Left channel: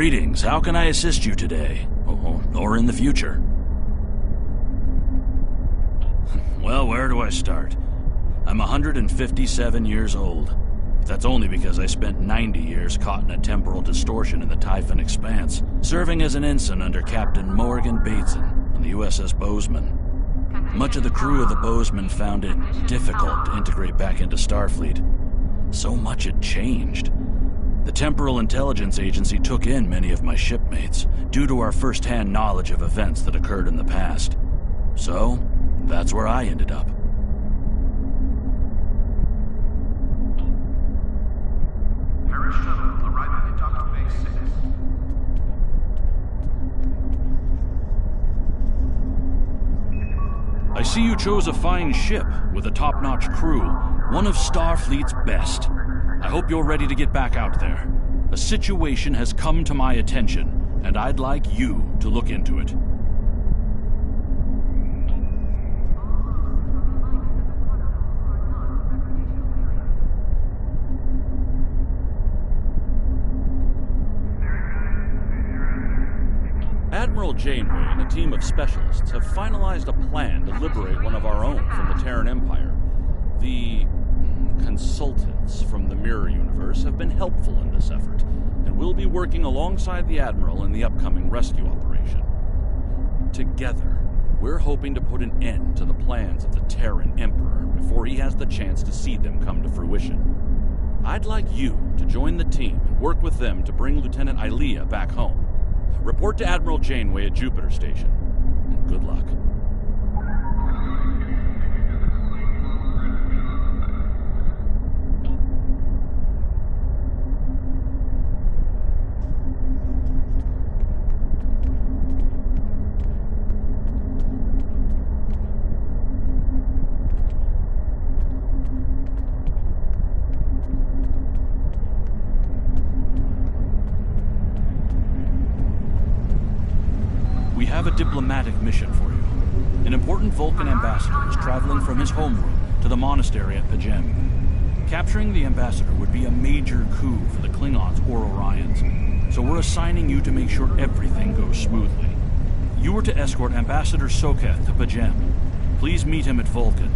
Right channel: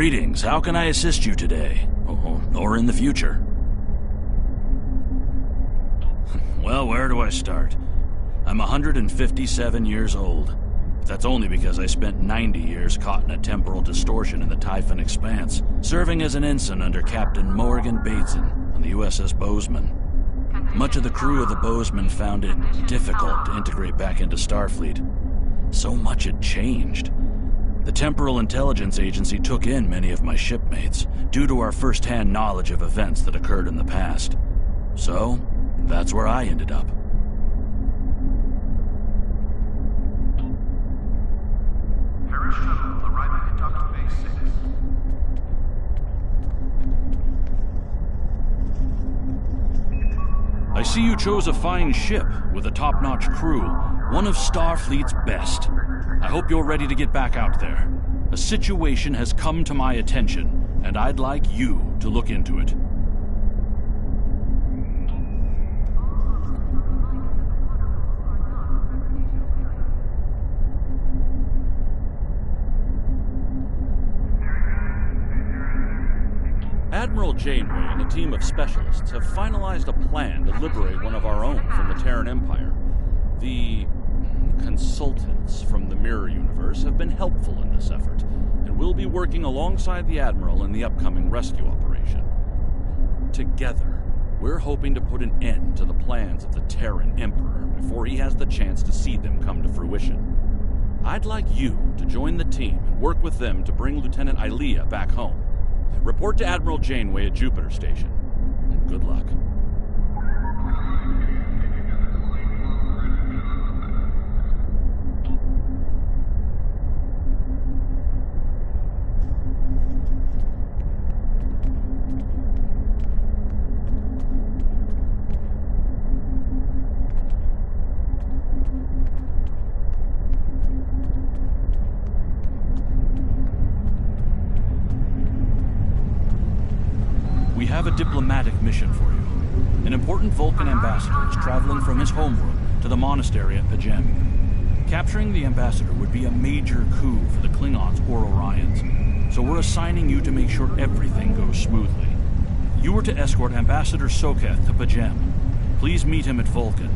Greetings, how can I assist you today? Or in the future? Well, where do I start? I'm 157 years old. That's only because I spent 90 years caught in a temporal distortion in the Typhon Expanse, serving as an ensign under Captain Morgan Bateson on the U.S.S. Bozeman. Much of the crew of the Bozeman found it difficult to integrate back into Starfleet. So much had changed. The Temporal Intelligence Agency took in many of my shipmates, due to our first-hand knowledge of events that occurred in the past. So, that's where I ended up. Paris Shuttle arriving at Docking Bay 6. I see you chose a fine ship with a top-notch crew, one of Starfleet's best. I hope you're ready to get back out there. A situation has come to my attention, and I'd like you to look into it. Admiral Janeway and a team of specialists have finalized a plan to liberate one of our own from the Terran Empire. The consultants from the Mirror Universe have been helpful in this effort, and will be working alongside the Admiral in the upcoming rescue operation. Together, we're hoping to put an end to the plans of the Terran Emperor before he has the chance to see them come to fruition. I'd like you to join the team and work with them to bring Lieutenant Ilea back home. Report to Admiral Janeway at Jupiter Station, and good luck. We have a diplomatic mission for you. An important Vulcan ambassador is traveling from his homeworld to the monastery at Pajem. Capturing the ambassador would be a major coup for the Klingons or Orions, so we're assigning you to make sure everything goes smoothly. You are to escort Ambassador Soketh to Pajem. Please meet him at Vulcan.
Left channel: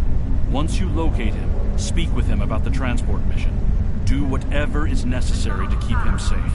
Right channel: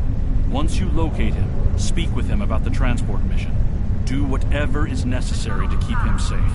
Once you locate him, speak with him about the transport mission. Do whatever is necessary to keep him safe.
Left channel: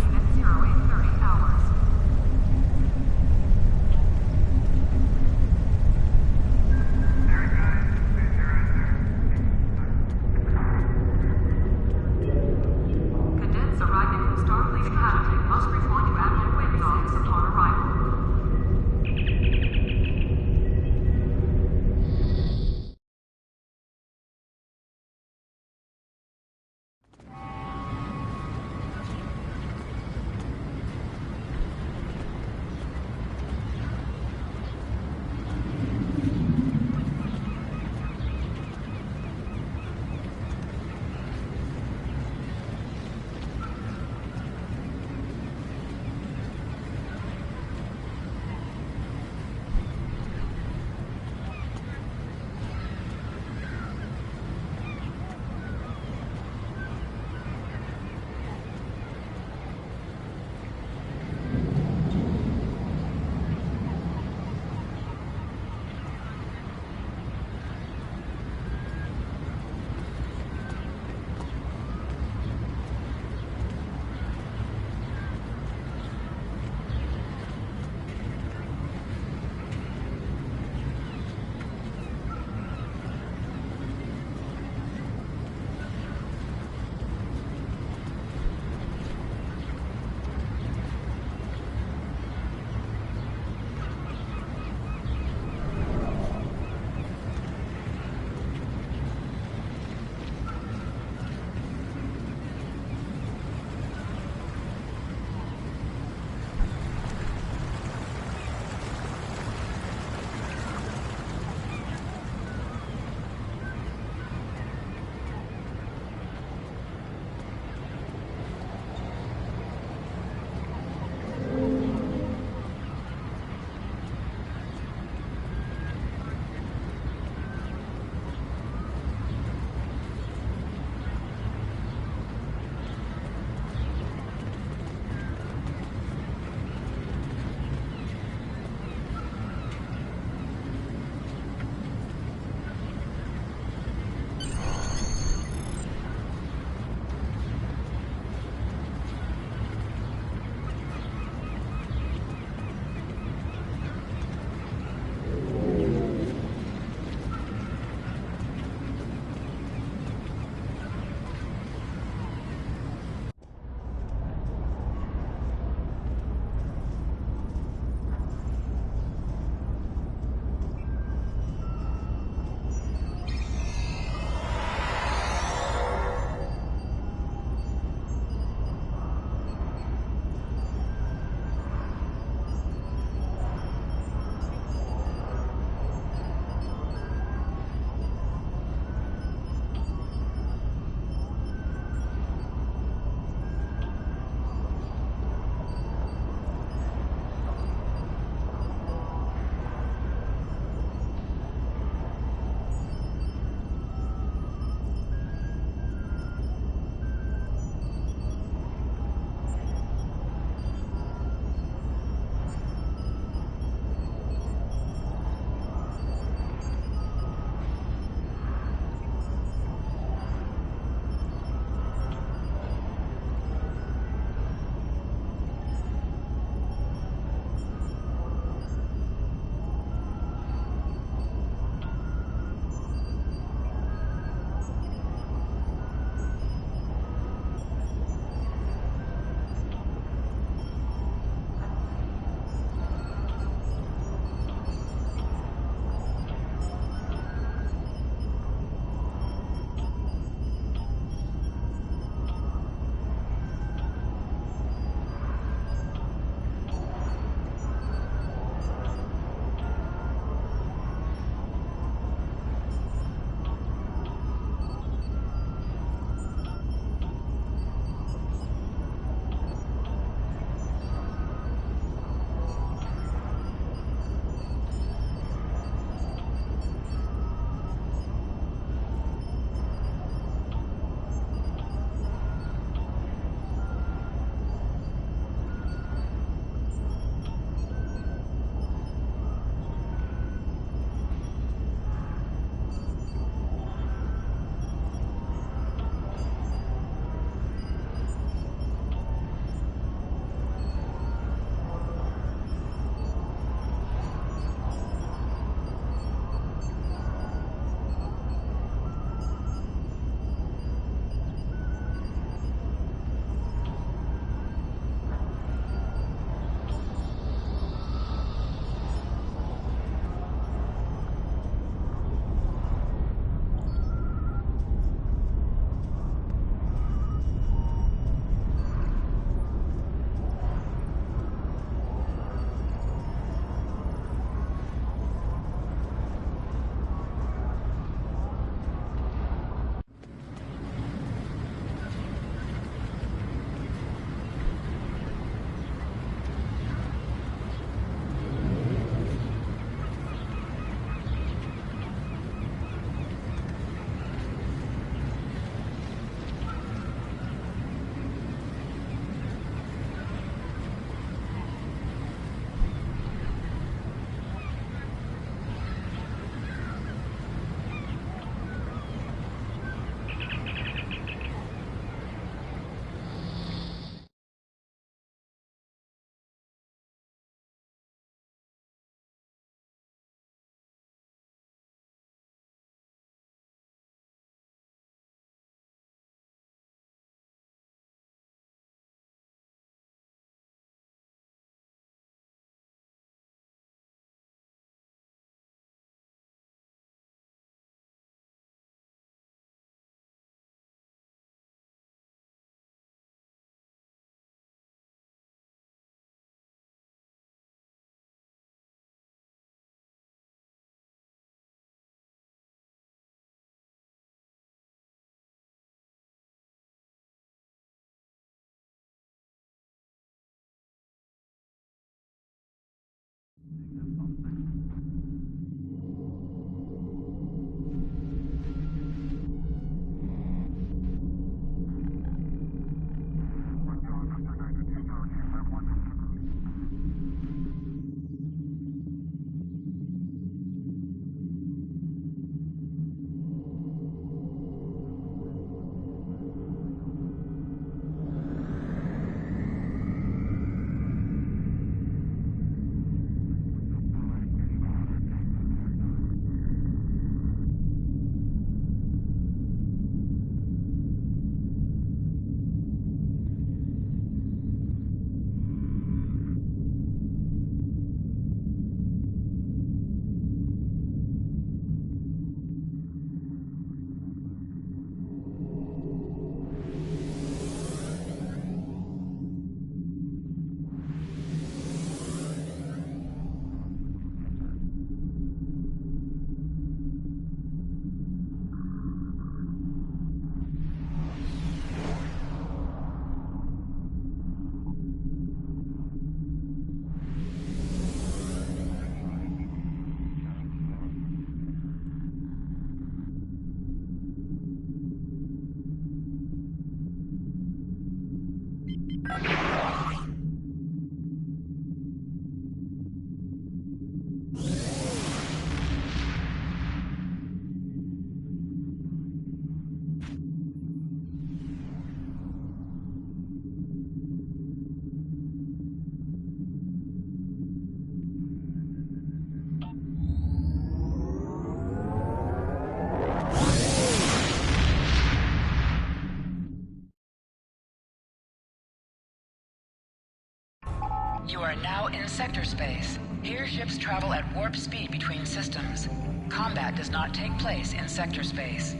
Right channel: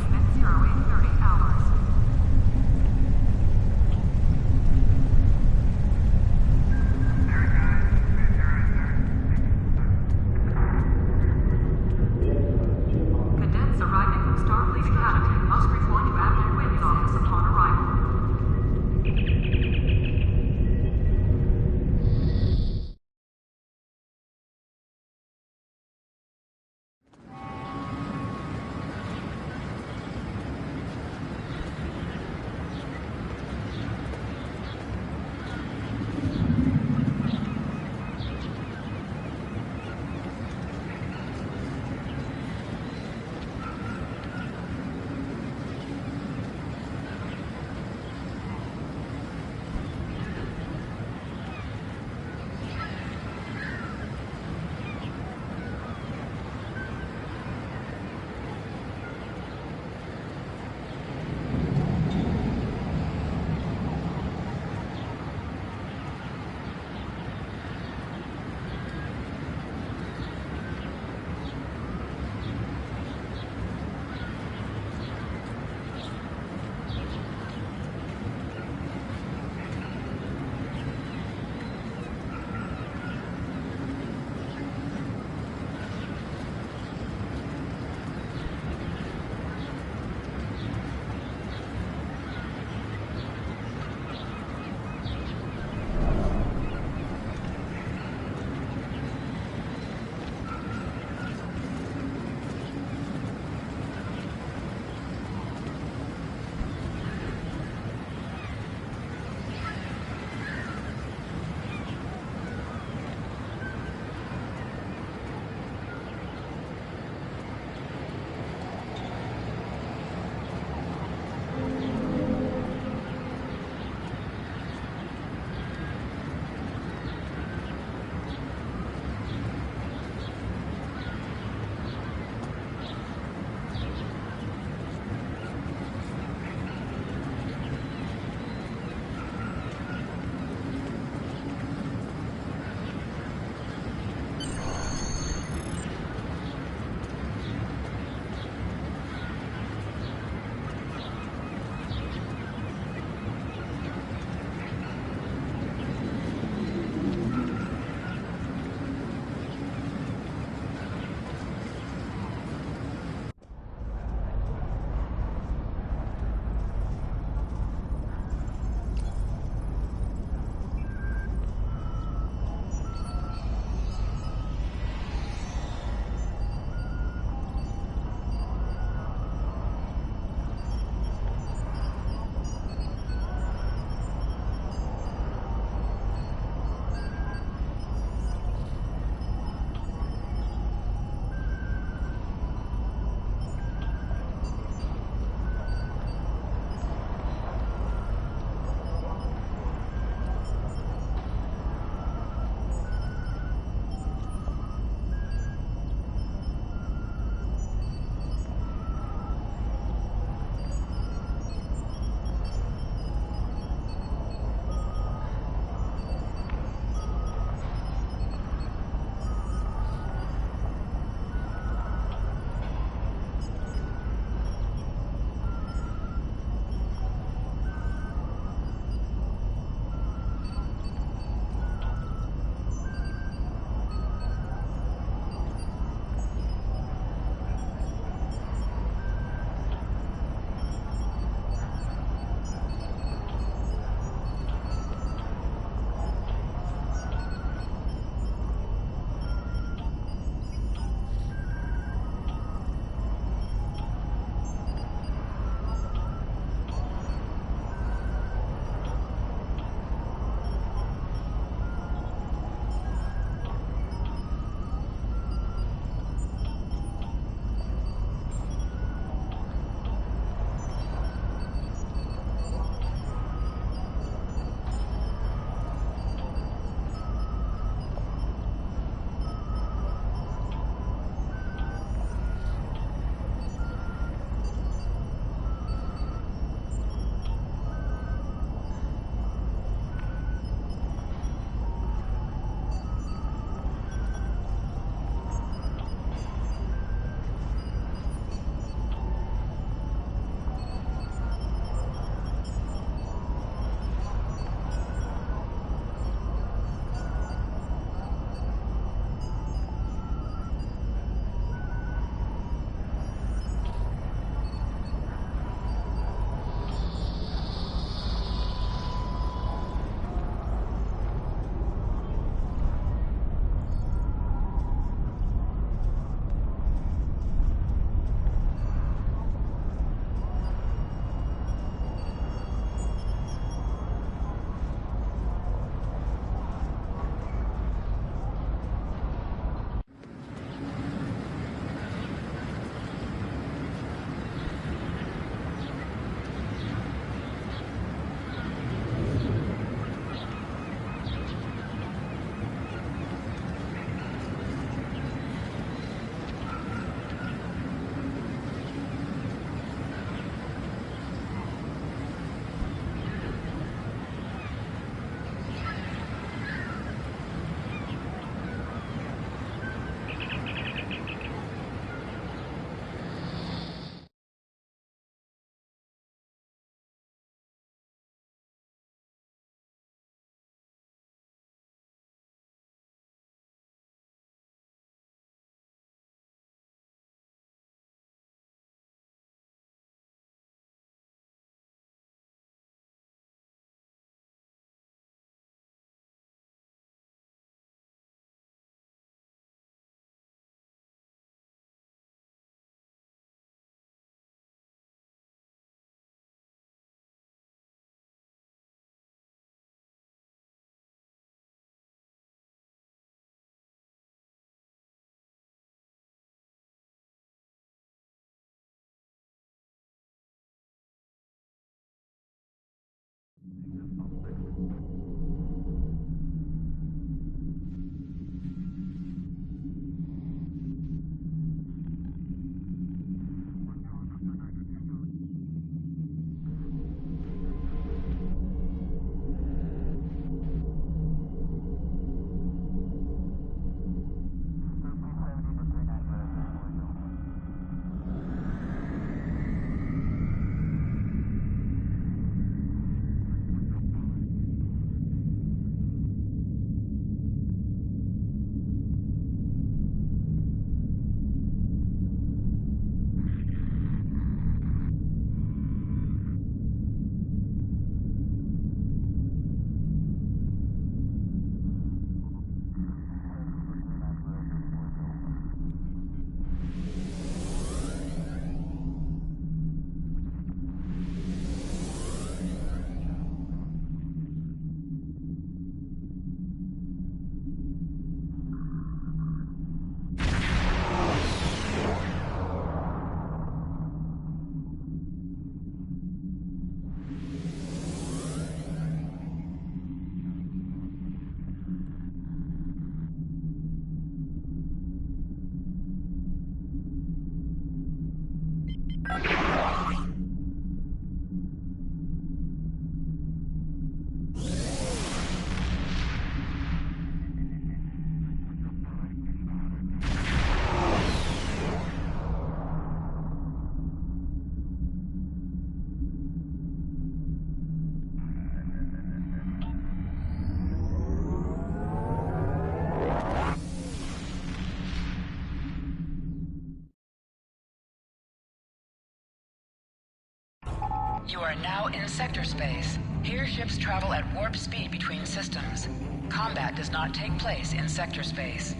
You are now in sector space. Here ships travel at warp speed between systems. Combat does not take place in sector space.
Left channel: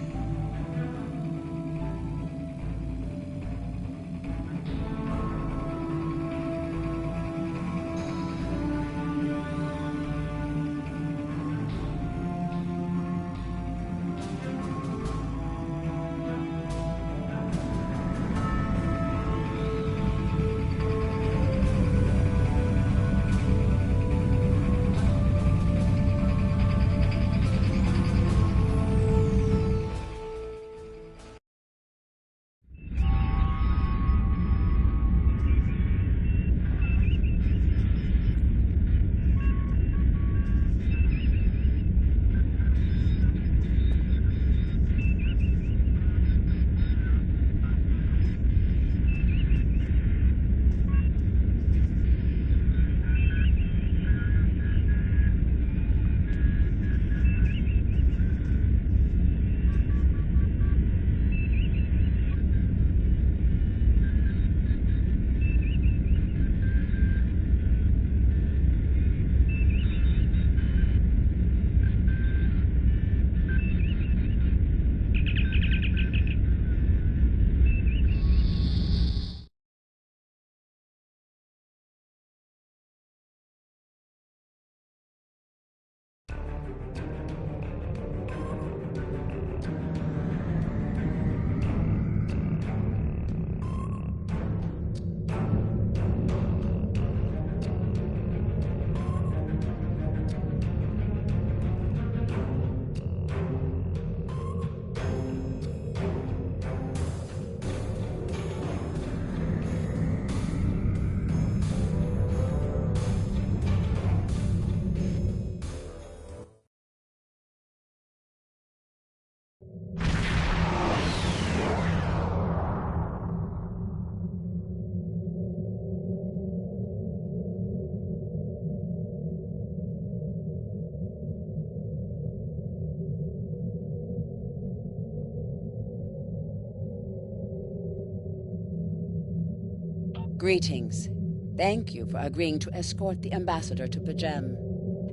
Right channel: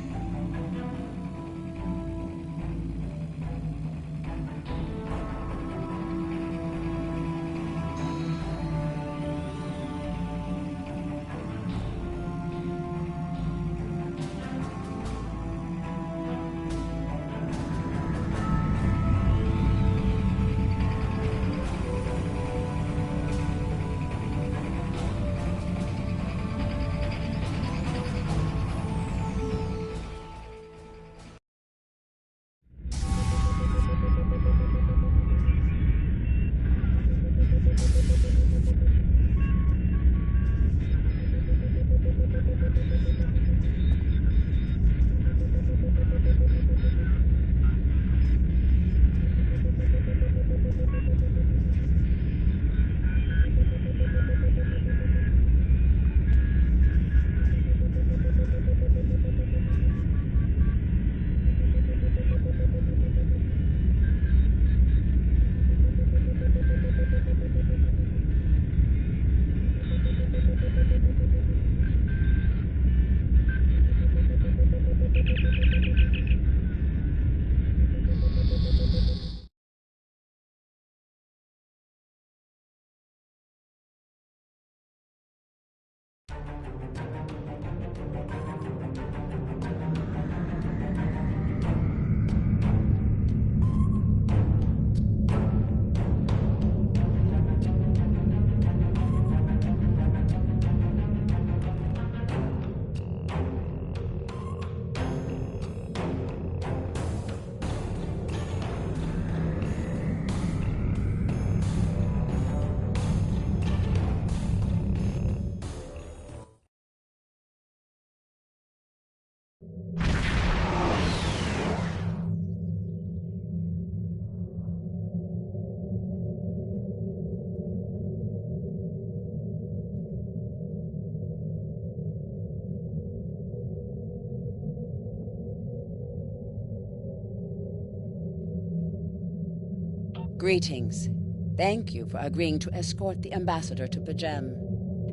Greetings. Thank you for agreeing to escort the ambassador to Pajem.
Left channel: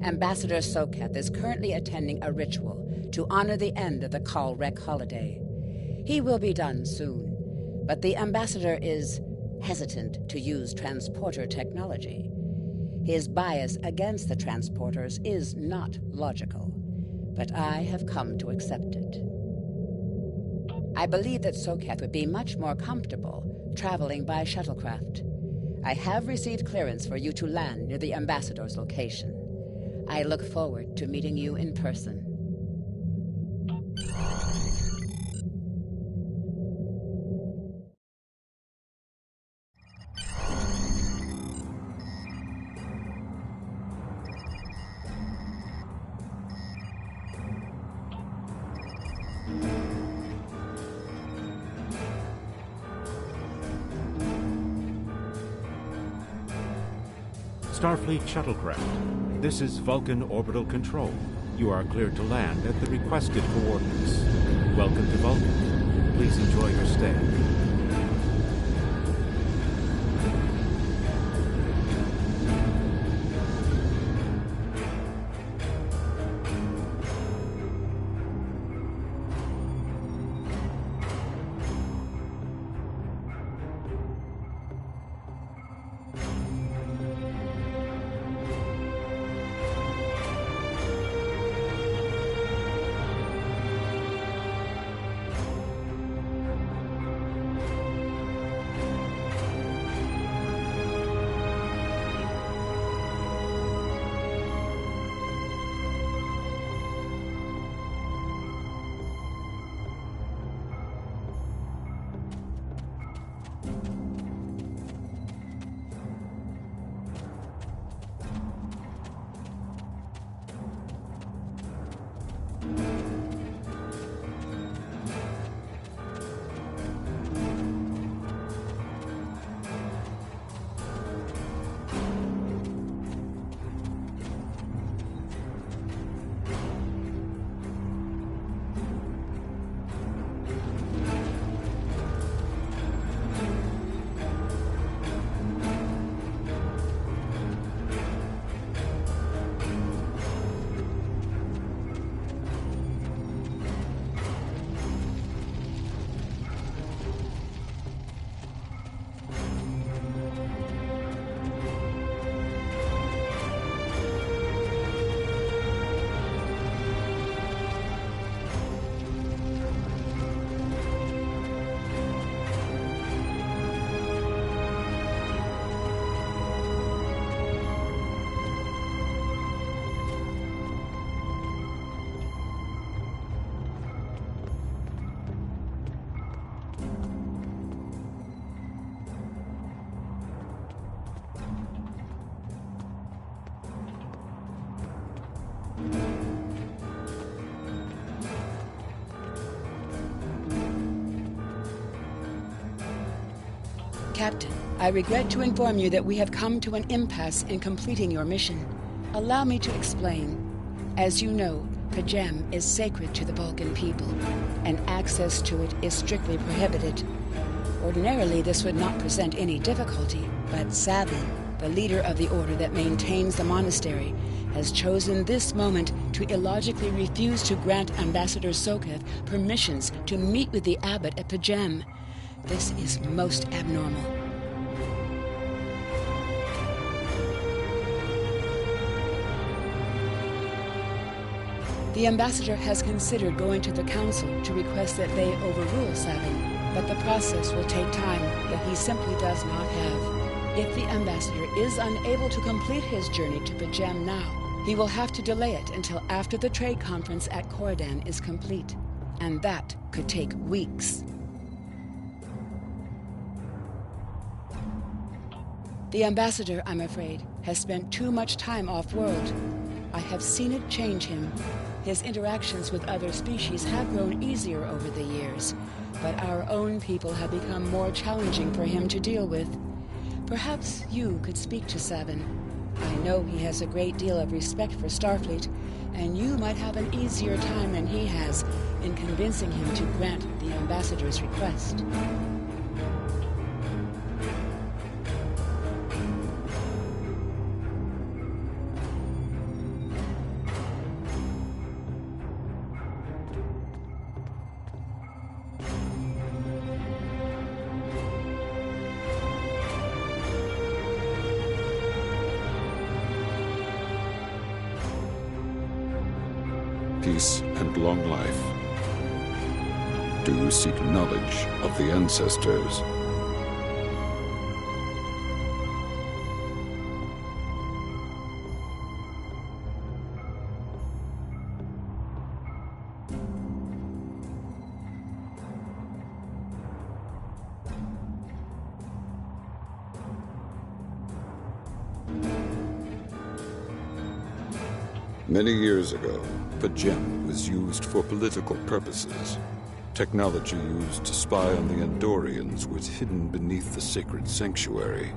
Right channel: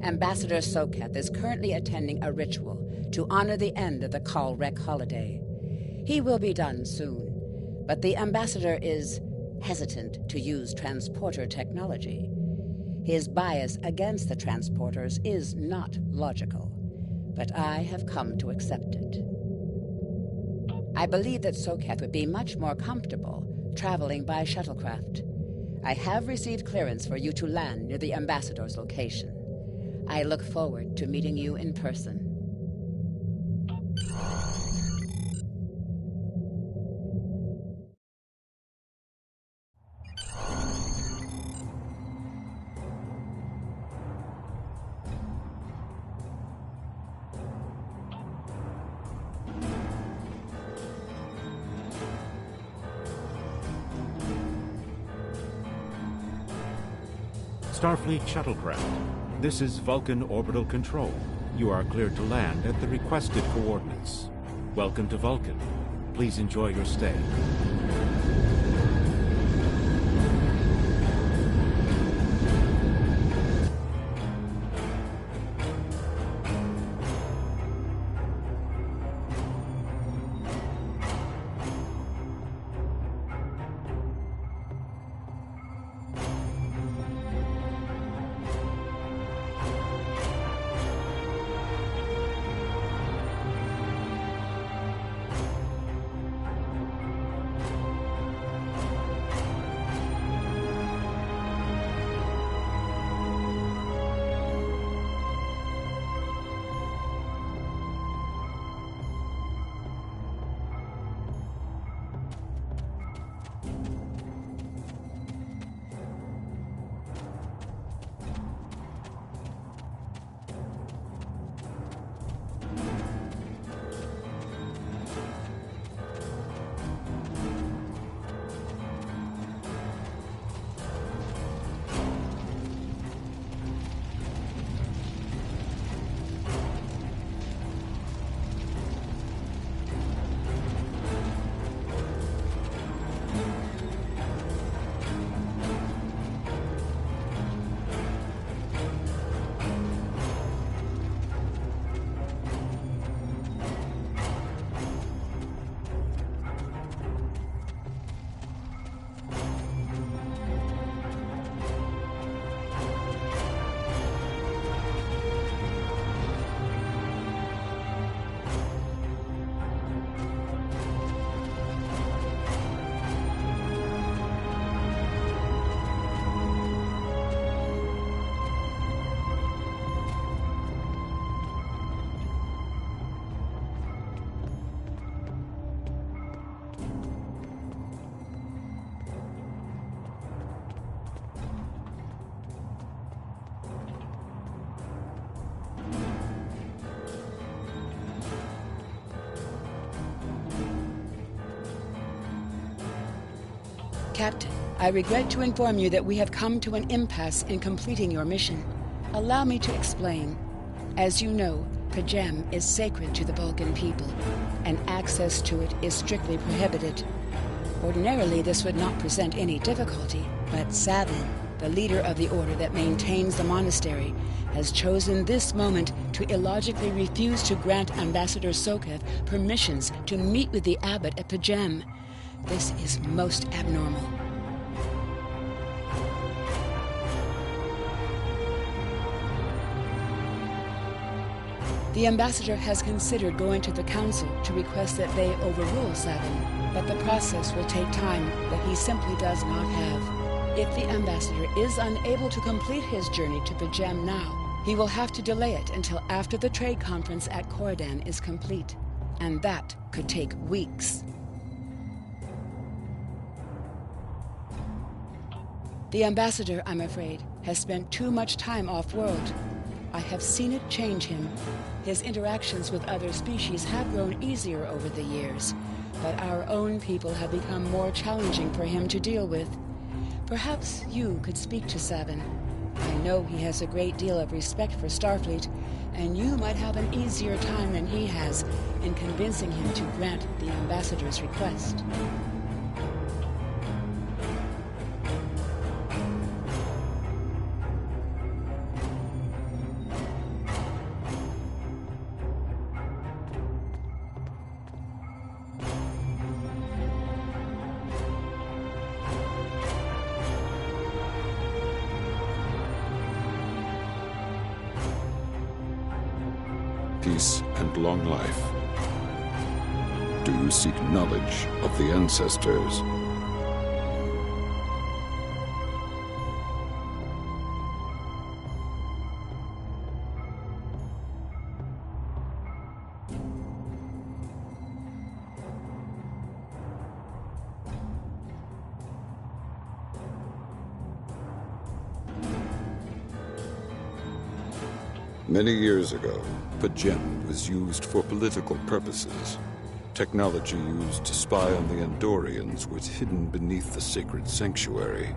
Ambassador Soketh is currently attending a ritual to honor the end of the Kalrek holiday. He will be done soon, but the ambassador is hesitant to use transporter technology. His bias against the transporters is not logical, but I have come to accept it. I believe that Soketh would be much more comfortable traveling by shuttlecraft. I have received clearance for you to land near the ambassador's location. I look forward to meeting you in person. Starfleet shuttlecraft. This is Vulcan Orbital Control. You are cleared to land at the requested coordinates. Welcome to Vulcan. Please enjoy your stay. Captain, I regret to inform you that we have come to an impasse in completing your mission. Allow me to explain. As you know, Pajem is sacred to the Vulcan people, and access to it is strictly prohibited. Ordinarily, this would not present any difficulty, but Savin, the leader of the order that maintains the monastery, has chosen this moment to illogically refuse to grant Ambassador Soketh permissions to meet with the abbot at Pajem. This is most abnormal. The ambassador has considered going to the council to request that they overrule Savin, but the process will take time that he simply does not have. If the ambassador is unable to complete his journey to Pajem now, he will have to delay it until after the trade conference at Coridan is complete, and that could take weeks. The ambassador, I'm afraid, has spent too much time off-world. I have seen it change him. His interactions with other species have grown easier over the years, but our own people have become more challenging for him to deal with. Perhaps you could speak to Savin. I know he has a great deal of respect for Starfleet, and you might have an easier time than he has in convincing him to grant the ambassador's request. Peace and long life. Do you seek knowledge of the ancestors? Many years ago, Pajem was used for political purposes. Technology used to spy on the Andorians was hidden beneath the sacred sanctuary.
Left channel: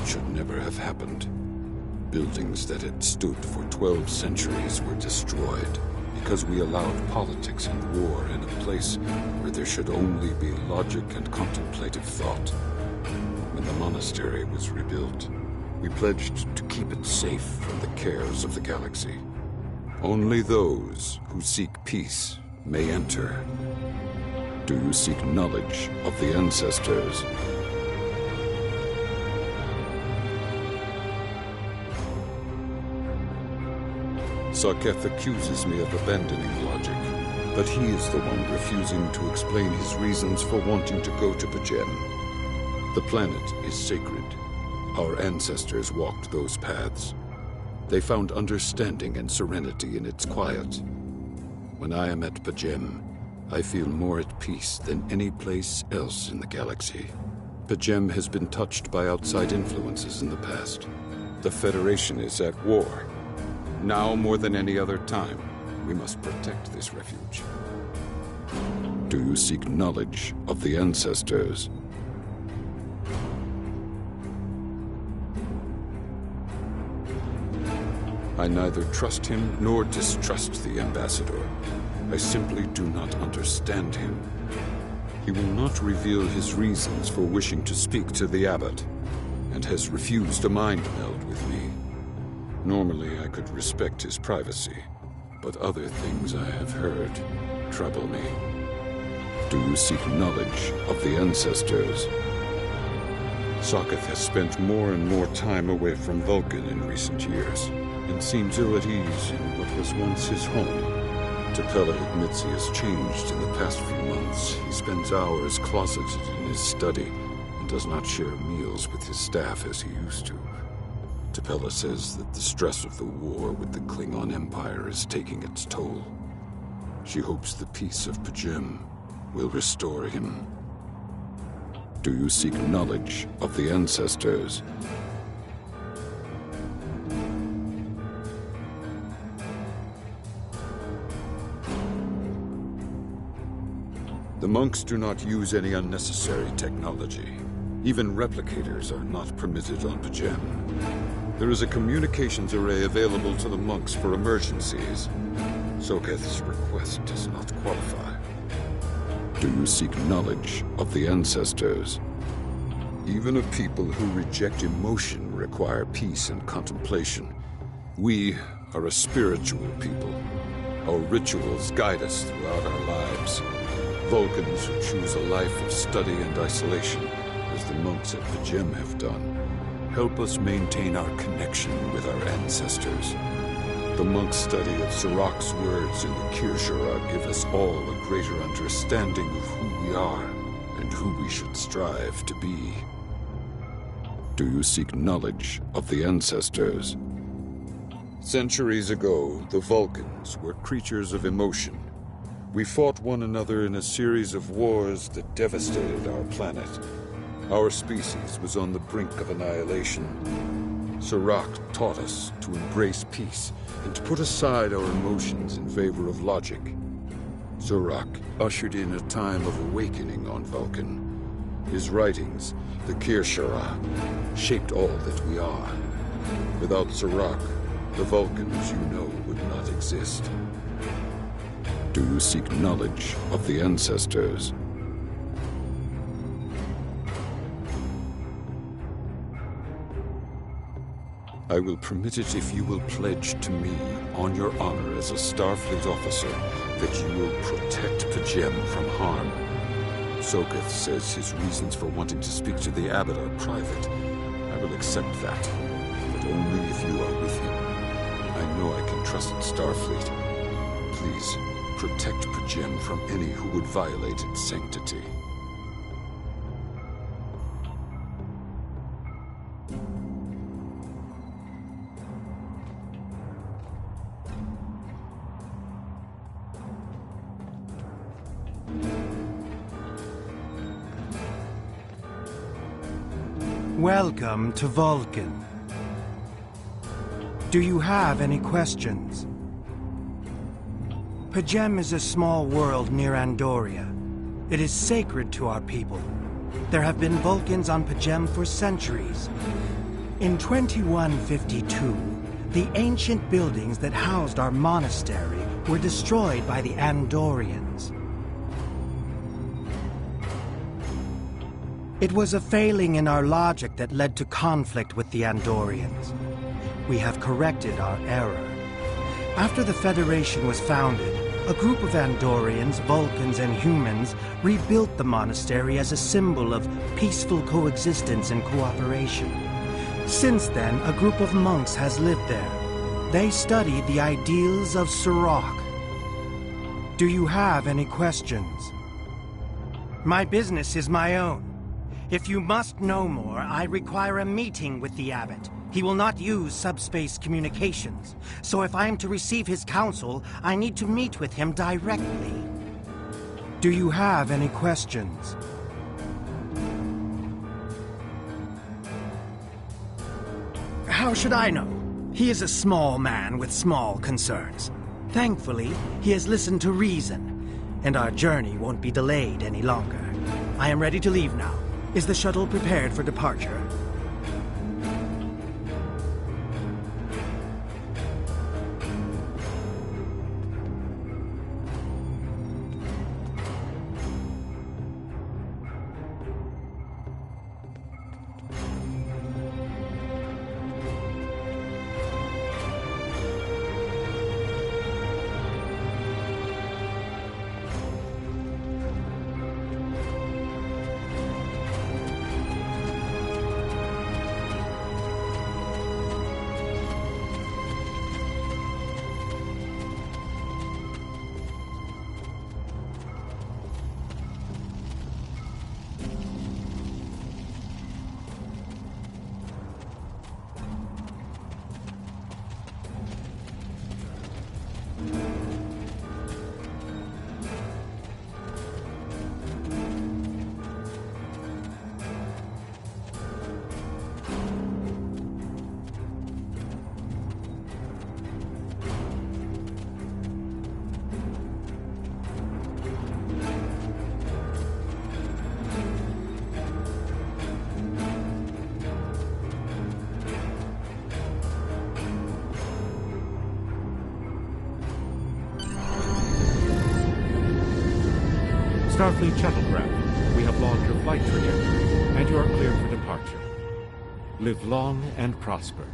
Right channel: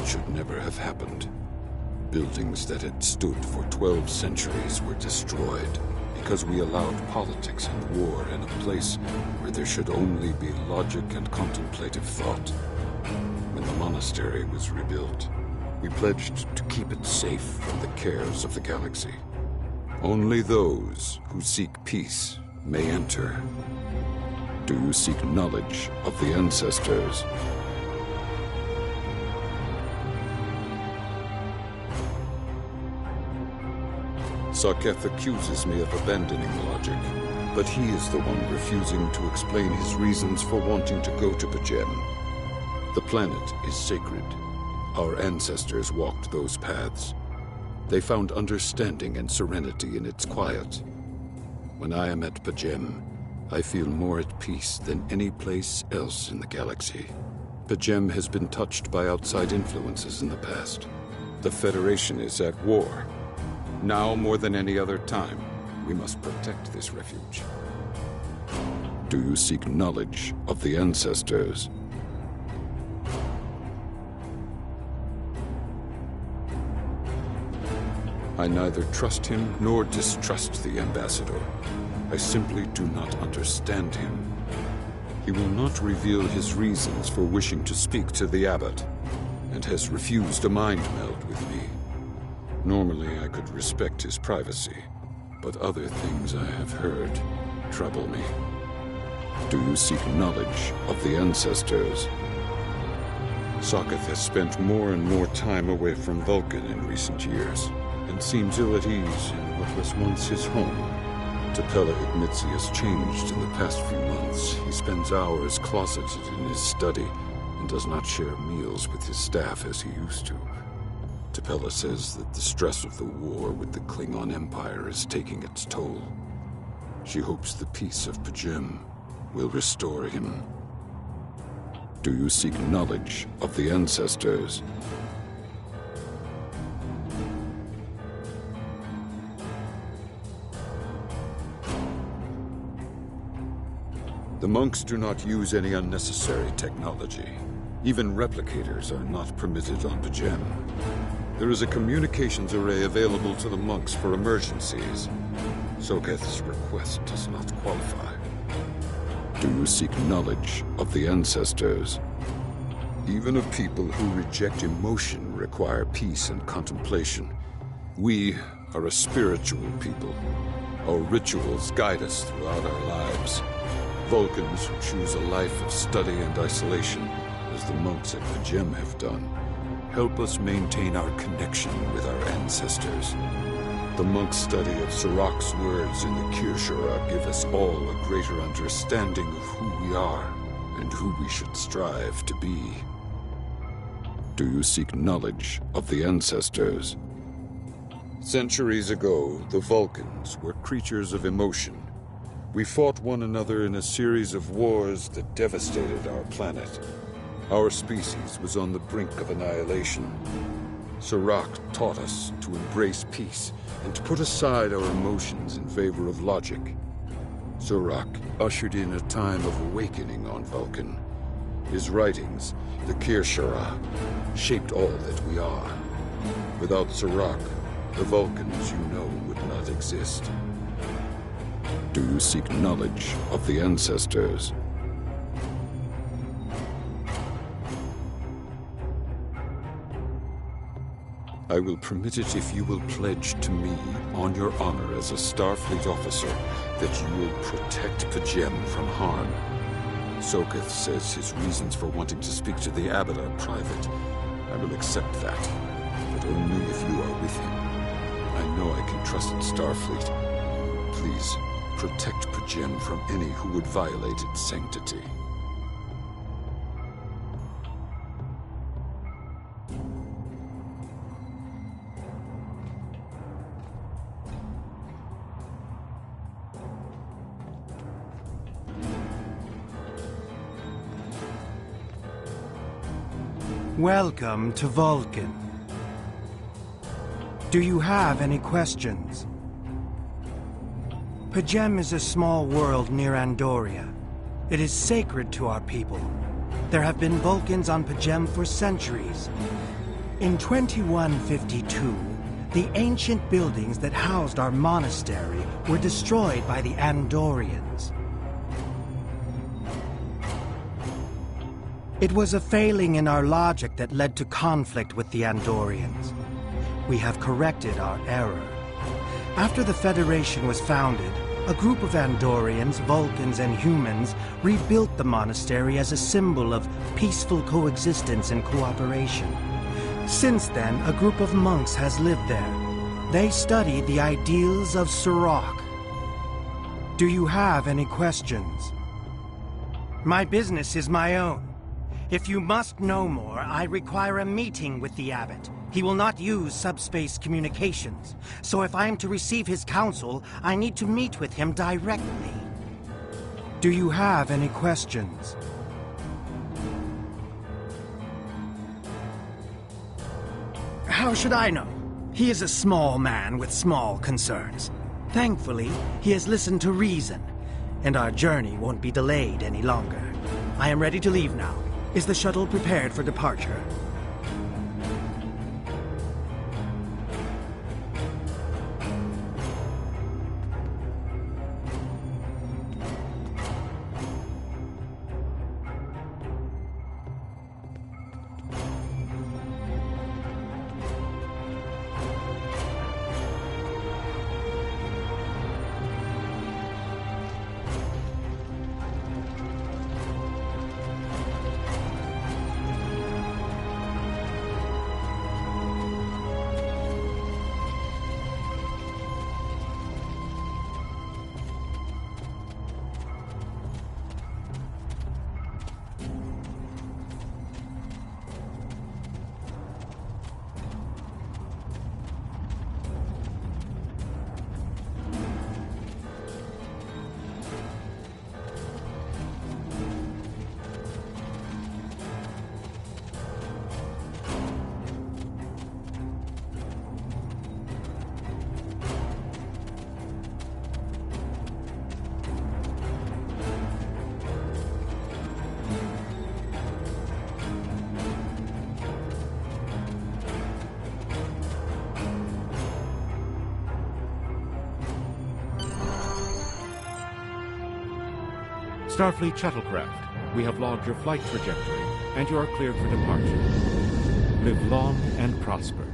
It should never have happened. Buildings that had stood for 12 centuries were destroyed because we allowed politics and war in a place where there should only be logic and contemplative thought. When the monastery was rebuilt, we pledged to keep it safe from the cares of the galaxy. Only those who seek peace may enter. Do you seek knowledge of the ancestors? Soketh accuses me of abandoning logic, but he is the one refusing to explain his reasons for wanting to go to Pajem. The planet is sacred. Our ancestors walked those paths. They found understanding and serenity in its quiet. When I am at Pajem, I feel more at peace than any place else in the galaxy. Pajem has been touched by outside influences in the past. The Federation is at war. Now more than any other time, we must protect this refuge. Do you seek knowledge of the ancestors? I neither trust him nor distrust the ambassador. I simply do not understand him. He will not reveal his reasons for wishing to speak to the abbot, and has refused a mind meld with me. Normally I could respect his privacy, but other things I have heard trouble me. Do you seek knowledge of the ancestors? Soketh has spent more and more time away from Vulcan in recent years, and seems ill at ease in what was once his home. T'Pella admits he has changed in the past few months. He spends hours closeted in his study and does not share meals with his staff as he used to. T'Pella says that the stress of the war with the Klingon Empire is taking its toll. She hopes the peace of Pajem will restore him. Do you seek knowledge of the ancestors? The monks do not use any unnecessary technology. Even replicators are not permitted on Pajem. There is a communications array available to the monks for emergencies. Soketh's request does not qualify. Do you seek knowledge of the ancestors? Even a people who reject emotion require peace and contemplation. We are a spiritual people. Our rituals guide us throughout our lives. Vulcans who choose a life of study and isolation, as the monks at Pajem have done, help us maintain our connection with our ancestors. The monk's study of Sirach's words in the Kirshara give us all a greater understanding of who we are and who we should strive to be. Do you seek knowledge of the ancestors? Centuries ago, the Vulcans were creatures of emotion. We fought one another in a series of wars that devastated our planet. Our species was on the brink of annihilation. Sirach taught us to embrace peace and to put aside our emotions in favor of logic. Sirach ushered in a time of awakening on Vulcan. His writings, the Kirshara, shaped all that we are. Without Sirach, the Vulcans you know would not exist. Do you seek knowledge of the ancestors? I will permit it if you will pledge to me, on your honor as a Starfleet officer, that you will protect Pajem from harm. Soketh says his reasons for wanting to speak to the Abbot are private. I will accept that, but only if you are with him. I know I can trust Starfleet. Please, protect Pajem from any who would violate its sanctity. Welcome to Vulcan. Do you have any questions? Pajem is a small world near Andoria. It is sacred to our people. There have been Vulcans on Pajem for centuries. In 2152, the ancient buildings that housed our monastery were destroyed by the Andorians. It was a failing in our logic that led to conflict with the Andorians. We have corrected our error. After the Federation was founded, a group of Andorians, Vulcans, and humans rebuilt the monastery as a symbol of peaceful coexistence and cooperation. Since then, a group of monks has lived there. They study the ideals of Sirach. Do you have any questions? My business is my own. If you must know more, I require a meeting with the Abbot. He will not use subspace communications, so if I am to receive his counsel, I need to meet with him directly. Do you have any questions? How should I know? He is a small man with small concerns. Thankfully, he has listened to reason, and our journey won't be delayed any longer. I am ready to leave now. Is the shuttle prepared for departure? Starfleet shuttlecraft, we have logged your flight trajectory, and you are cleared for departure. Live long and prosper.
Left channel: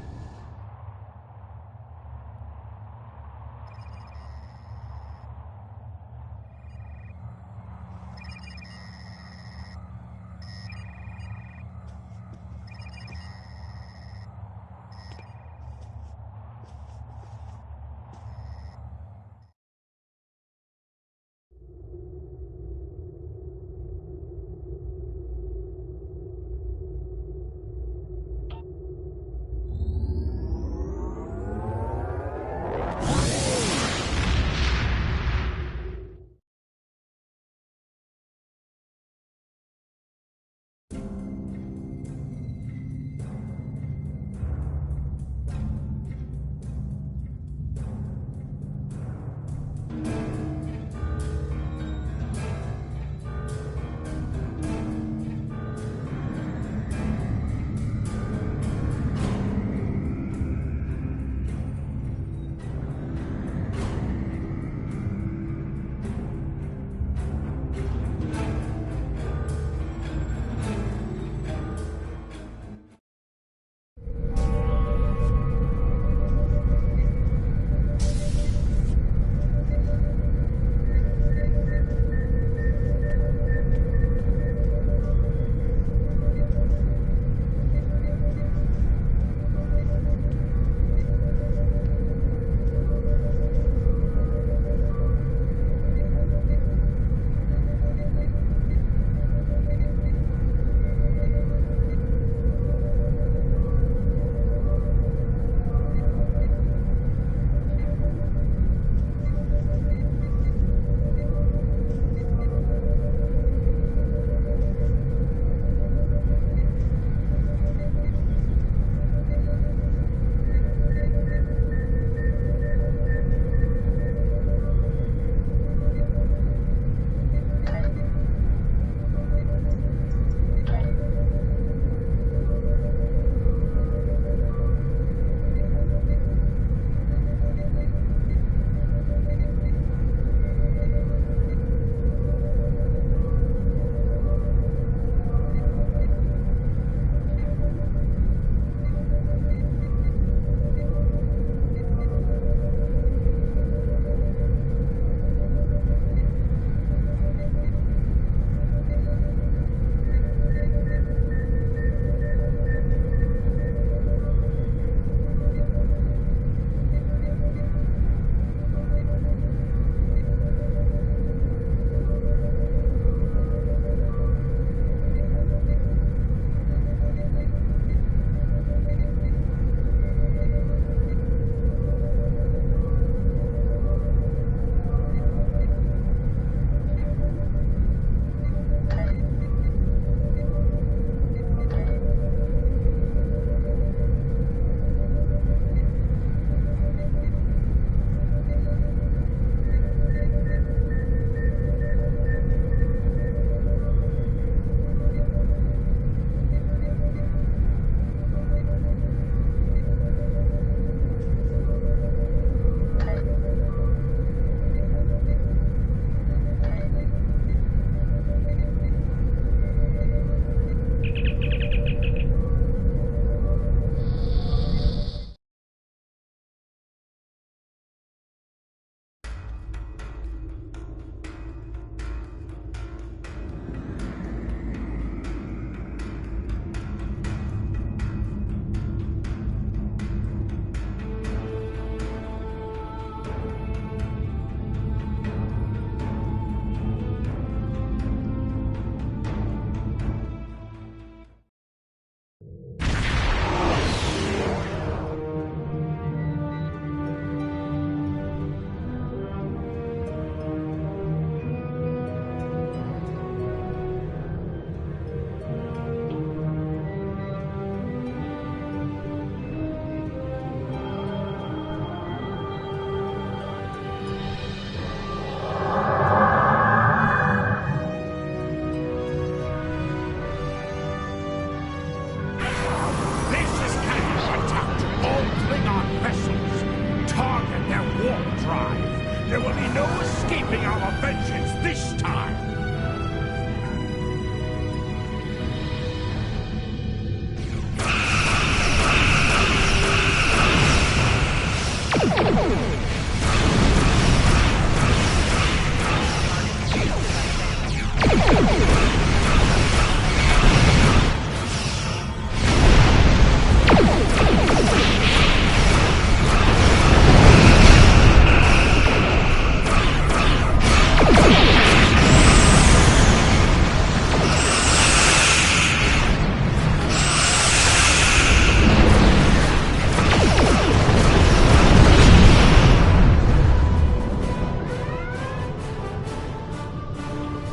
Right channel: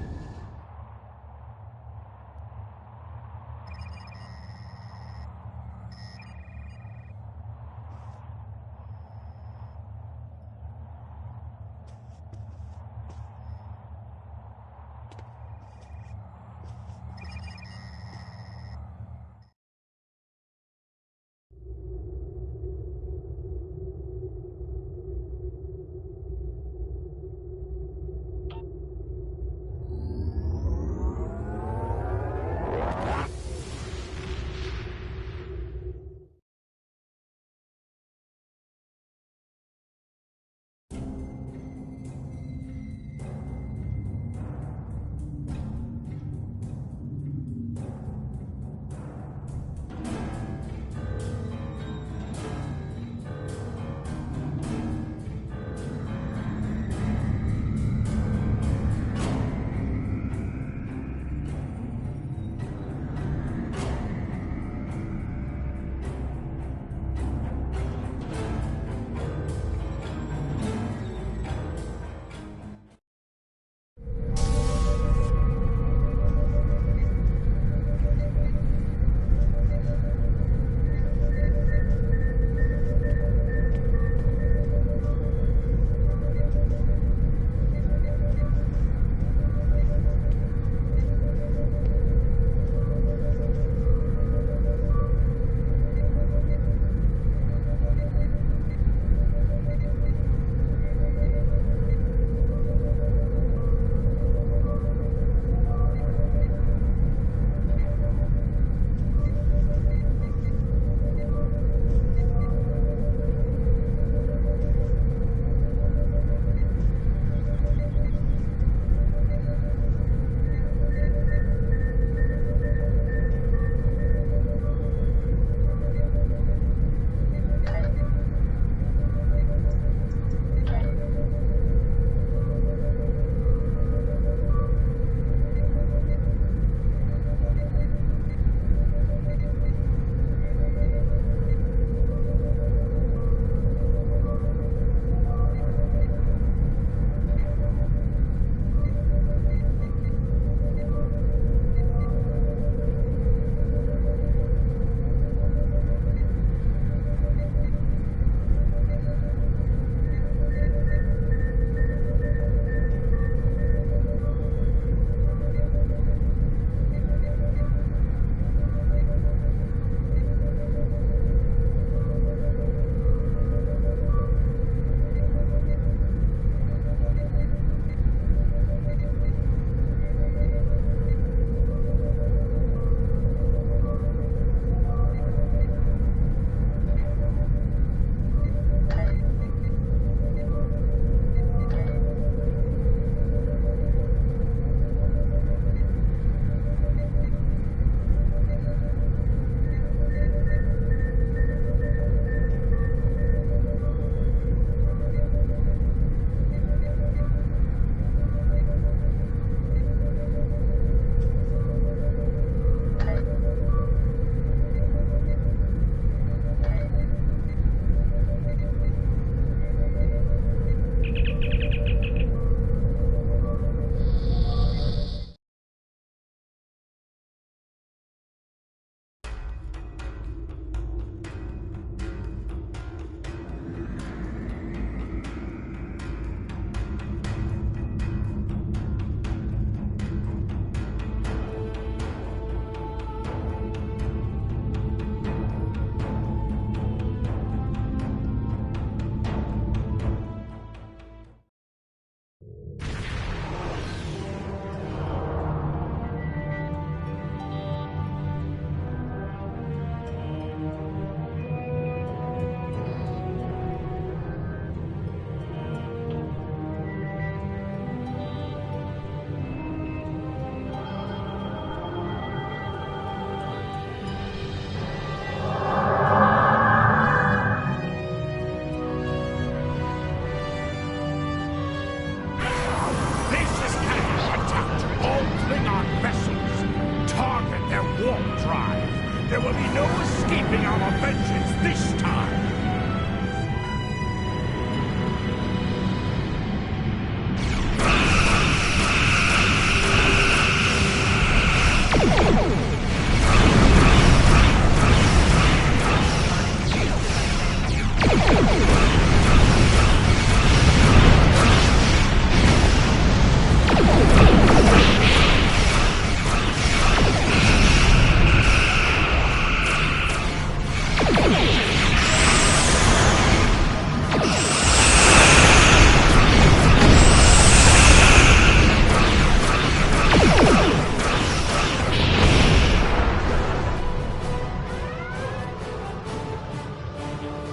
There will be no escaping our vengeance this time!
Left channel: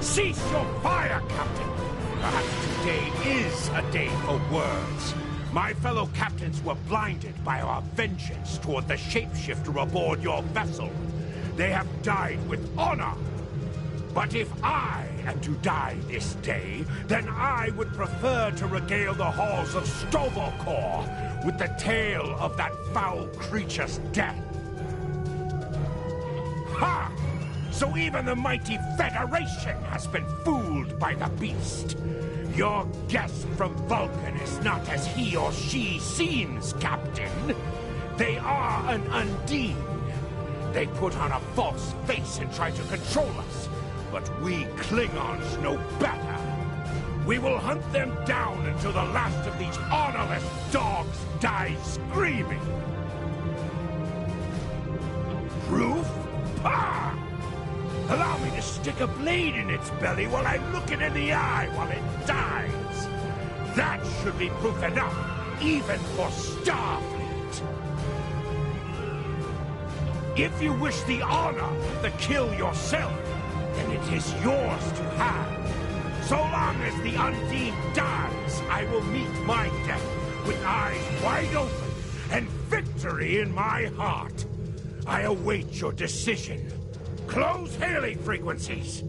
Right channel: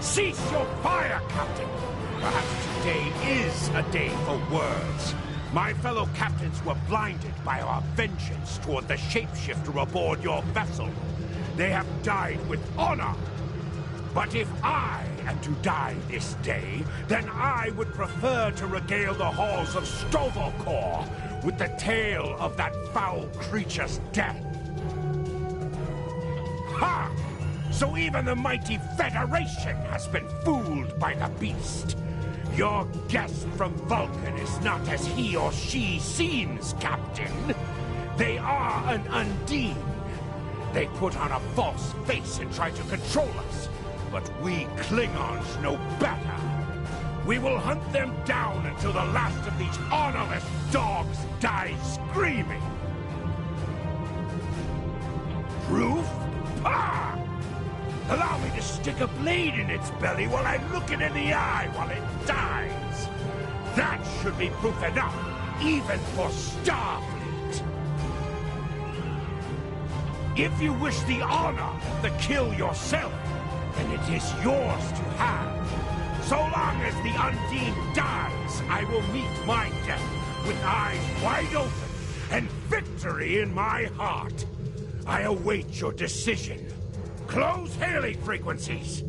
Cease your fire, Captain! Perhaps today is a day for words. My fellow captains were blinded by our vengeance toward the shapeshifter aboard your vessel. They have died with honor. But if I am to die this day, then I would prefer to regale the halls of Stovalkor with the tale of that foul creature's death. Ha! So even the mighty Federation has been fooled by the beast. Your guest from Vulcan is not as he or she seems, Captain. They are an Undine. They put on a false face and try to control us, but we Klingons know better. We will hunt them down until the last of these honorless dogs dies screaming. Proof? Pah! Allow me to stick a blade in its belly while I look it in the eye while it dies. That should be proof enough, even for Starfleet. If you wish the honor of the kill yourself, then it is yours to have. So long as the Undine dies, I will meet my death with eyes wide open and victory in my heart. I await your decision. Close hailing frequencies!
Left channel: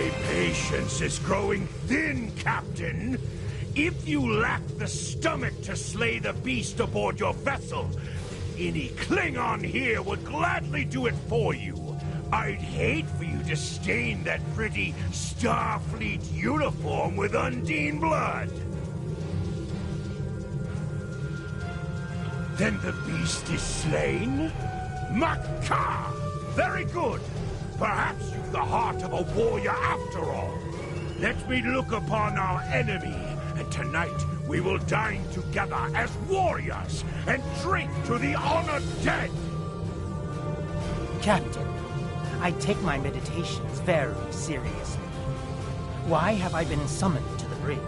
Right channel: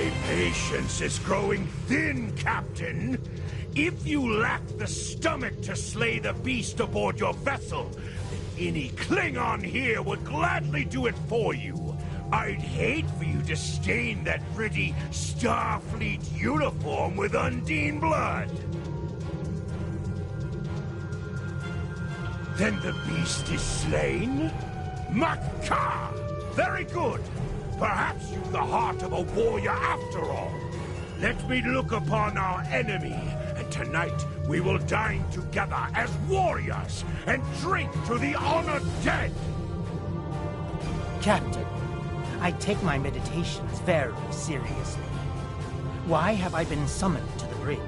My patience is growing thin, Captain. If you lack the stomach to slay the beast aboard your vessel, then any Klingon here would gladly do it for you. I'd hate for you to stain that pretty Starfleet uniform with Undine blood. Then the beast is slain? Makar! Very good! Perhaps you've the heart of a warrior after all. Let me look upon our enemy, and tonight we will dine together as warriors and drink to the honored dead! Captain, I take my meditations very seriously. Why have I been summoned to the bridge?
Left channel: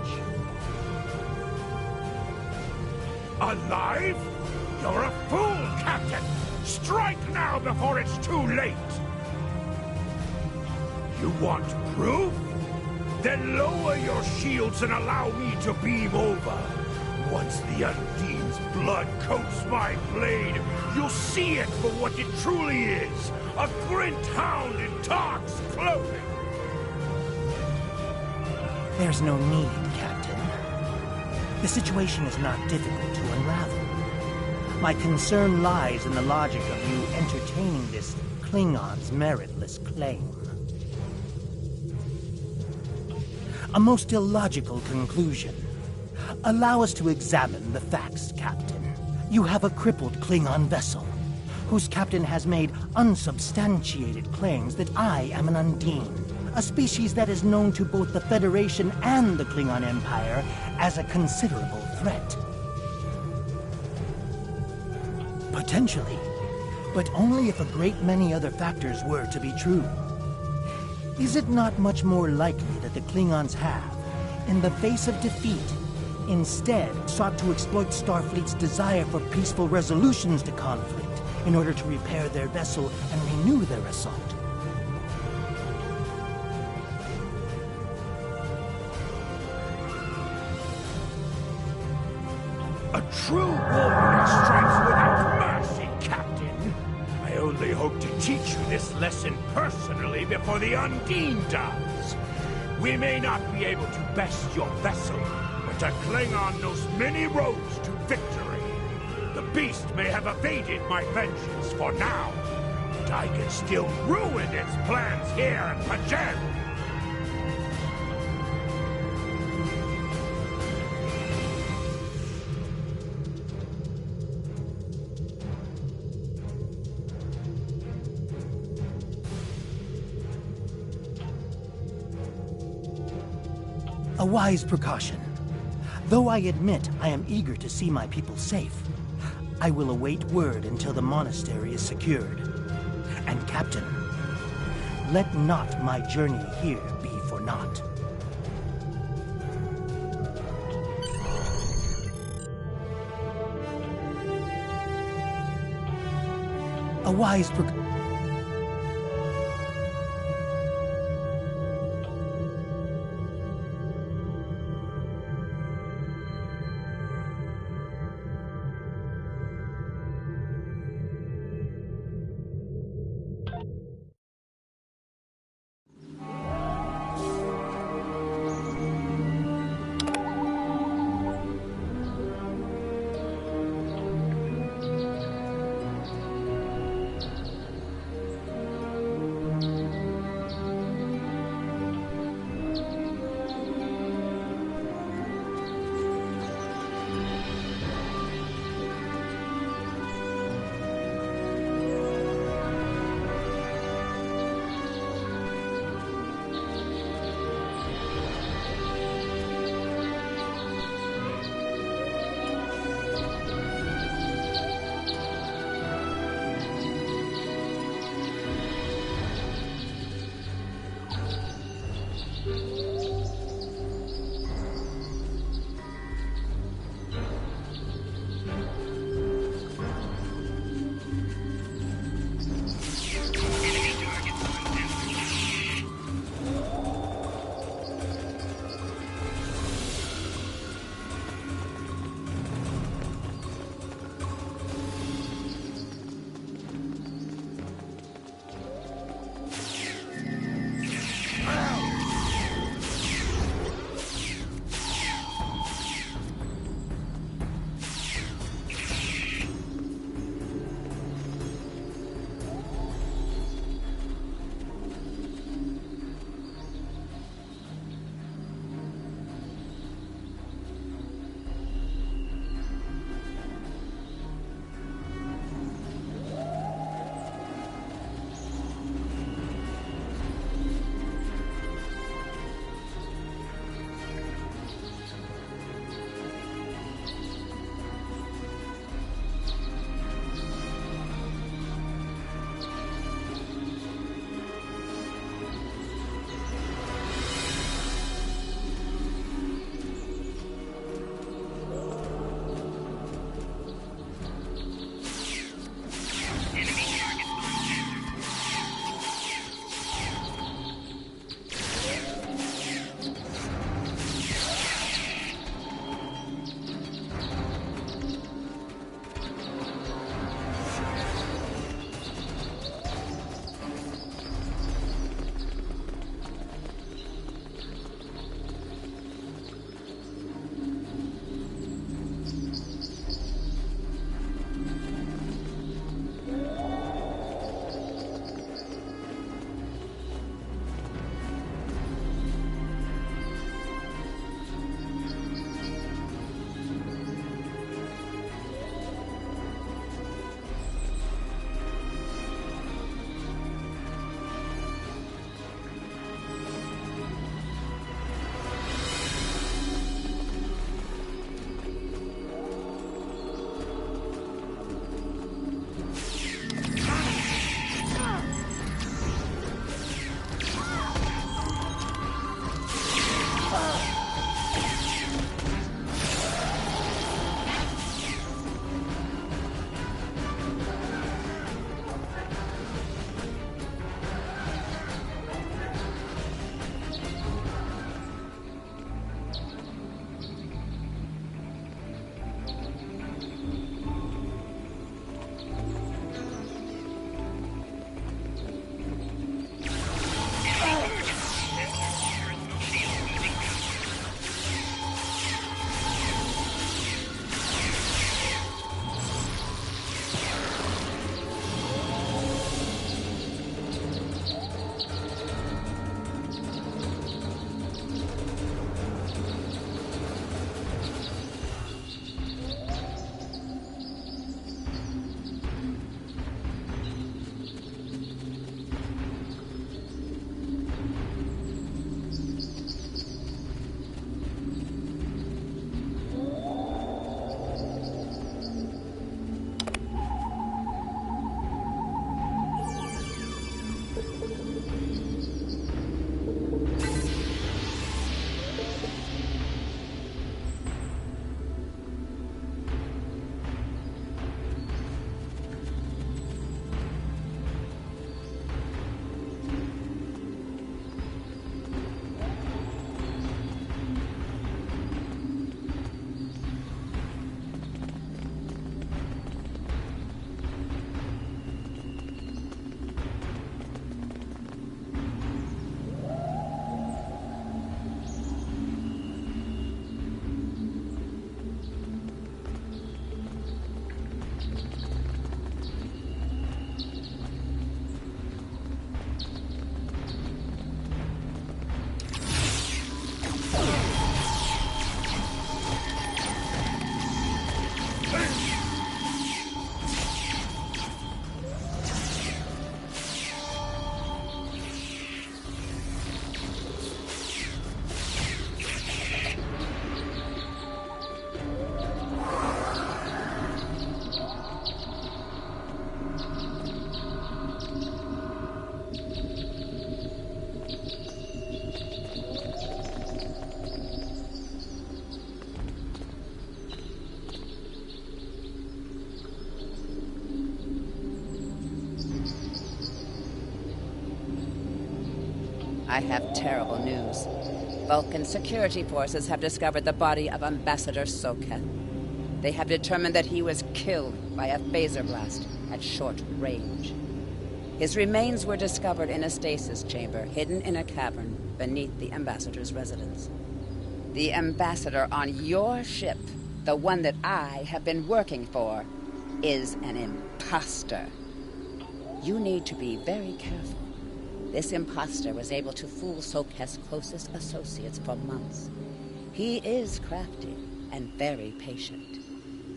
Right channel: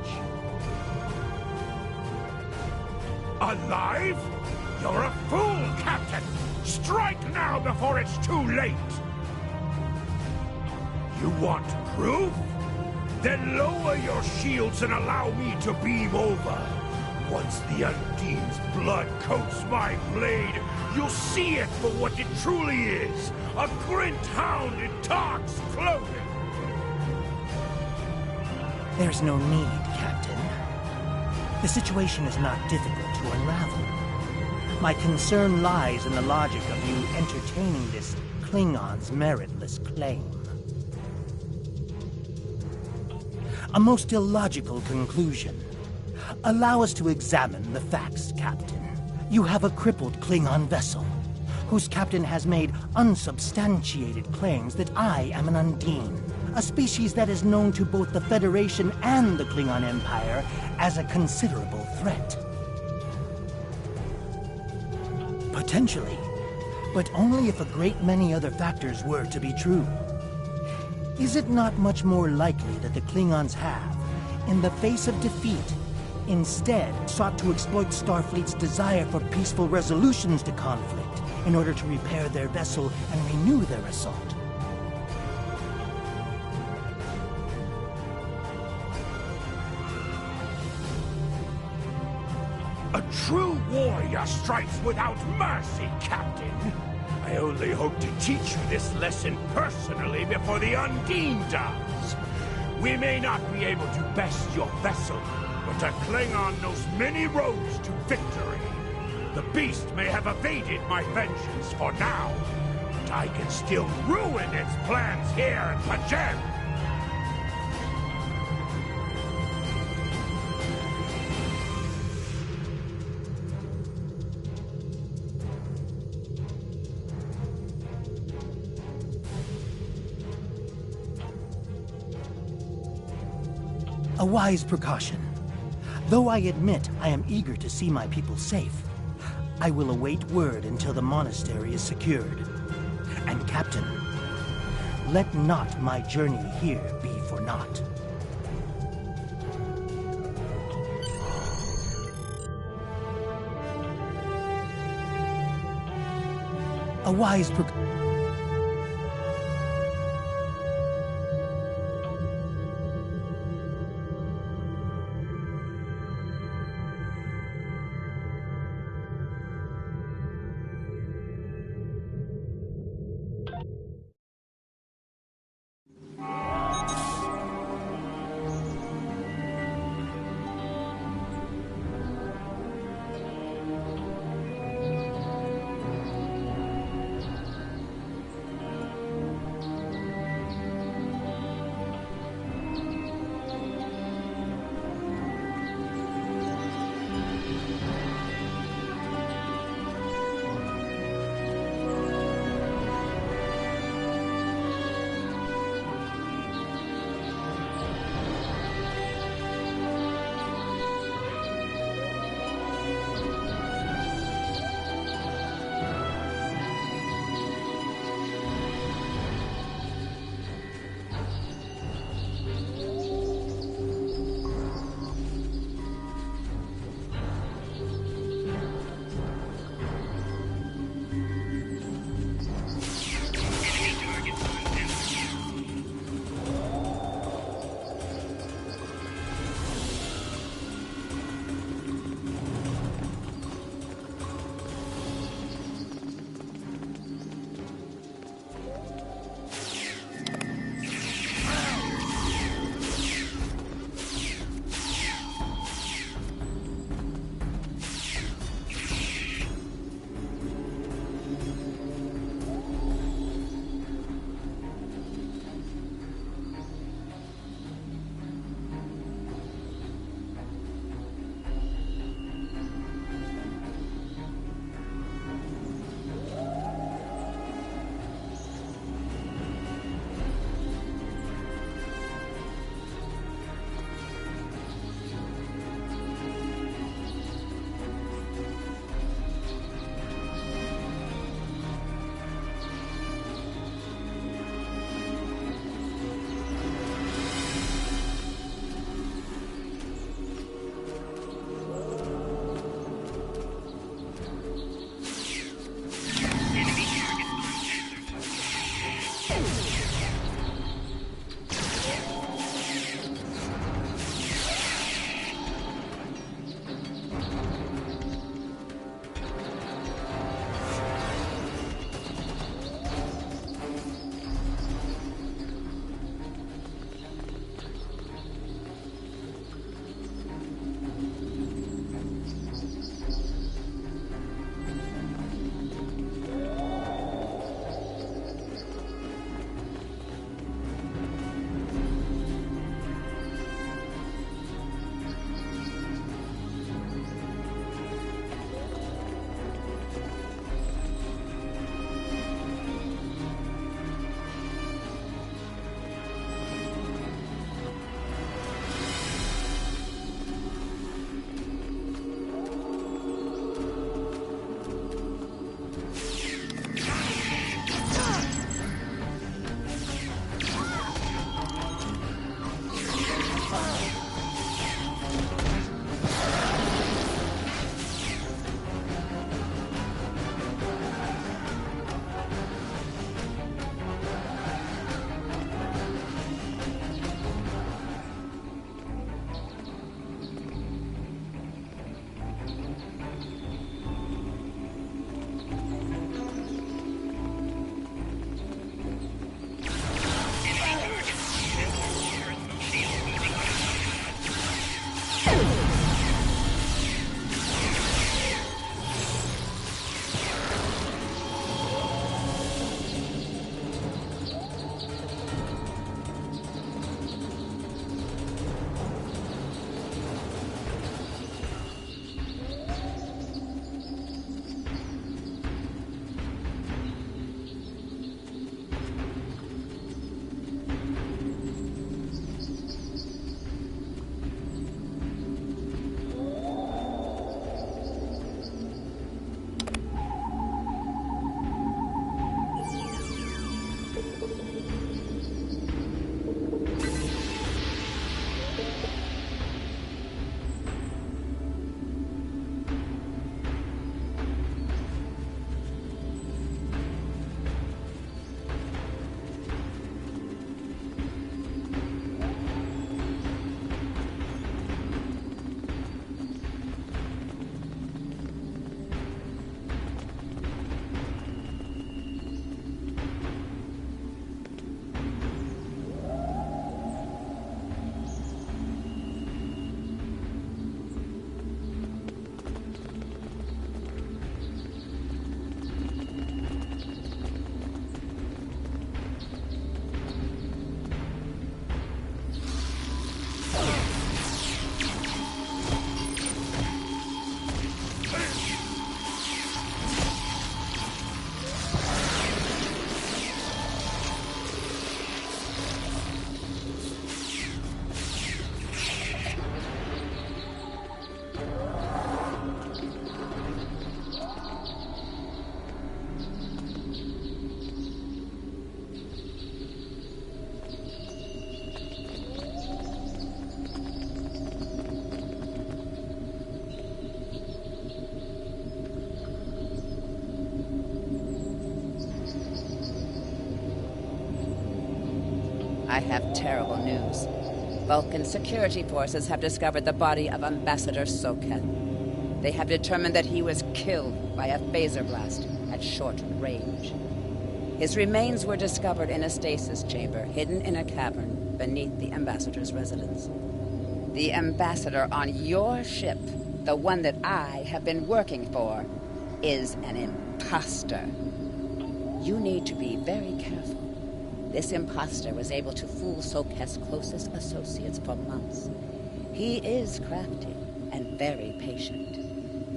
Alive? You're a fool, Captain! Strike now before it's too late! You want proof? Then lower your shields and allow me to beam over. Once the Undine's blood coats my blade, you'll see it for what it truly is. A Grint hound in Tark's clothing. There's no need, Captain. The situation is not difficult to unravel. My concern lies in the logic of you entertaining this Klingon's meritless claim. A most illogical conclusion. Allow us to examine the facts, Captain. You have a crippled Klingon vessel, whose captain has made unsubstantiated claims that I am an Undine, a species that is known to both the Federation and the Klingon Empire as a considerable threat. Potentially, but only if a great many other factors were to be true. Is it not much more likely that the Klingons have, in the face of defeat, instead sought to exploit Starfleet's desire for peaceful resolutions to conflict in order to repair their vessel and renew their assault? A true warrior strikes without mercy, Captain. I only hope to teach you this lesson personally before the Undine does. We may not be able to best your vessel, but a Klingon knows many roads to victory. The beast may have evaded my vengeance for now, but I can still ruin its plans here in Pajem. A wise precaution. Though I admit I am eager to see my people safe, I will await word until the monastery is secured. And Captain, let not my journey here be for naught. A wise precaution. I have terrible news. Vulcan security forces have discovered the body of Ambassador Soketh. They have determined that he was killed by a phaser blast at short range. His remains were discovered in a stasis chamber hidden in a cavern beneath the Ambassador's residence. The Ambassador on your ship, the one that I have been working for, is an imposter. You need to be very careful. This imposter was able to fool Soketh's closest associates for months. He is crafty and very patient.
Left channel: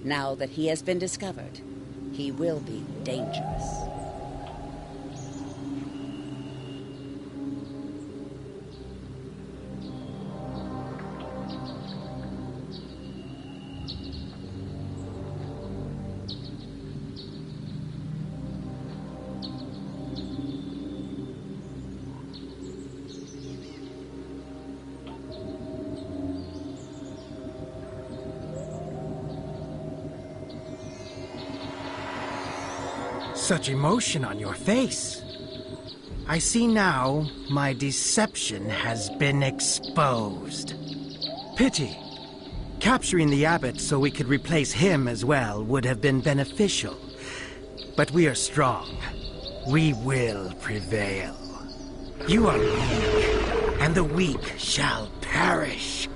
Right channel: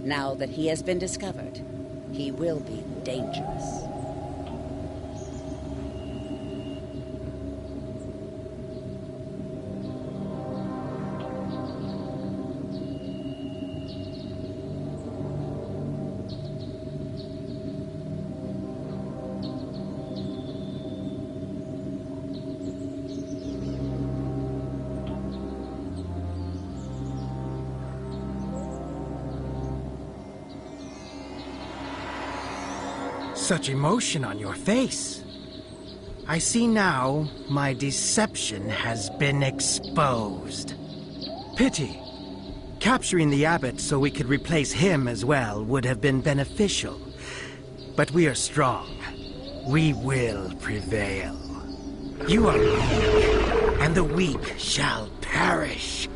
Now that he has been discovered, he will be dangerous. Such emotion on your face. I see now my deception has been exposed. Pity. Capturing the abbot so we could replace him as well would have been beneficial. But we are strong. We will prevail. You are weak, and the weak shall perish.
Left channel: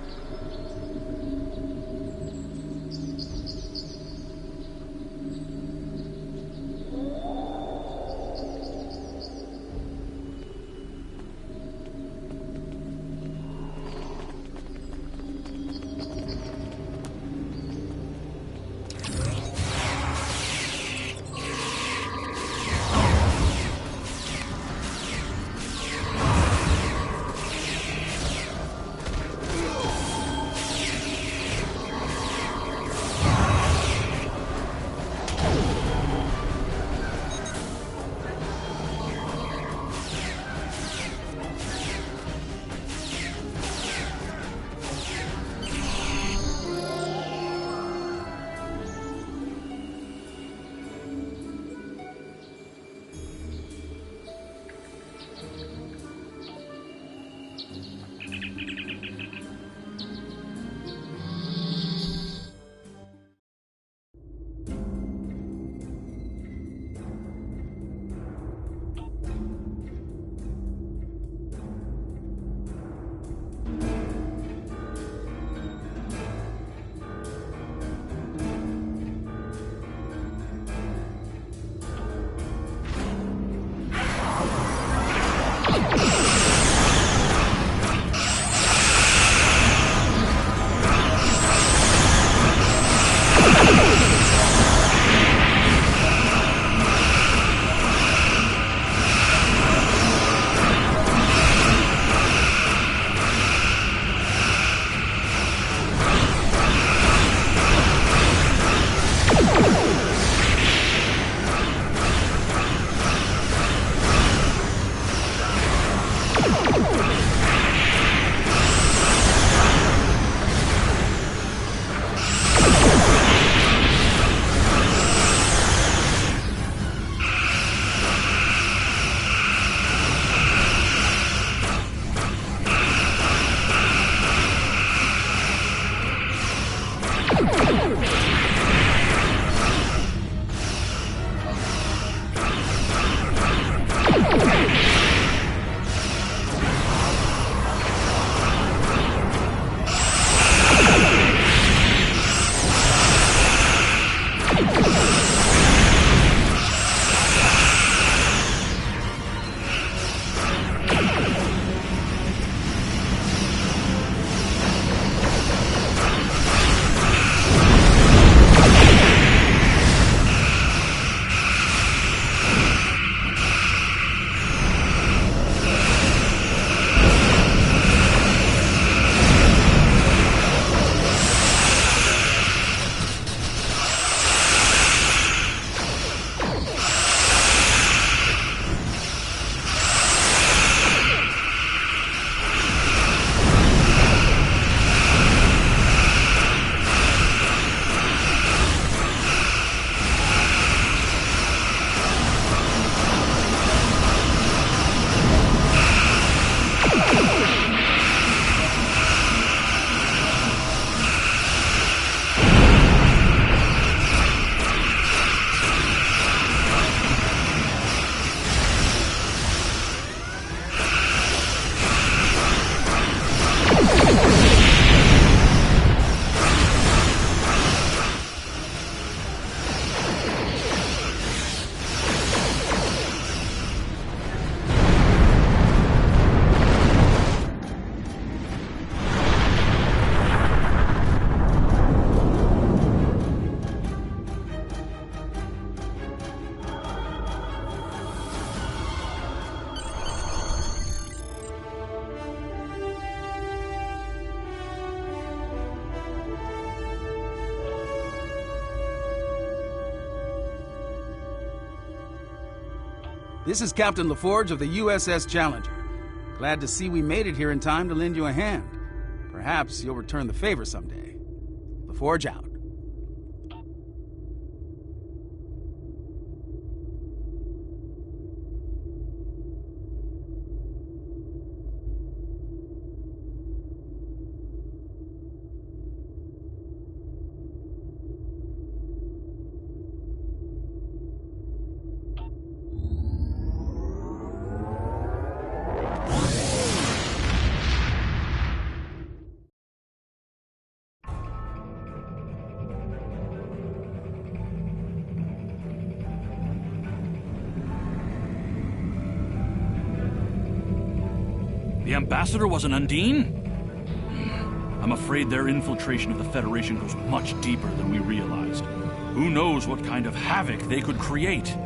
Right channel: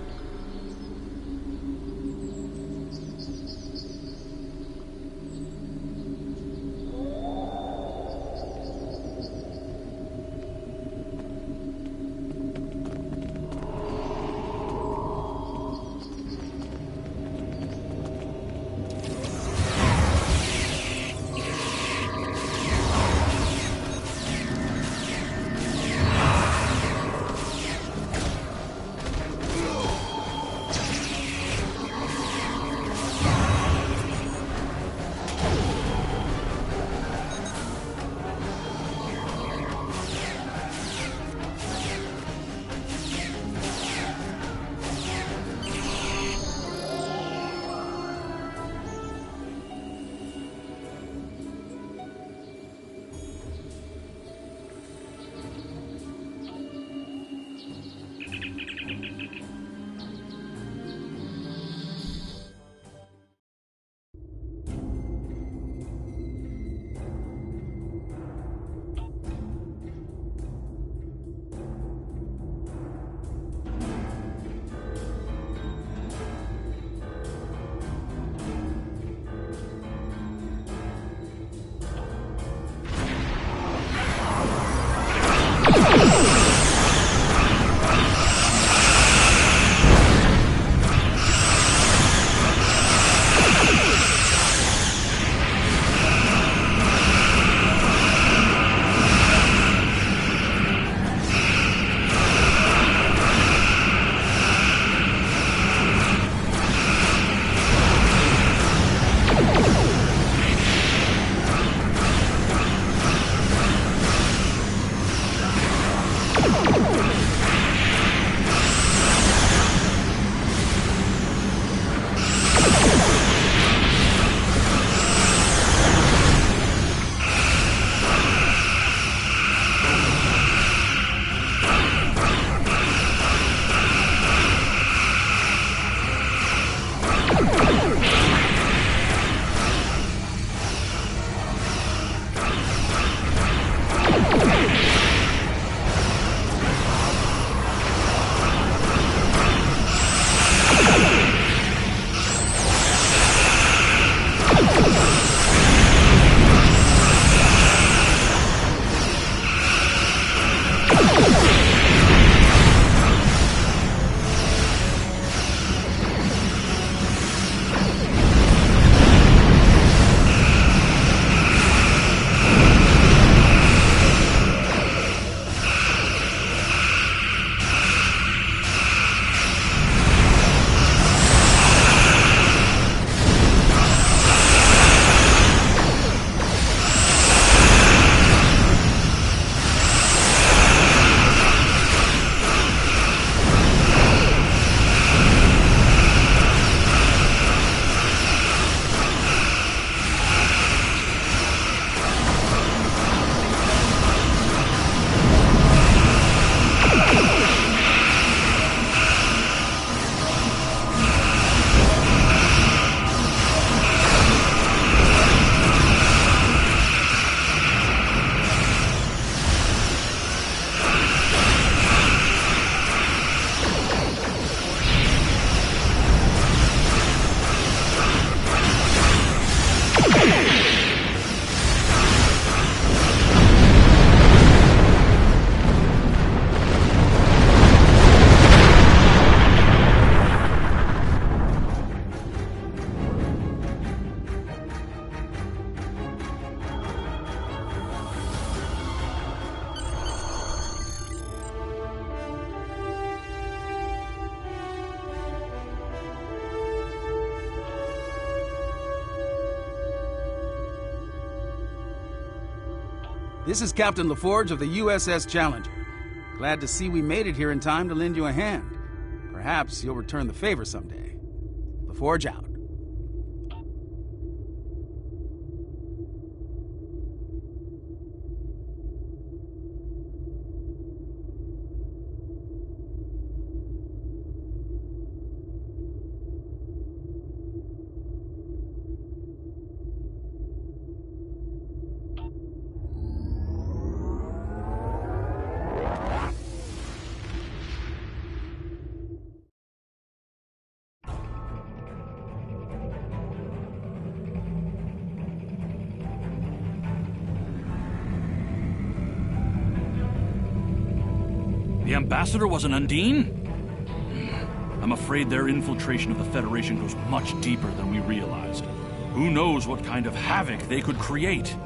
This is Captain LaForge of the U.S.S. Challenger. Glad to see we made it here in time to lend you a hand. Perhaps you'll return the favor someday. LaForge out. The Ambassador was an Undine? I'm afraid their infiltration of the Federation goes much deeper than we realized. Who knows what kind of havoc they could create?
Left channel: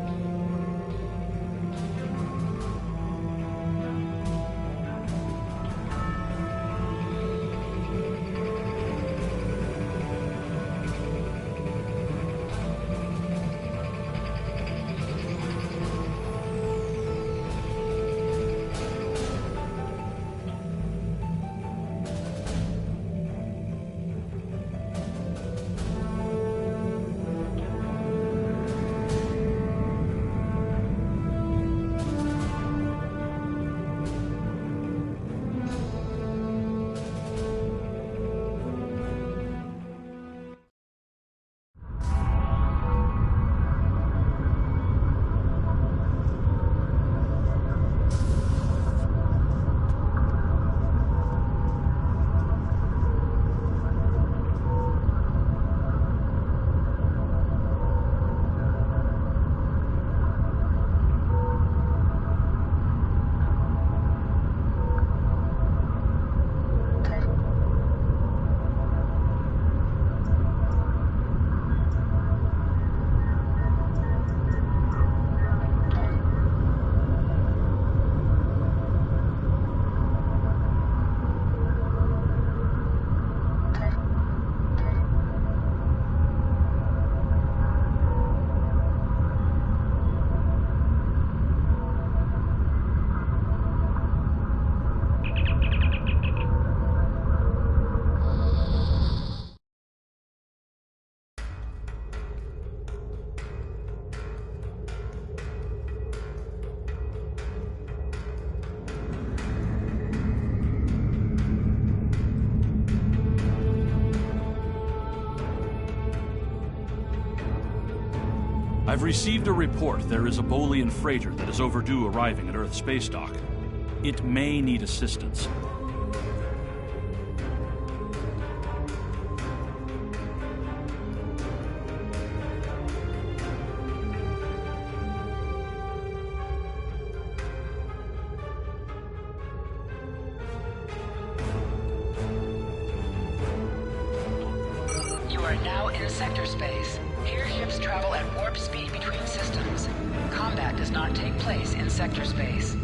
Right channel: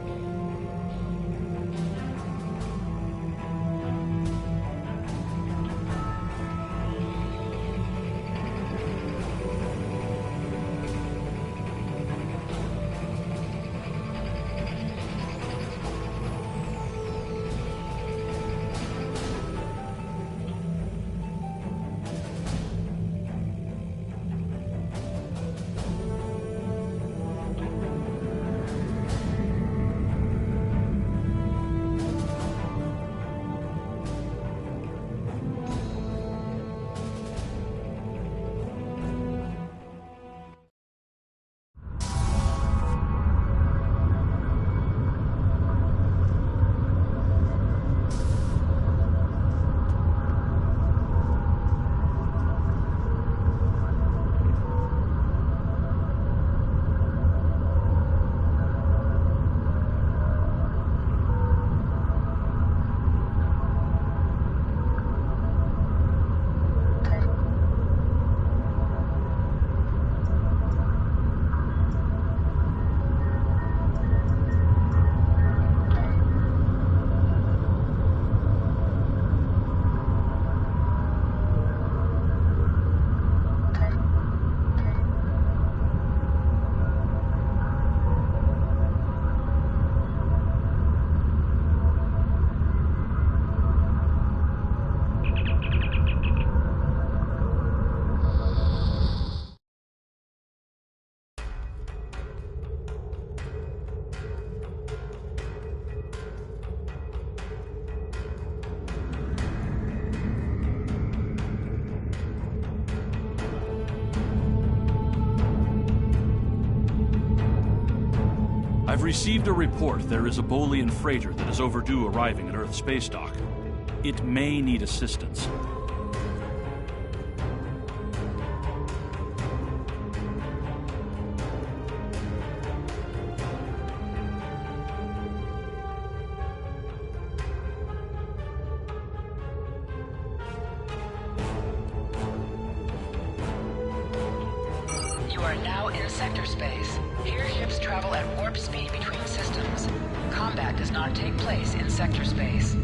I've received a report there is a Bolian freighter that is overdue arriving at Earth space dock. It may need assistance. You are now in sector space. Here ships travel at warp speed between systems. Combat does not take place in sector space.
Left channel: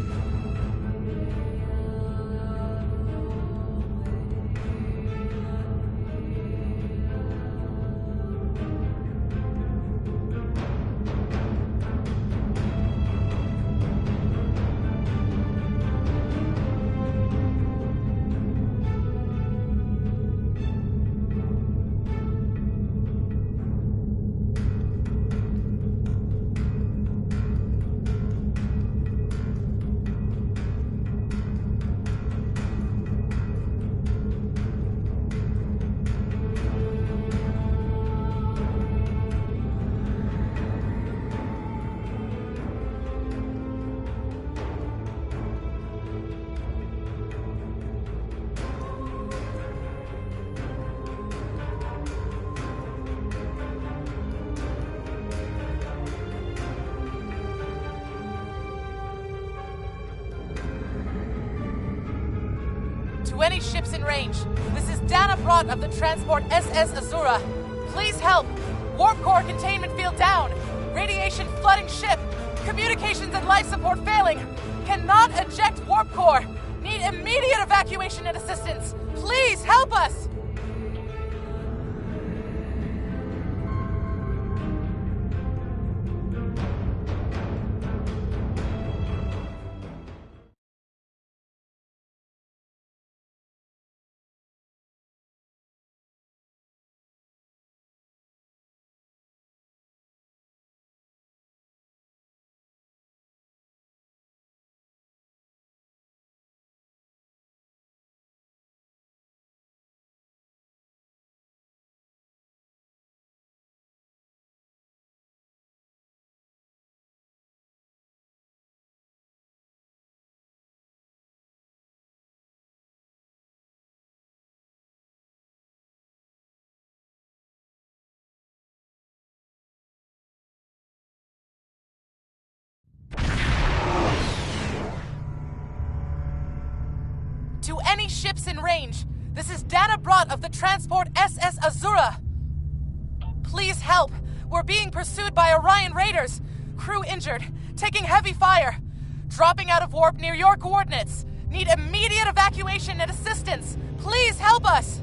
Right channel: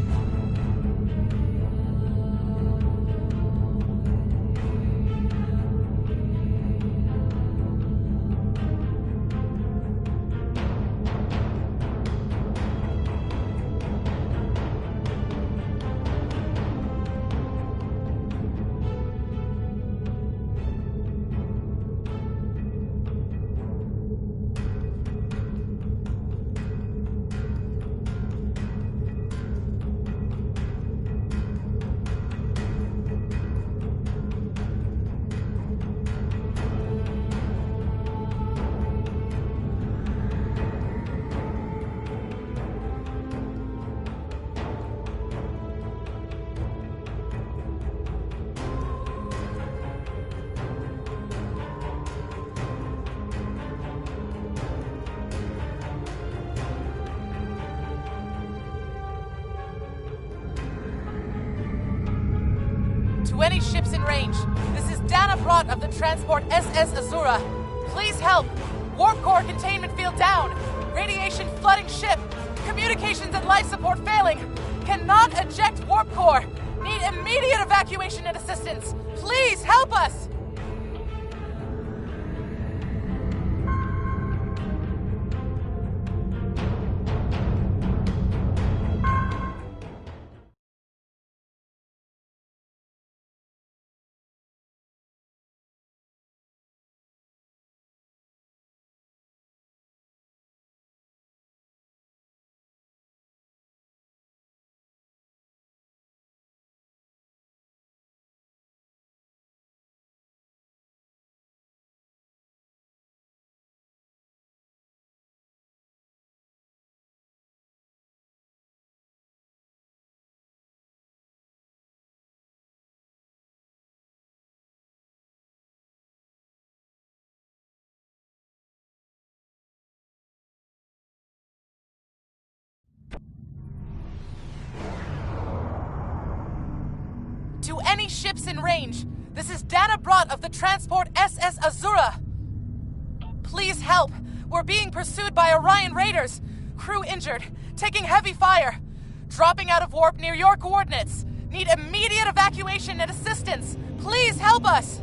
To any ships in range, this is Dana Brott of the transport SS Azura. Please help! Warp core containment field down! Radiation flooding ship! Communications and life support failing! Cannot eject warp core! Need immediate evacuation and assistance! Please help us! any ships in range. This is Dana Brott of the transport SS Azura. Please help. We're being pursued by Orion raiders. Crew injured, taking heavy fire. Dropping out of warp near your coordinates. Need immediate evacuation and assistance. Please help us.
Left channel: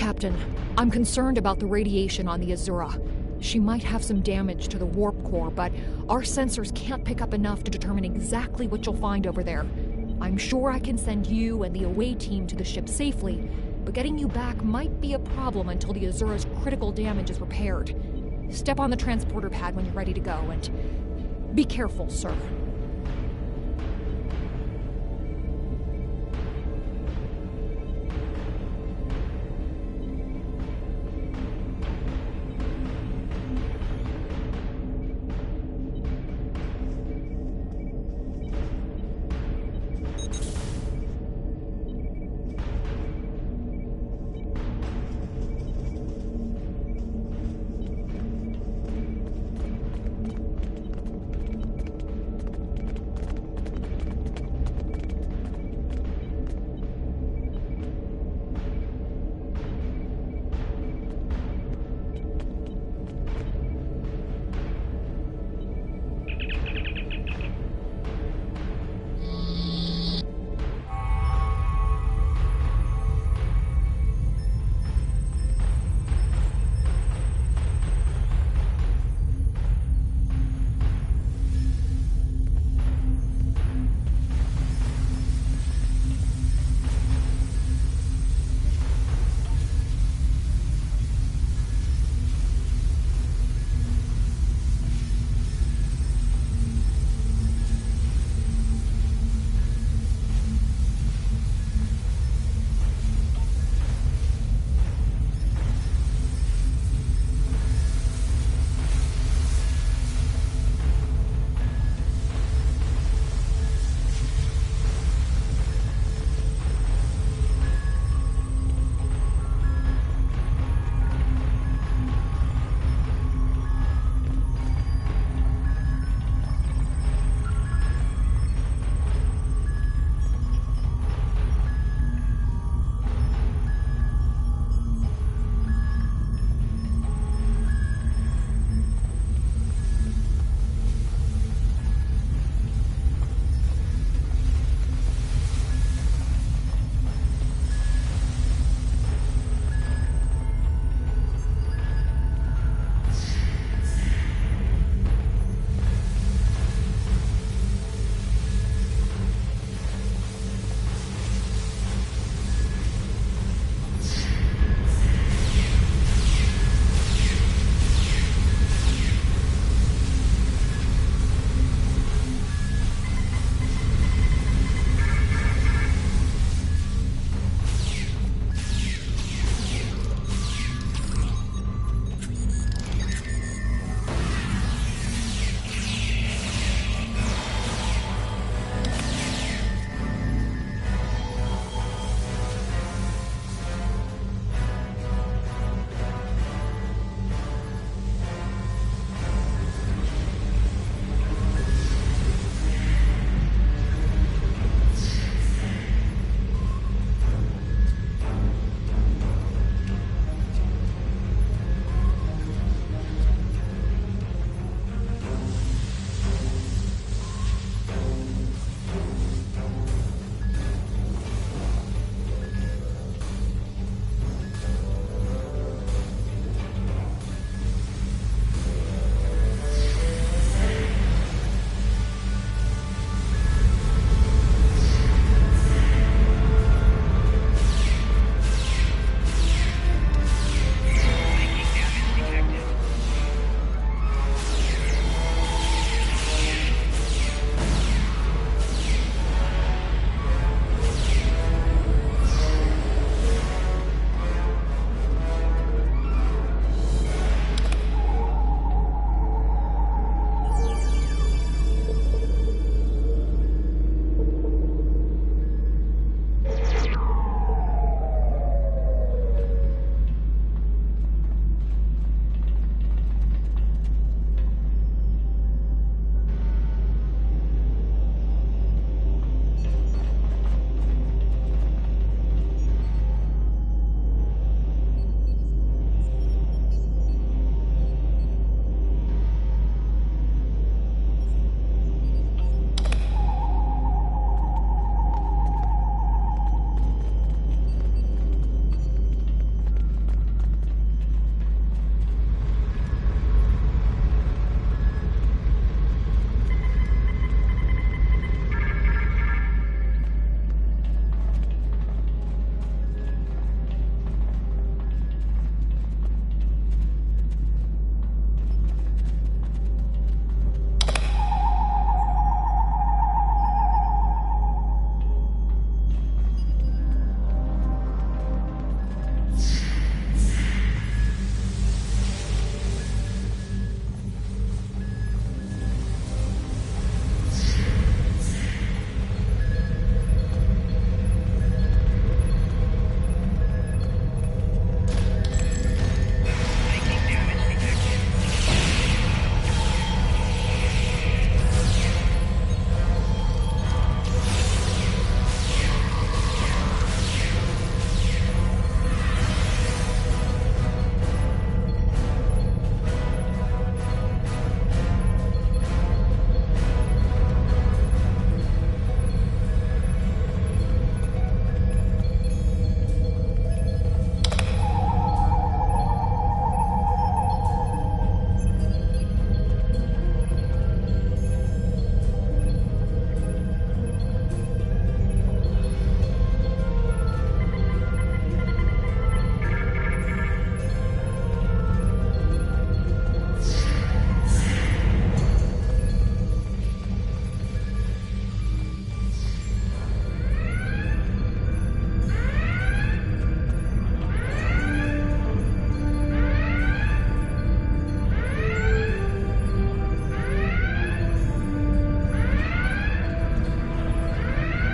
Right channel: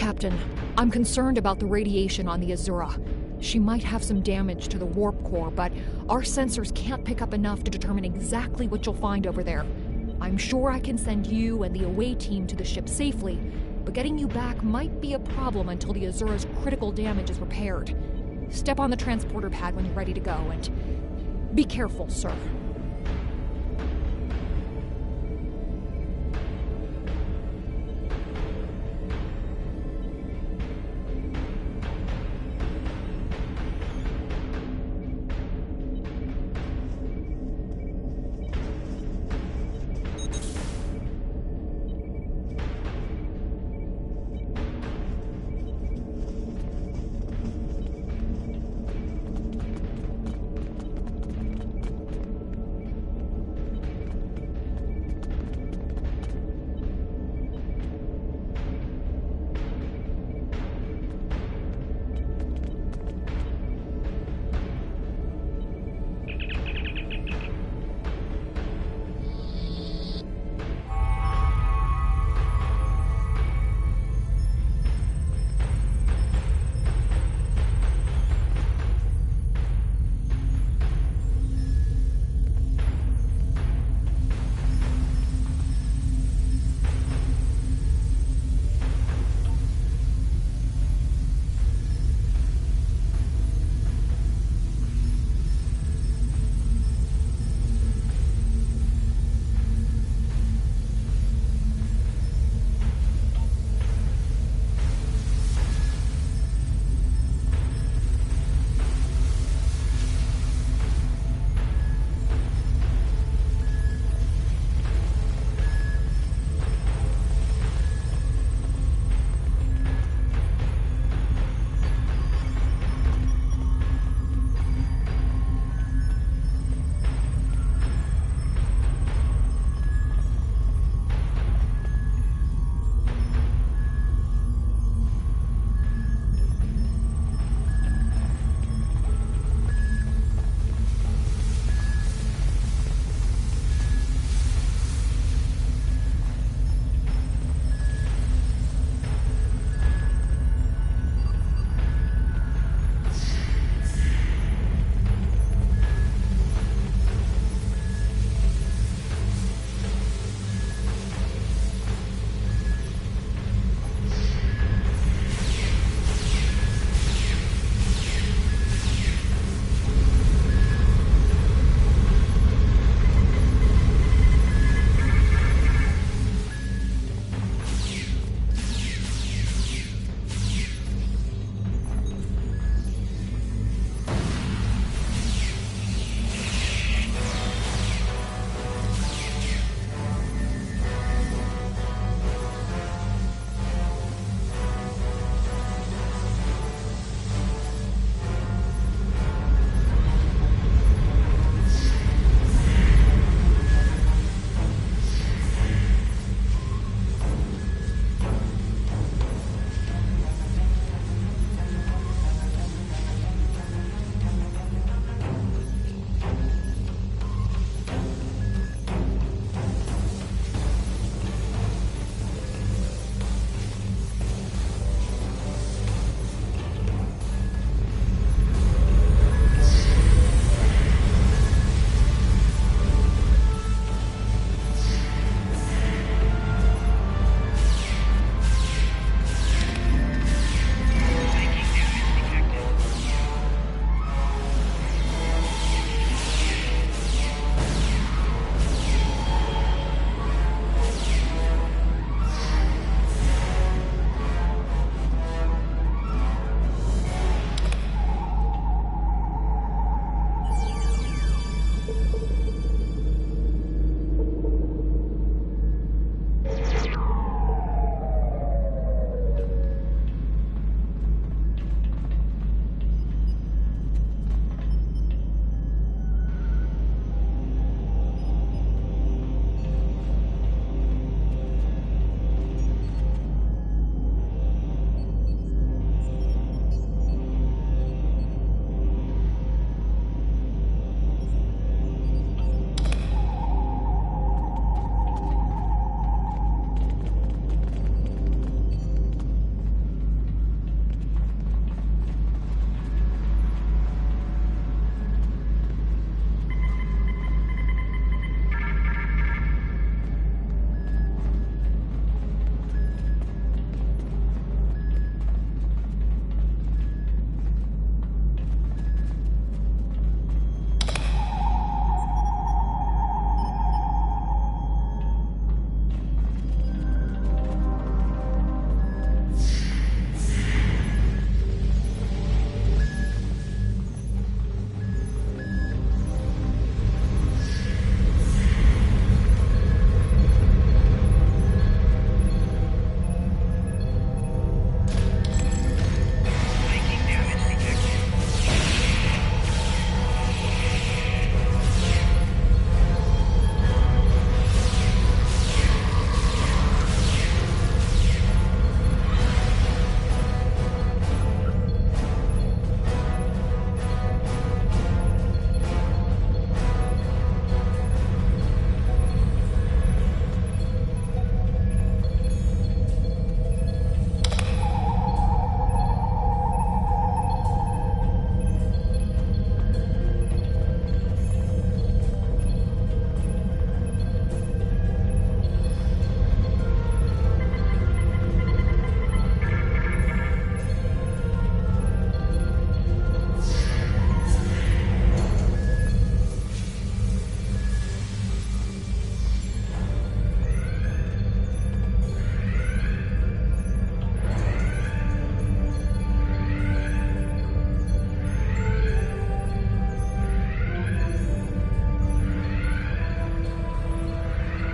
Captain, I'm concerned about the radiation on the Azura. She might have some damage to the warp core, but our sensors can't pick up enough to determine exactly what you'll find over there. I'm sure I can send you and the away team to the ship safely, but getting you back might be a problem until the Azura's critical damage is repaired. Step on the transporter pad when you're ready to go, and be careful, sir.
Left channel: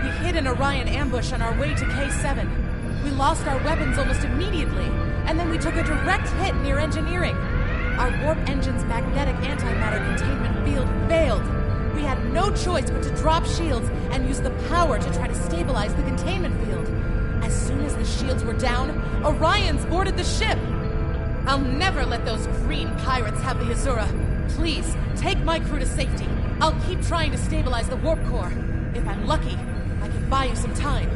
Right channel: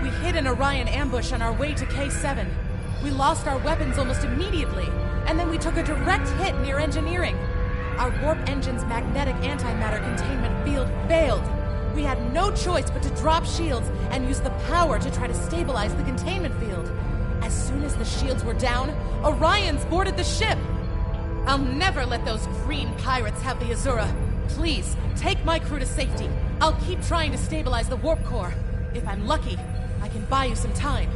We hid an Orion ambush on our way to K7. We lost our weapons almost immediately, and then we took a direct hit near engineering. Our warp engine's magnetic antimatter containment field failed. We had no choice but to drop shields and use the power to try to stabilize the containment field. As soon as the shields were down, Orions boarded the ship. I'll never let those green pirates have the Azura. Please, take my crew to safety. I'll keep trying to stabilize the warp core. If I'm lucky, I can buy you some time.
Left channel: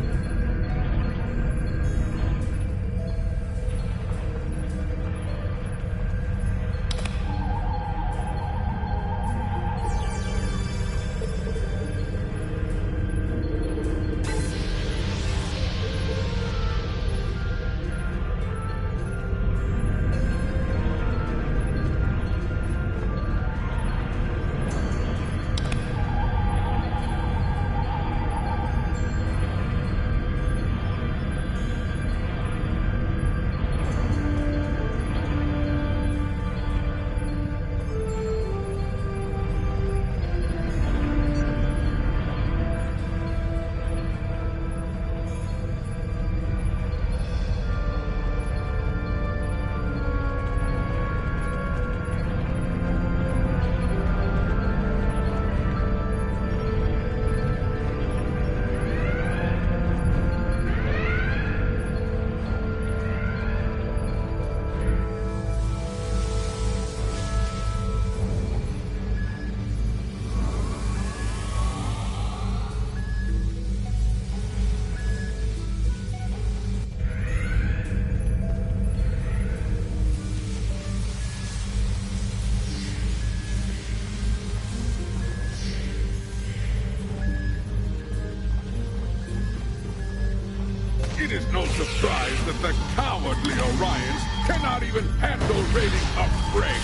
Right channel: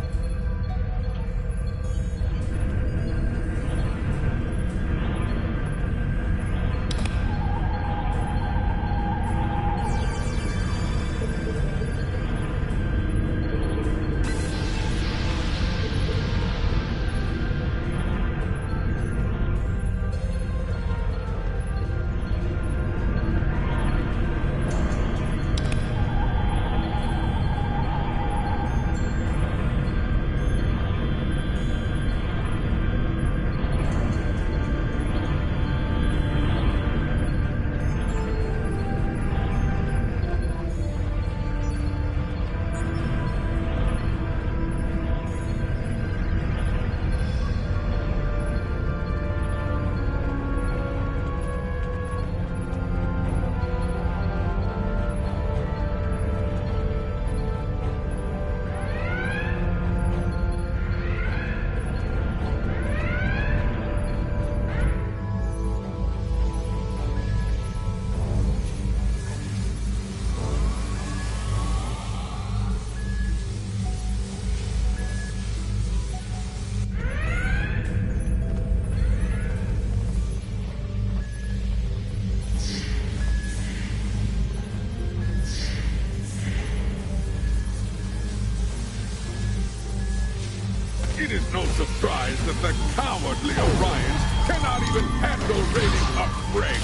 It is no surprise that the cowardly Orions cannot even handle raiding a brig.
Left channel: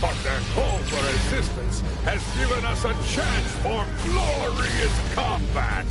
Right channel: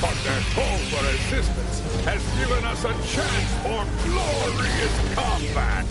But their call for assistance has given us a chance for glorious combat.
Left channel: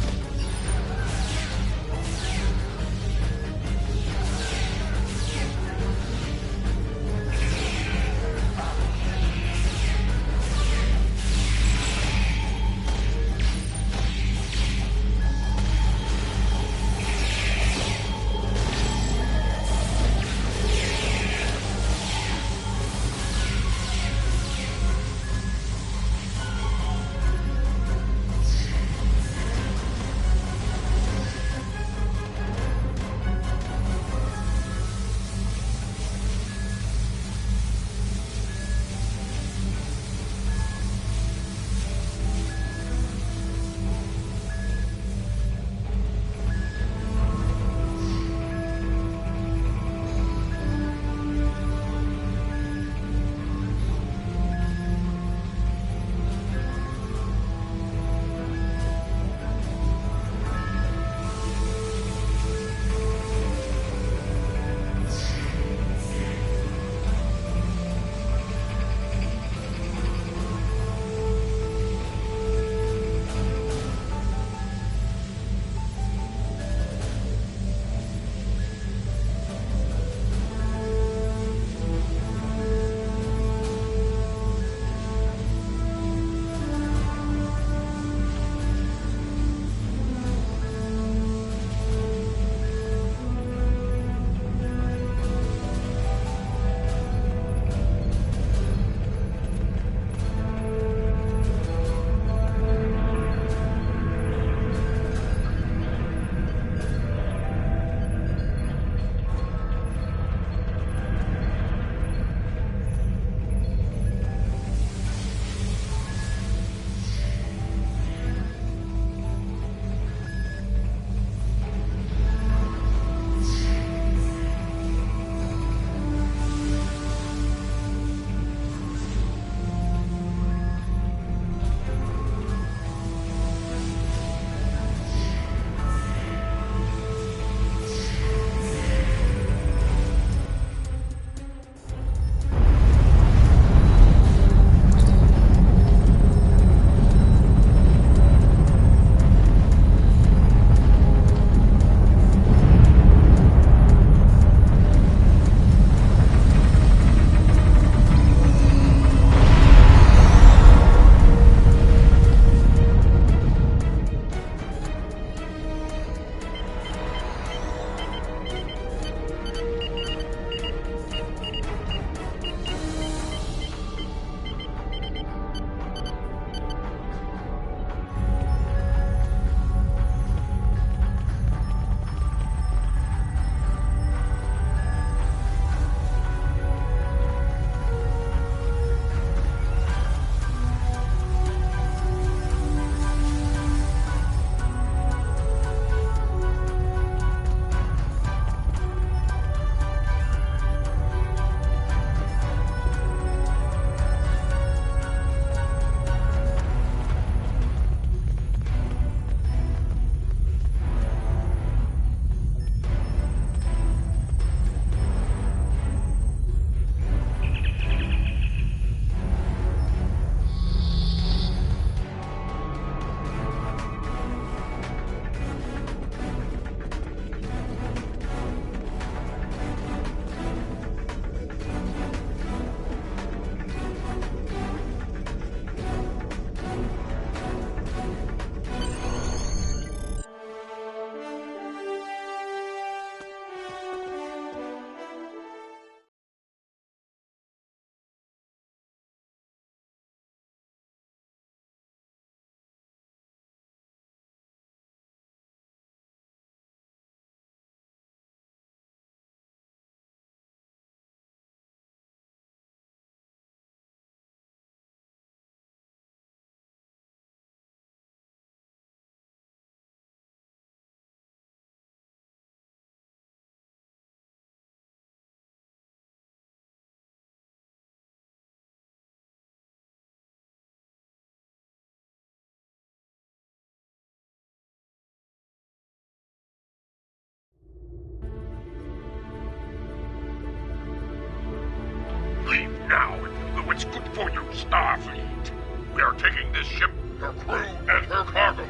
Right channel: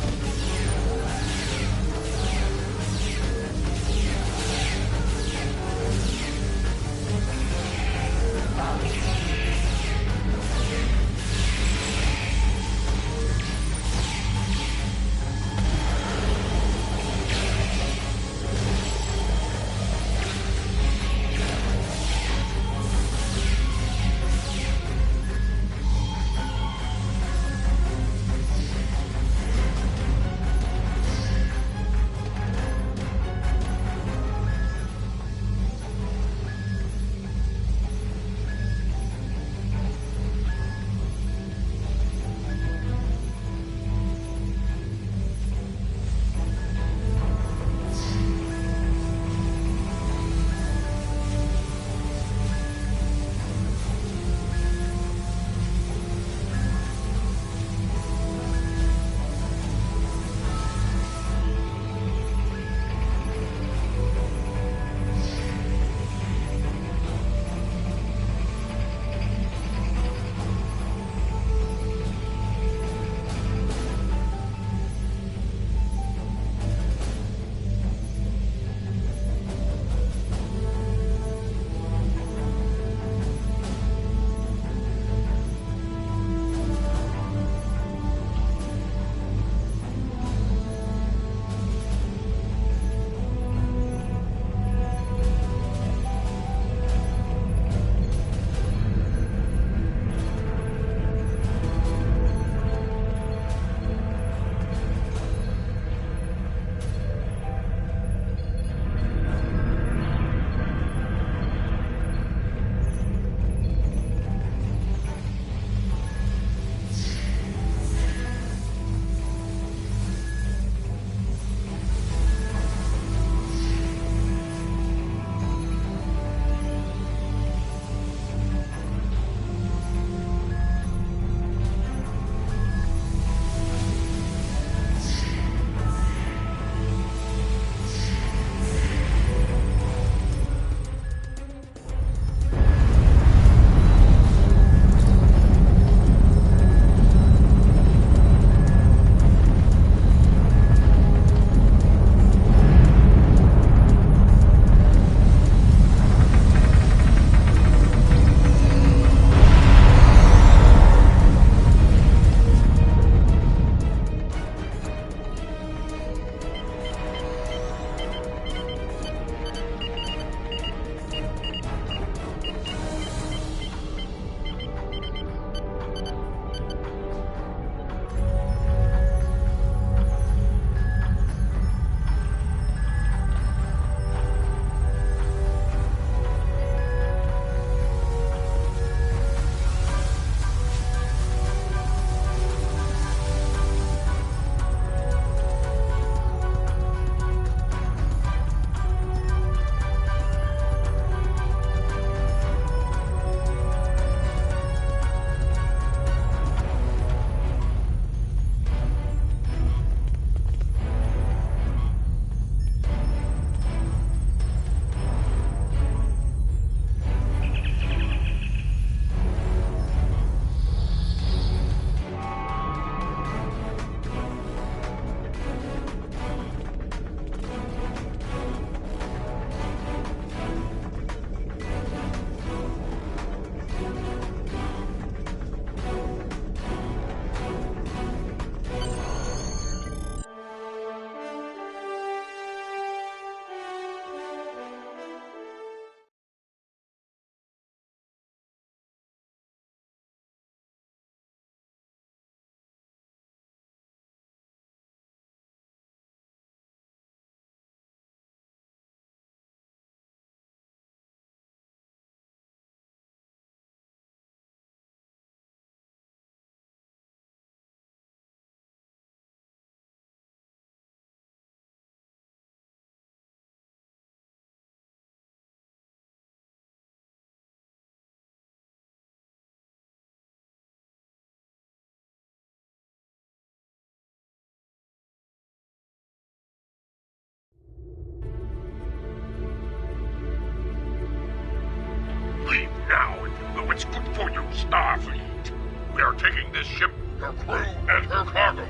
for you, Starfleet. We are taking this ship, her crew, and her cargo.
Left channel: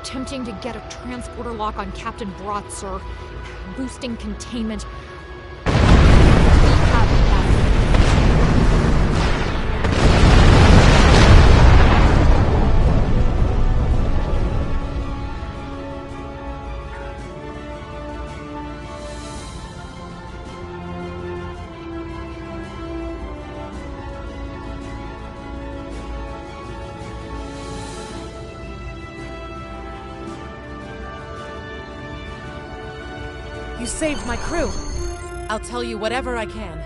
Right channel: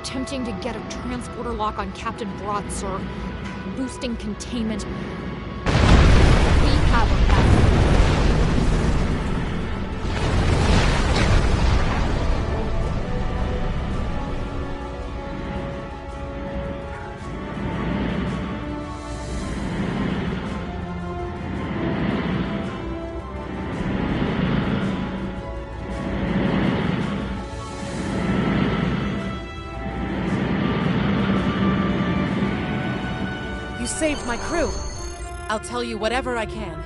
Attempting to get a transporter lock on Captain Broad, sir. Boosting containment. We have a path. You saved my crew. I'll tell you whatever I can.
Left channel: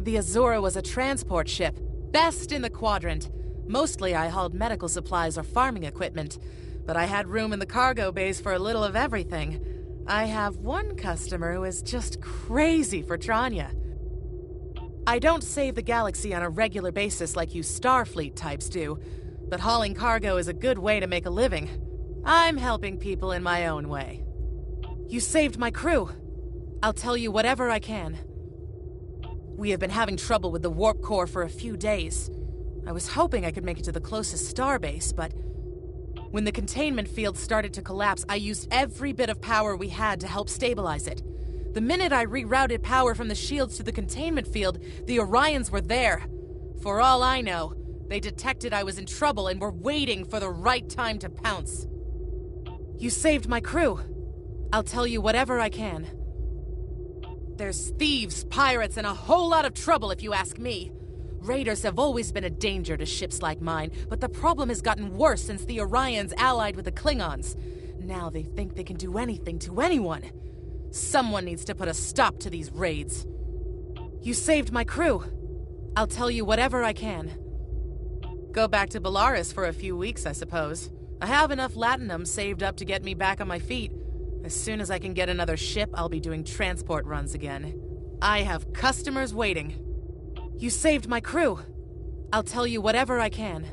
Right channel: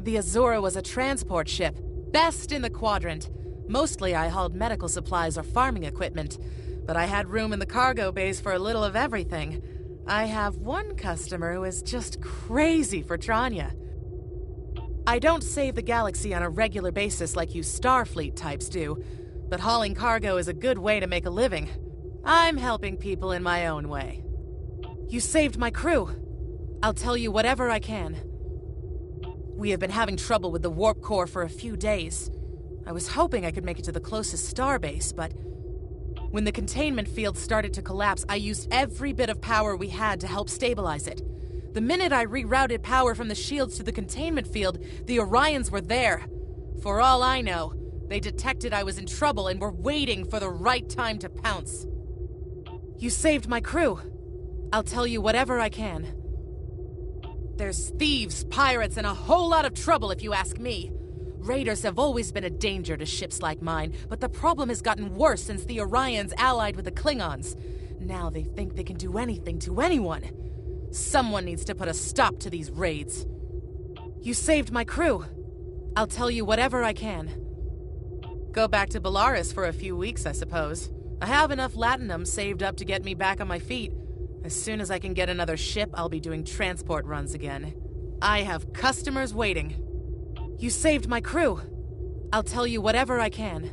The Azura was a transport ship, best in the quadrant. Mostly I hauled medical supplies or farming equipment, but I had room in the cargo bays for a little of everything. I have one customer who is just crazy for Tranya. I don't save the galaxy on a regular basis like you Starfleet types do, but hauling cargo is a good way to make a living. I'm helping people in my own way. You saved my crew. I'll tell you whatever I can. We have been having trouble with the warp core for a few days. I was hoping I could make it to the closest starbase, but when the containment field started to collapse, I used every bit of power we had to help stabilize it. The minute I rerouted power from the shields to the containment field, the Orions were there. For all I know, they detected I was in trouble and were waiting for the right time to pounce. You saved my crew. I'll tell you whatever I can. There's thieves, pirates, and a whole lot of trouble if you ask me. Raiders have always been a danger to ships like mine, but the problem has gotten worse since the Orions allied with the Klingons. Now they think they can do anything to anyone. Someone needs to put a stop to these raids. You saved my crew. I'll tell you whatever I can. Go back to Belarus for a few weeks, I suppose. I have enough latinum saved up to get me back on my feet. As soon as I can get another ship, I'll be doing transport runs again. I have customers waiting. You saved my crew. I'll tell you whatever I can.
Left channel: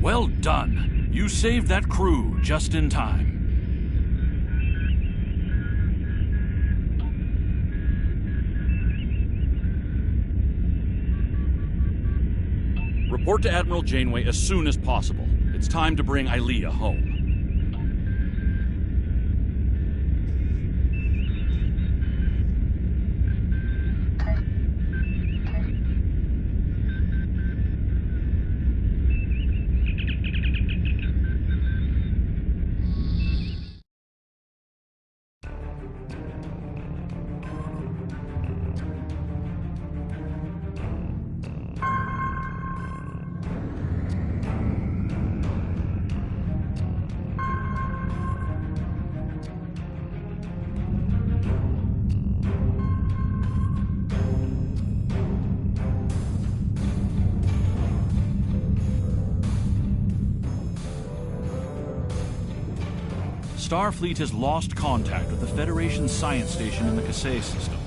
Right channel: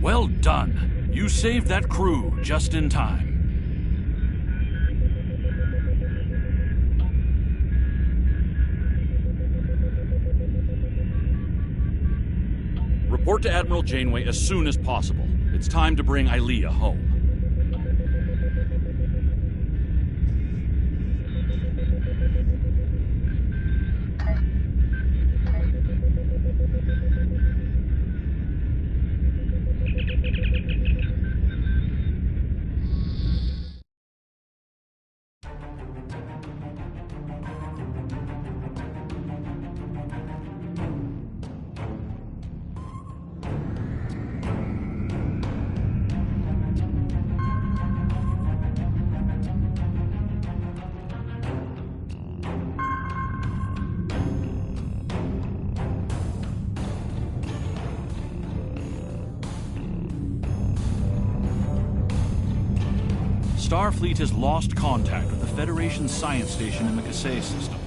Well done. You saved that crew just in time. Report to Admiral Janeway as soon as possible. It's time to bring Ilea home. Starfleet has lost contact with the Federation's science station in the Kasei system.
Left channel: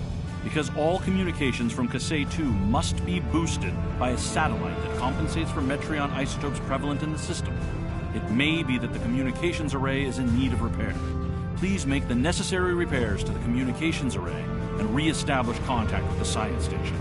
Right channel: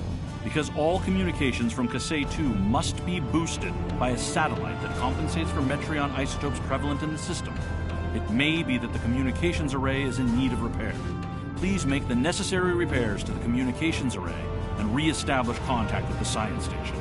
Because all communications from Kasei 2 must be boosted by a satellite that compensates for Metreon isotopes prevalent in the system, it may be that the communications array is in need of repair. Please make the necessary repairs to the communications array and re-establish contact with the science station.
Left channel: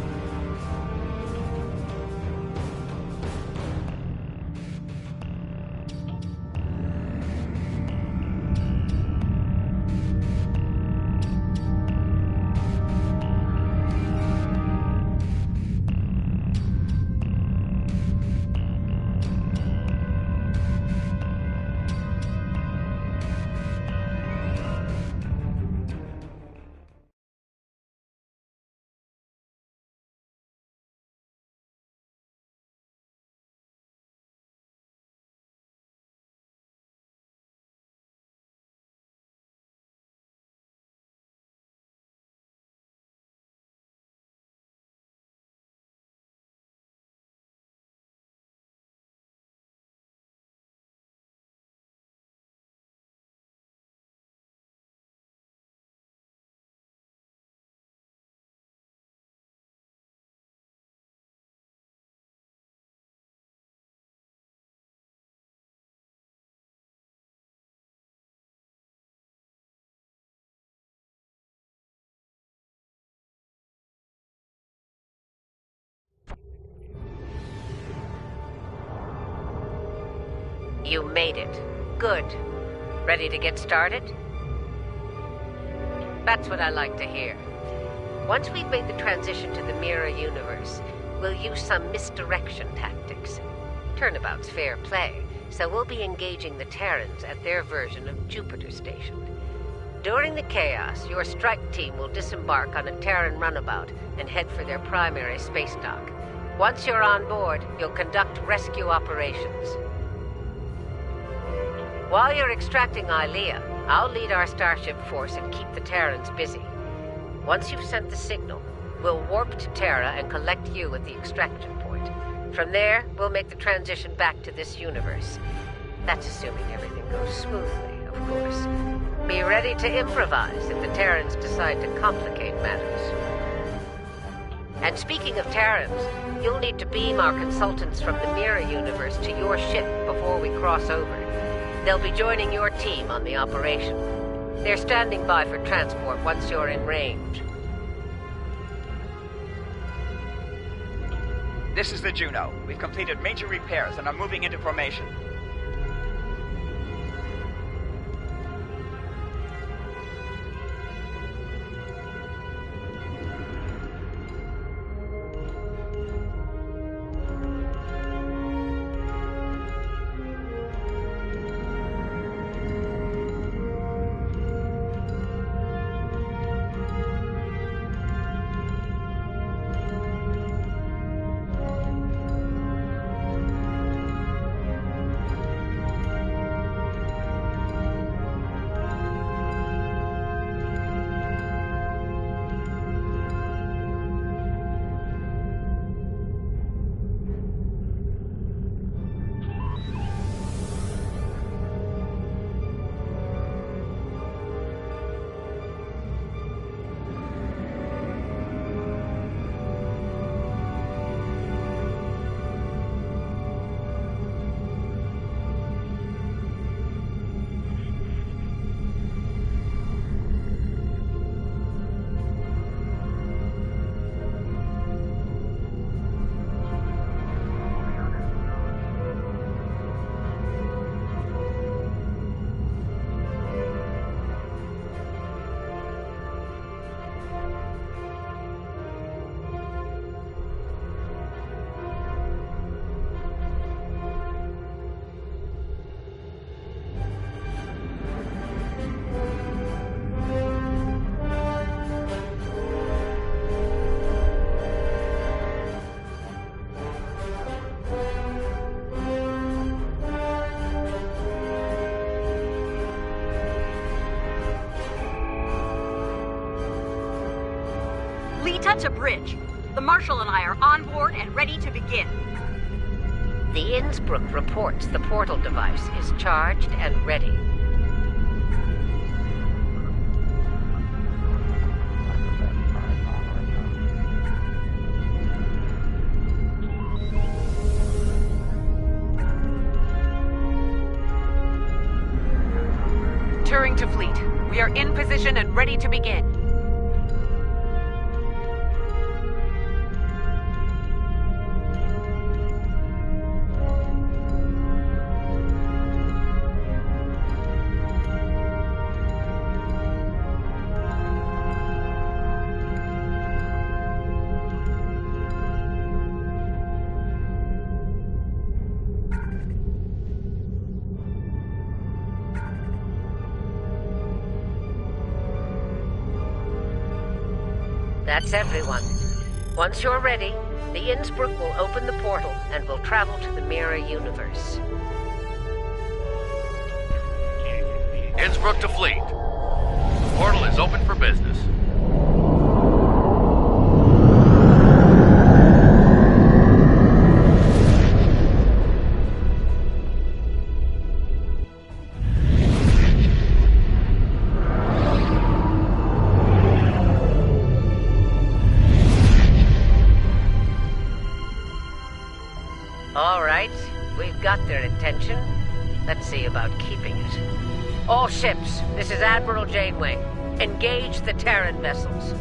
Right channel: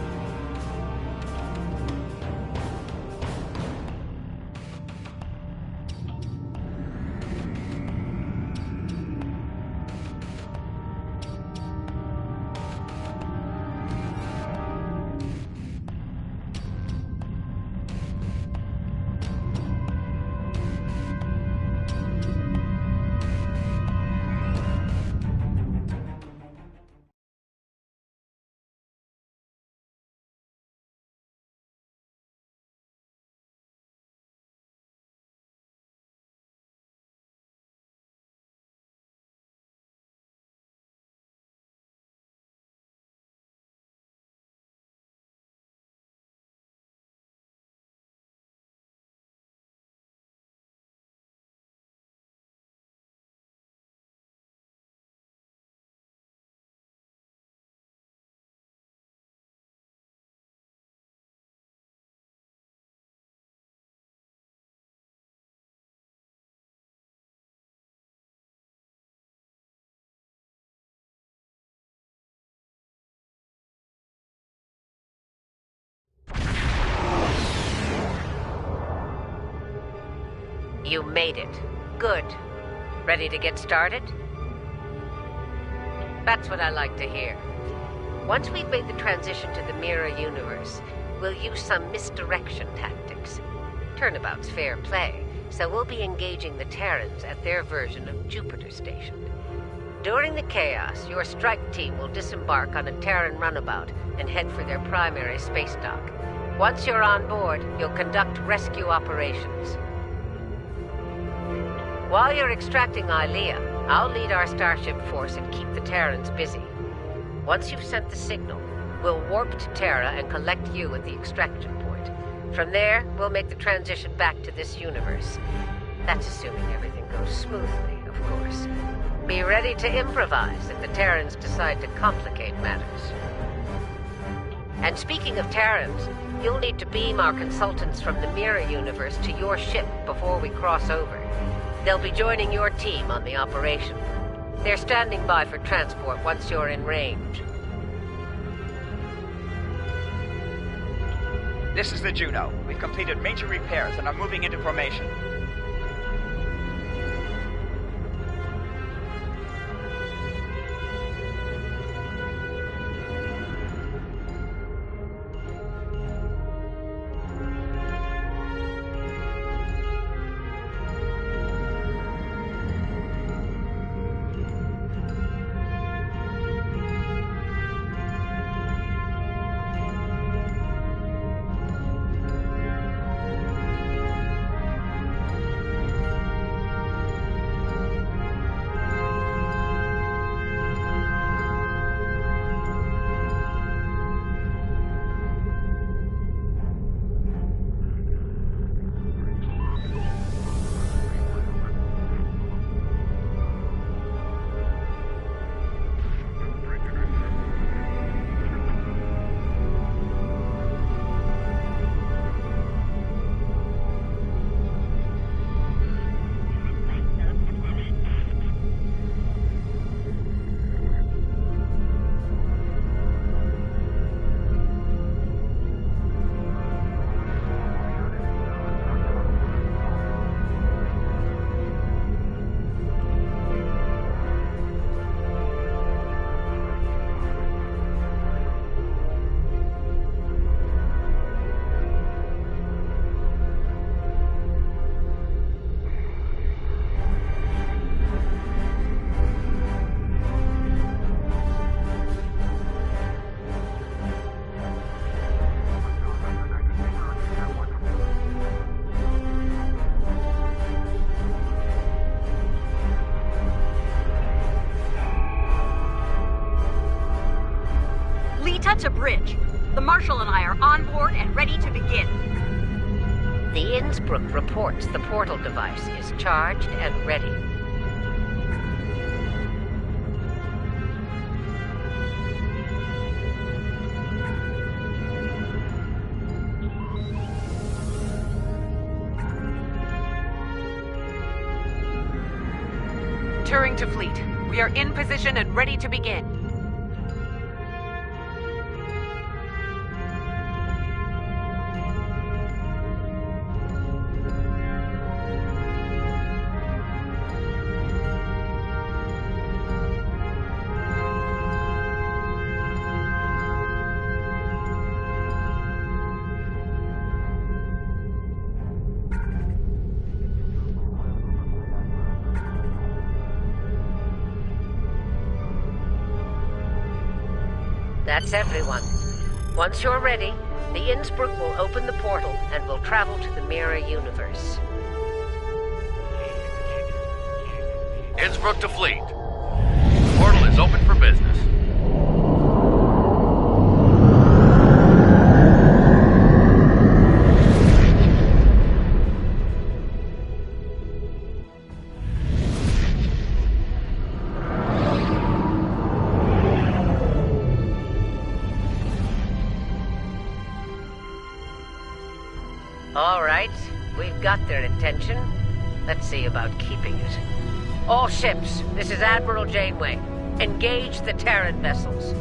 You made it. Good. Ready to get started? That's what I like to hear. Once we've made the transition to the mirror universe, we'll use some misdirection tactics. Turnabout's fair play, so we'll be engaging the Terrans at their version of Jupiter Station. During the chaos, your strike team will disembark on a Terran runabout and head for their primary space dock. Once you're on board, you'll conduct rescue operations. While you're extracting Ilea, I'll lead our starship force and keep the Terrans busy. Once you've sent the signal, we'll warp to Terra and collect you at the extraction point. From there, we'll make the transition back to this universe. That's assuming everything goes smoothly, of course. Be ready to improvise if the Terrans decide to complicate matters. And speaking of Terrans, you'll need to beam our consultants from the mirror universe to your ship before we cross over. They'll be joining your team on the operation. They're standing by for transport once you're in range. This is the Juno. We've completed major repairs and are moving into formation. Set to bridge. The Marshal and I are on board and ready to begin. The Innsbruck reports the portal device is charged and ready. Turing to fleet. We are in position and ready to begin. That's everyone. Once you're ready, the Innsbruck will open the portal and will travel to the mirror universe. Innsbruck to fleet. Portal is open for business. All right, we've got their attention. Let's see about keeping it. All ships, this is Admiral Janeway. Engage the Terran vessels.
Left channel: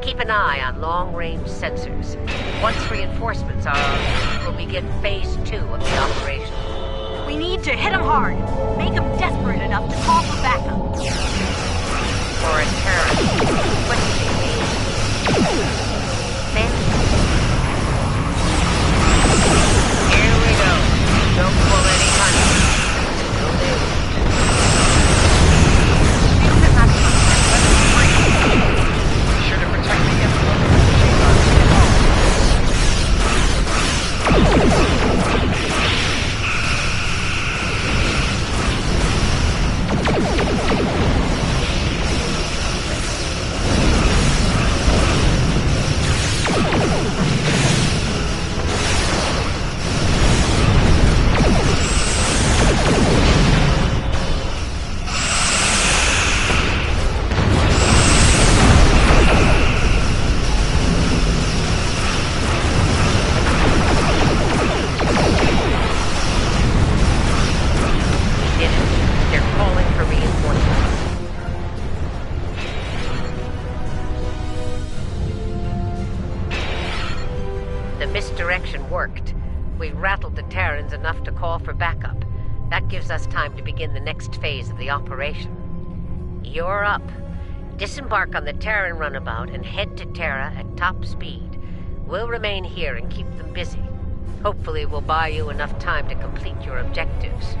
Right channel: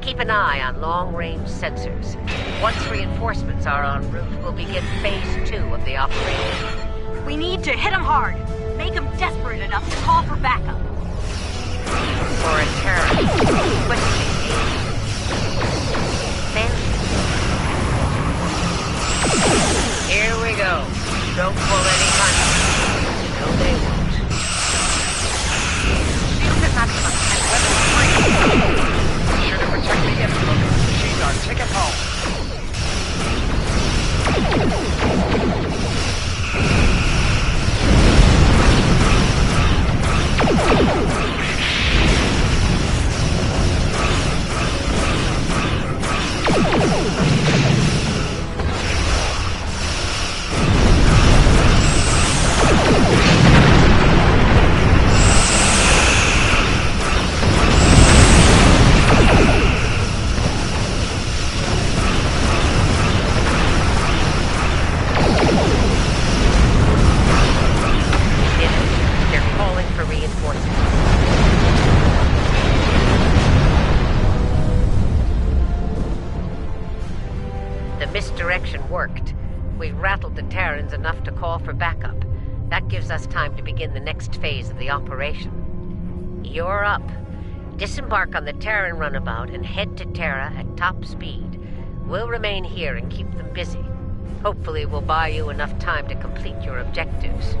Keep an eye on long-range sensors. Once reinforcements are on route, we'll begin Phase 2 of the operation. We need to hit them hard. Make them desperate enough to call for backup. For a Terran, quickly aim. Here we go. Don't pull any punches. No, they won't. Shield at maximum and weapons free. Be sure to protect the Innsbruck. She's our ticket home. Misdirection worked. We rattled the Terrans enough to call for backup. That gives us time to begin the next phase of the operation. You're up. Disembark on the Terran runabout and head to Terra at top speed. We'll remain here and keep them busy. Hopefully we'll buy you enough time to complete your objectives.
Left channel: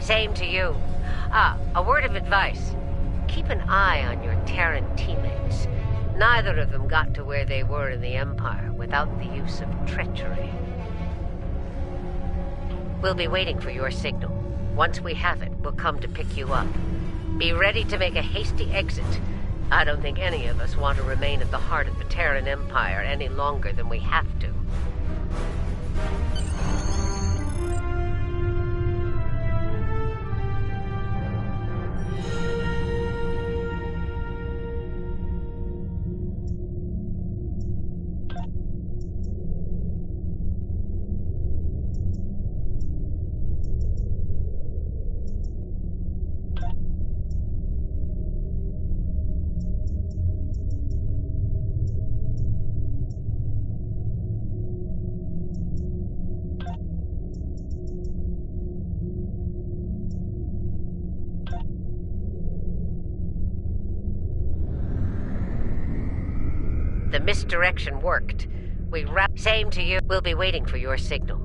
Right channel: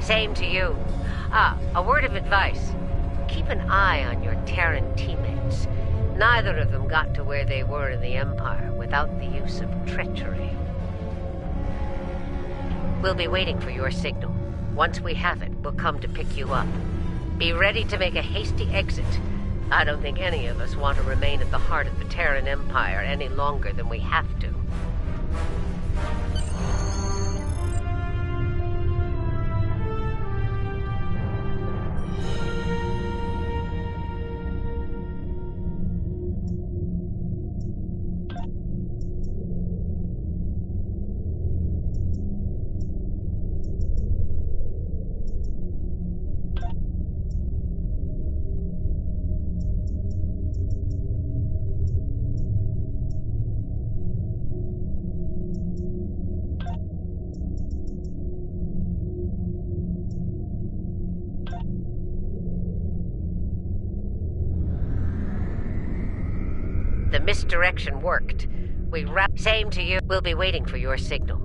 Same to you. A word of advice. Keep an eye on your Terran teammates. Neither of them got to where they were in the Empire without the use of treachery. We'll be waiting for your signal. Once we have it, we'll come to pick you up. Be ready to make a hasty exit. I don't think any of us want to remain at the heart of the Terran Empire any longer than we have to. The misdirection worked. Same to you. We'll be waiting for your signal.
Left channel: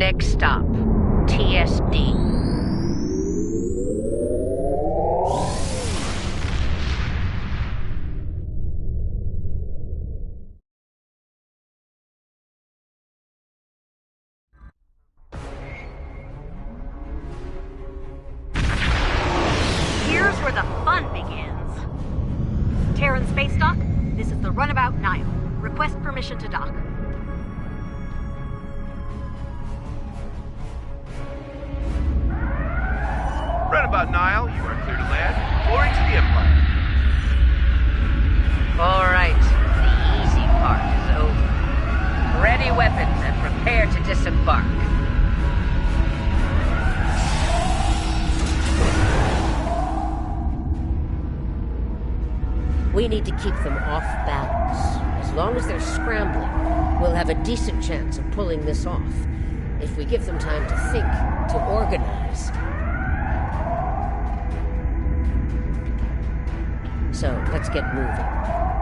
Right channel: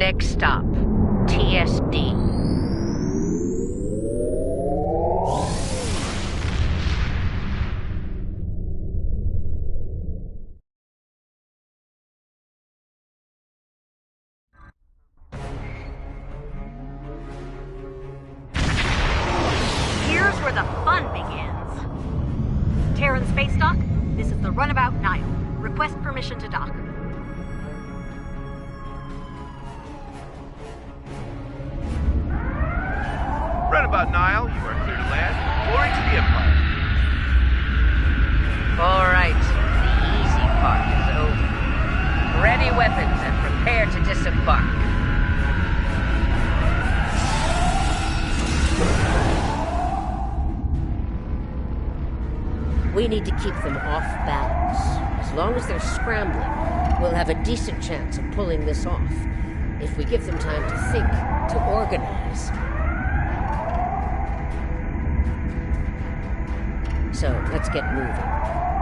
Next stop, TSD. Here's where the fun begins. Terran Space Dock, this is the Runabout Nile. Request permission to dock. Runabout Nile, you are clear to land. Glory to the Empire. All right, the easy part is over. Ready weapons and prepare to disembark. We need to keep them off balance. As long as they're scrambling, we'll have a decent chance of pulling this off. If we give them time to think, to organize. So, let's get moving.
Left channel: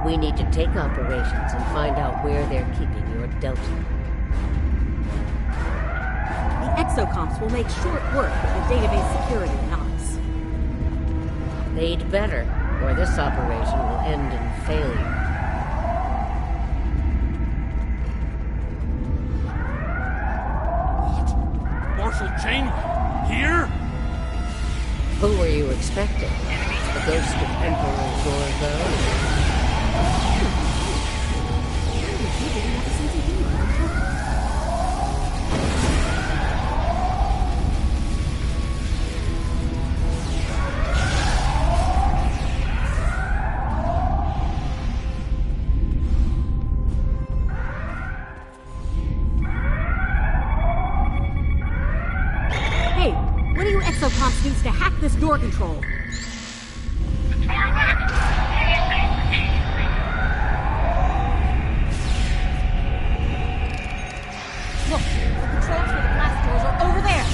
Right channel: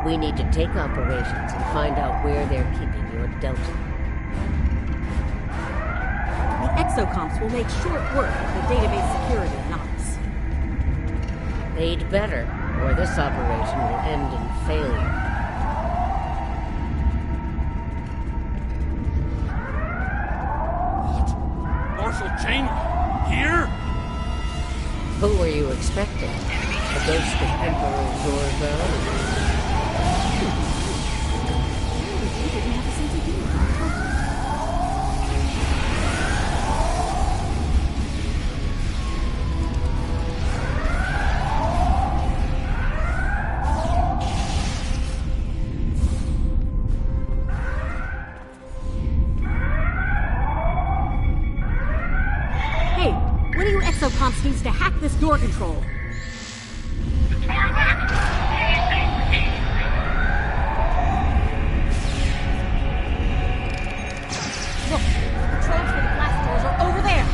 We need to take operations and find out where they're keeping your Delta. The exocomps will make short work of the database security knots. They'd better, or this operation will end in failure. What? Marshal Janeway? Here? Who were you expecting? The ghost of Emperor Zorgo? You didn't have a sense of humor, huh? Hey, what do you exocomps needs to hack this door control? Look, the controls for the blast doors are over there.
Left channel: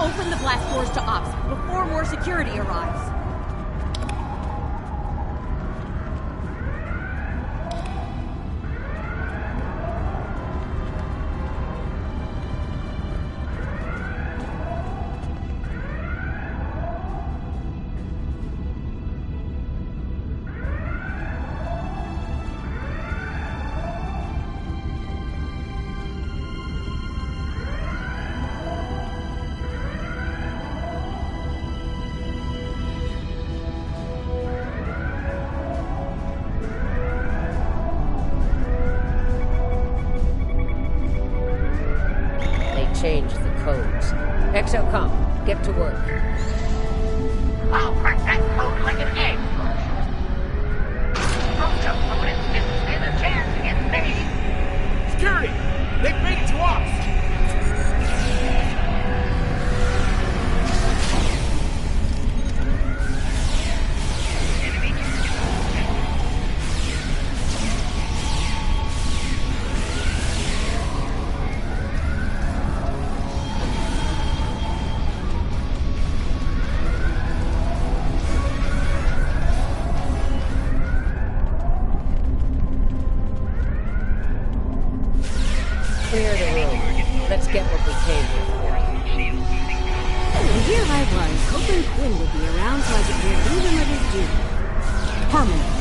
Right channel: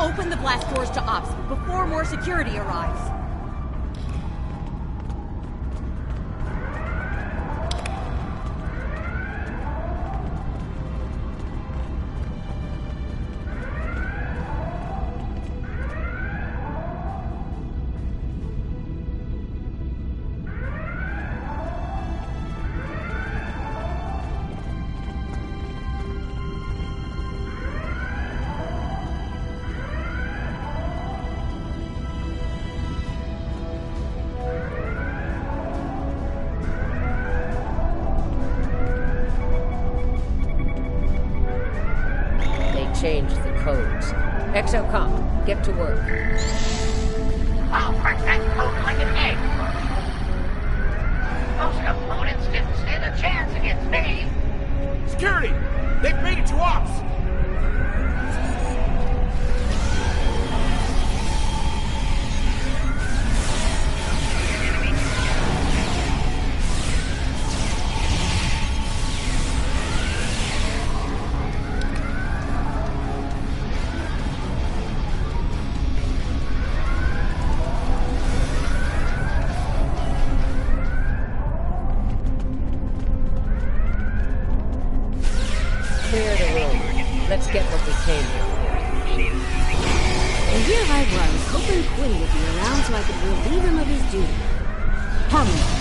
Open the blast doors to ops before more security arrives. Change the codes. Exocom, get to work. I'll crack that code like an egg, Marshal. Most opponents didn't stand a chance against me. Security! They've made it to ops! Clear the room. Let's get what we came here for. And here I was, hoping Quinn would be around so I could relieve him of his duty. Permanently.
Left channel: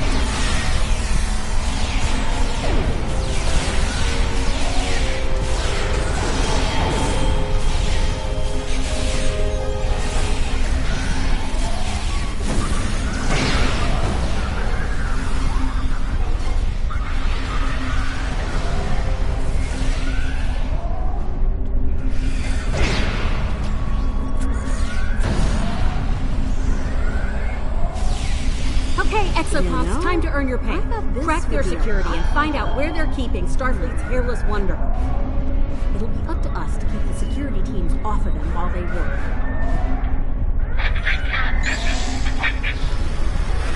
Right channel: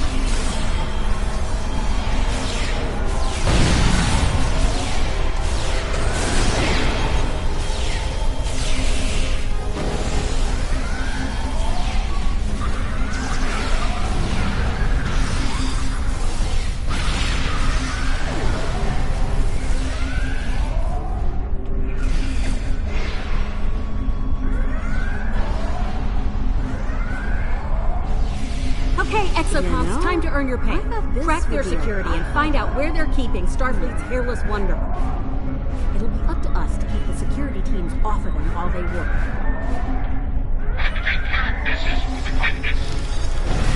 Exocomps, time to earn your pay. Crack their security and find out where they're keeping Starfleet's hairless wonder. It'll be up to us to keep the security teams off of them while they work. This is the quickness.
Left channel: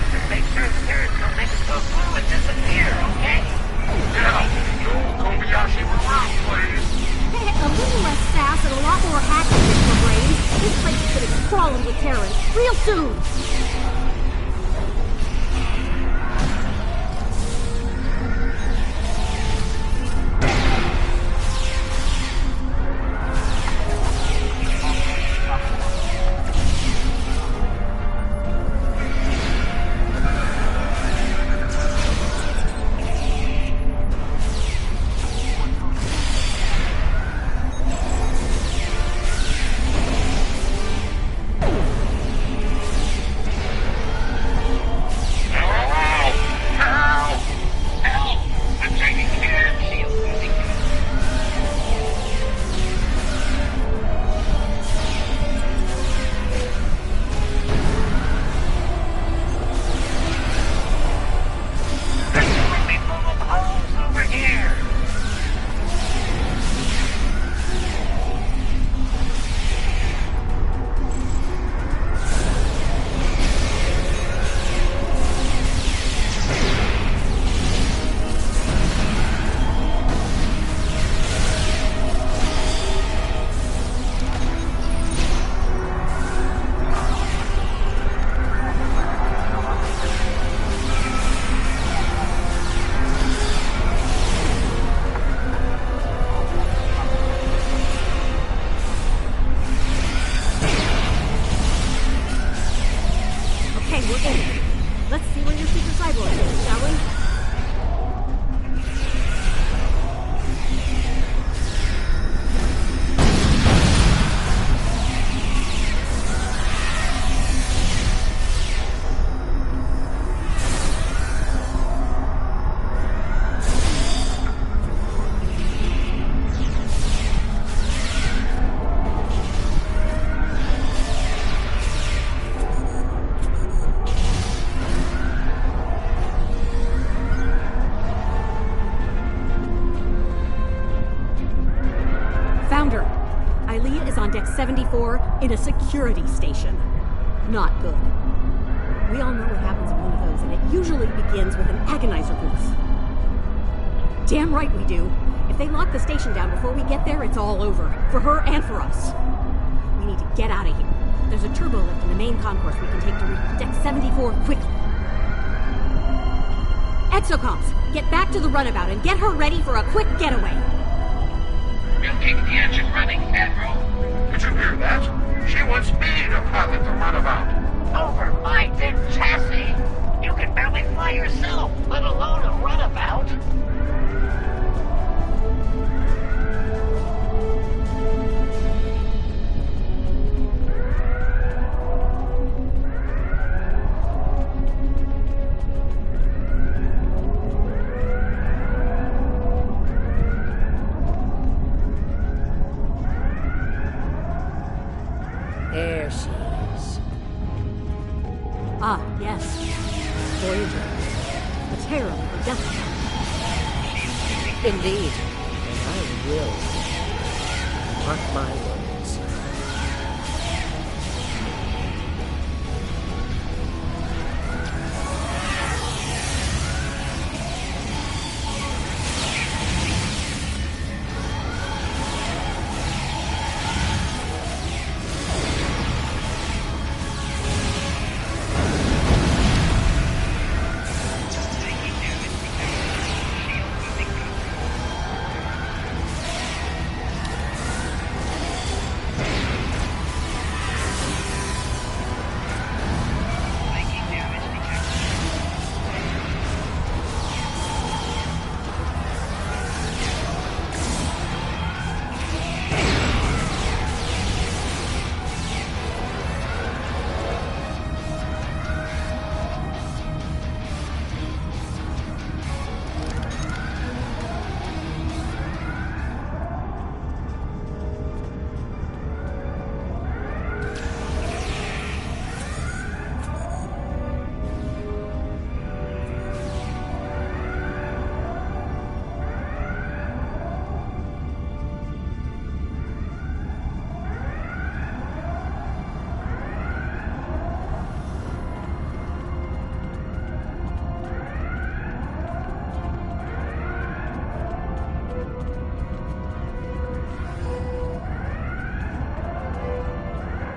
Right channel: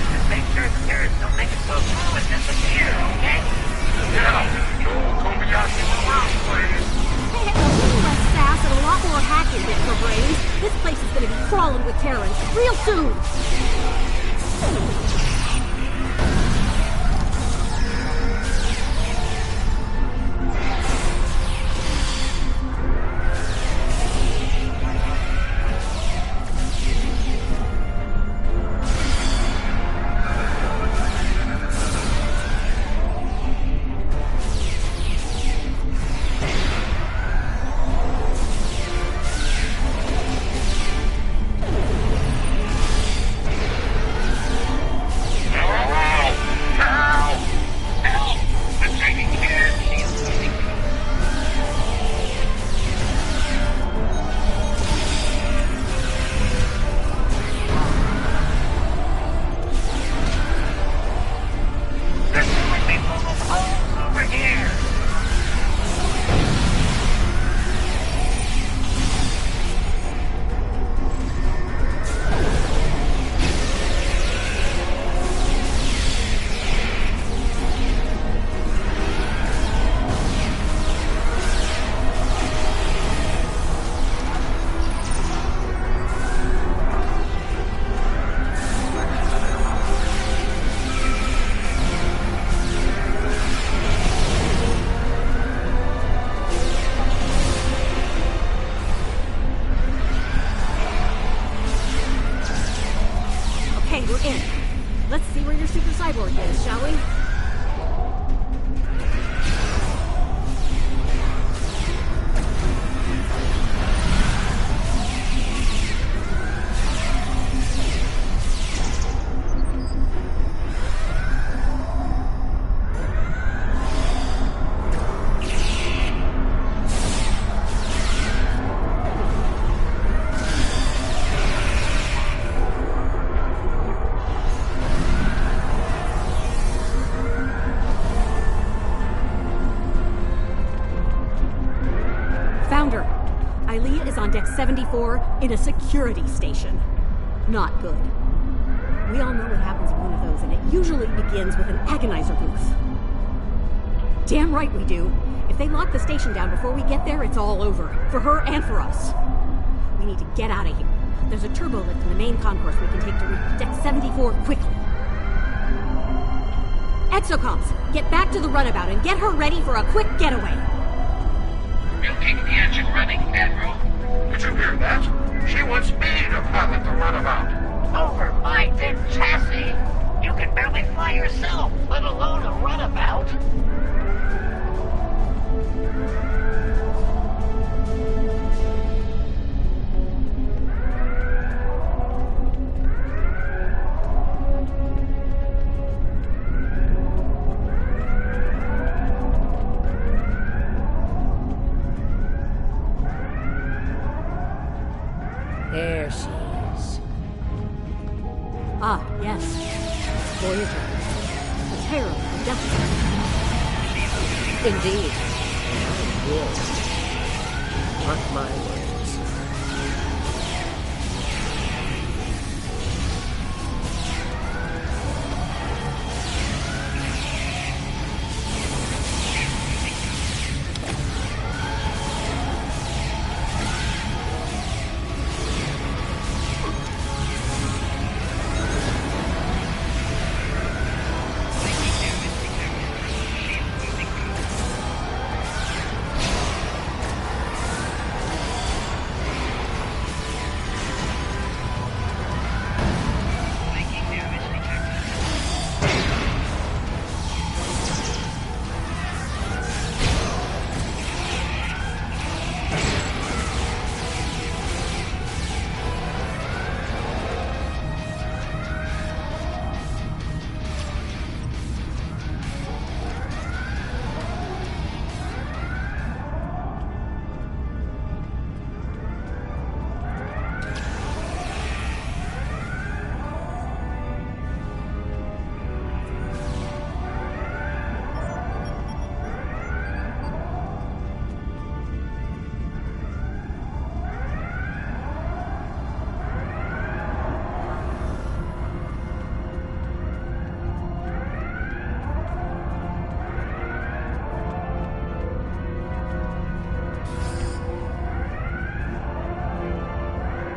Just make sure the Terrans don't make us go through and disappear, okay? Yeah, Joel Kobayashi Maroon, please. A little less sass and a lot more hacking in for brains. This place is gonna be crawling with Terrans real soon. Let's see where your super cyborg is, shall we? Founder, Ilea is on deck 74 in a security station. Not good. We all know what happens in one of those, and it usually begins with an agonizer booth. Damn right we do. If they lock the station down before we get there, it's all over. For her and for us. We need to get out of here. There's a turbo lift in the main concourse we can take to reach deck 74 quickly. Exocomps, get back to the runabout and get her ready for a quick getaway. We'll keep the engine running, Admiral. Did you hear that? She wants me to pilot the runabout. Over my dead chassis? You can barely fly yourself, let alone a runabout. There she is. Ah, yes. Voyager. A terror of a death trap. Indeed. And I will. Mark my words.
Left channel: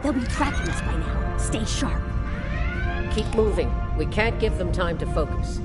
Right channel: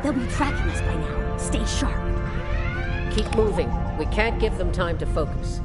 They'll be tracking us by now. Stay sharp. Keep moving. We can't give them time to focus.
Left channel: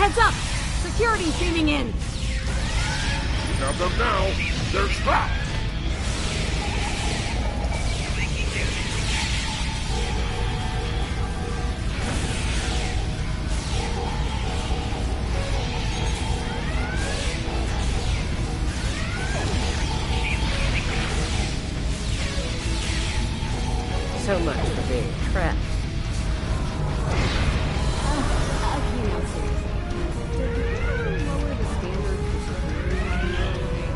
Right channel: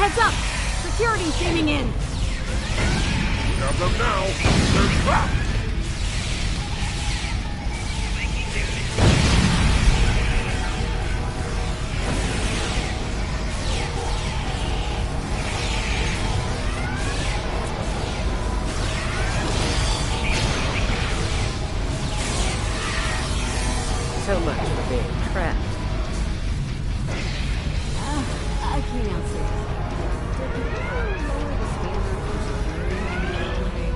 Heads up! Security's beaming in! We have them now! They're trapped! So much for being trapped. I can't out seriously. Did you ever lower the standard for security while you were away?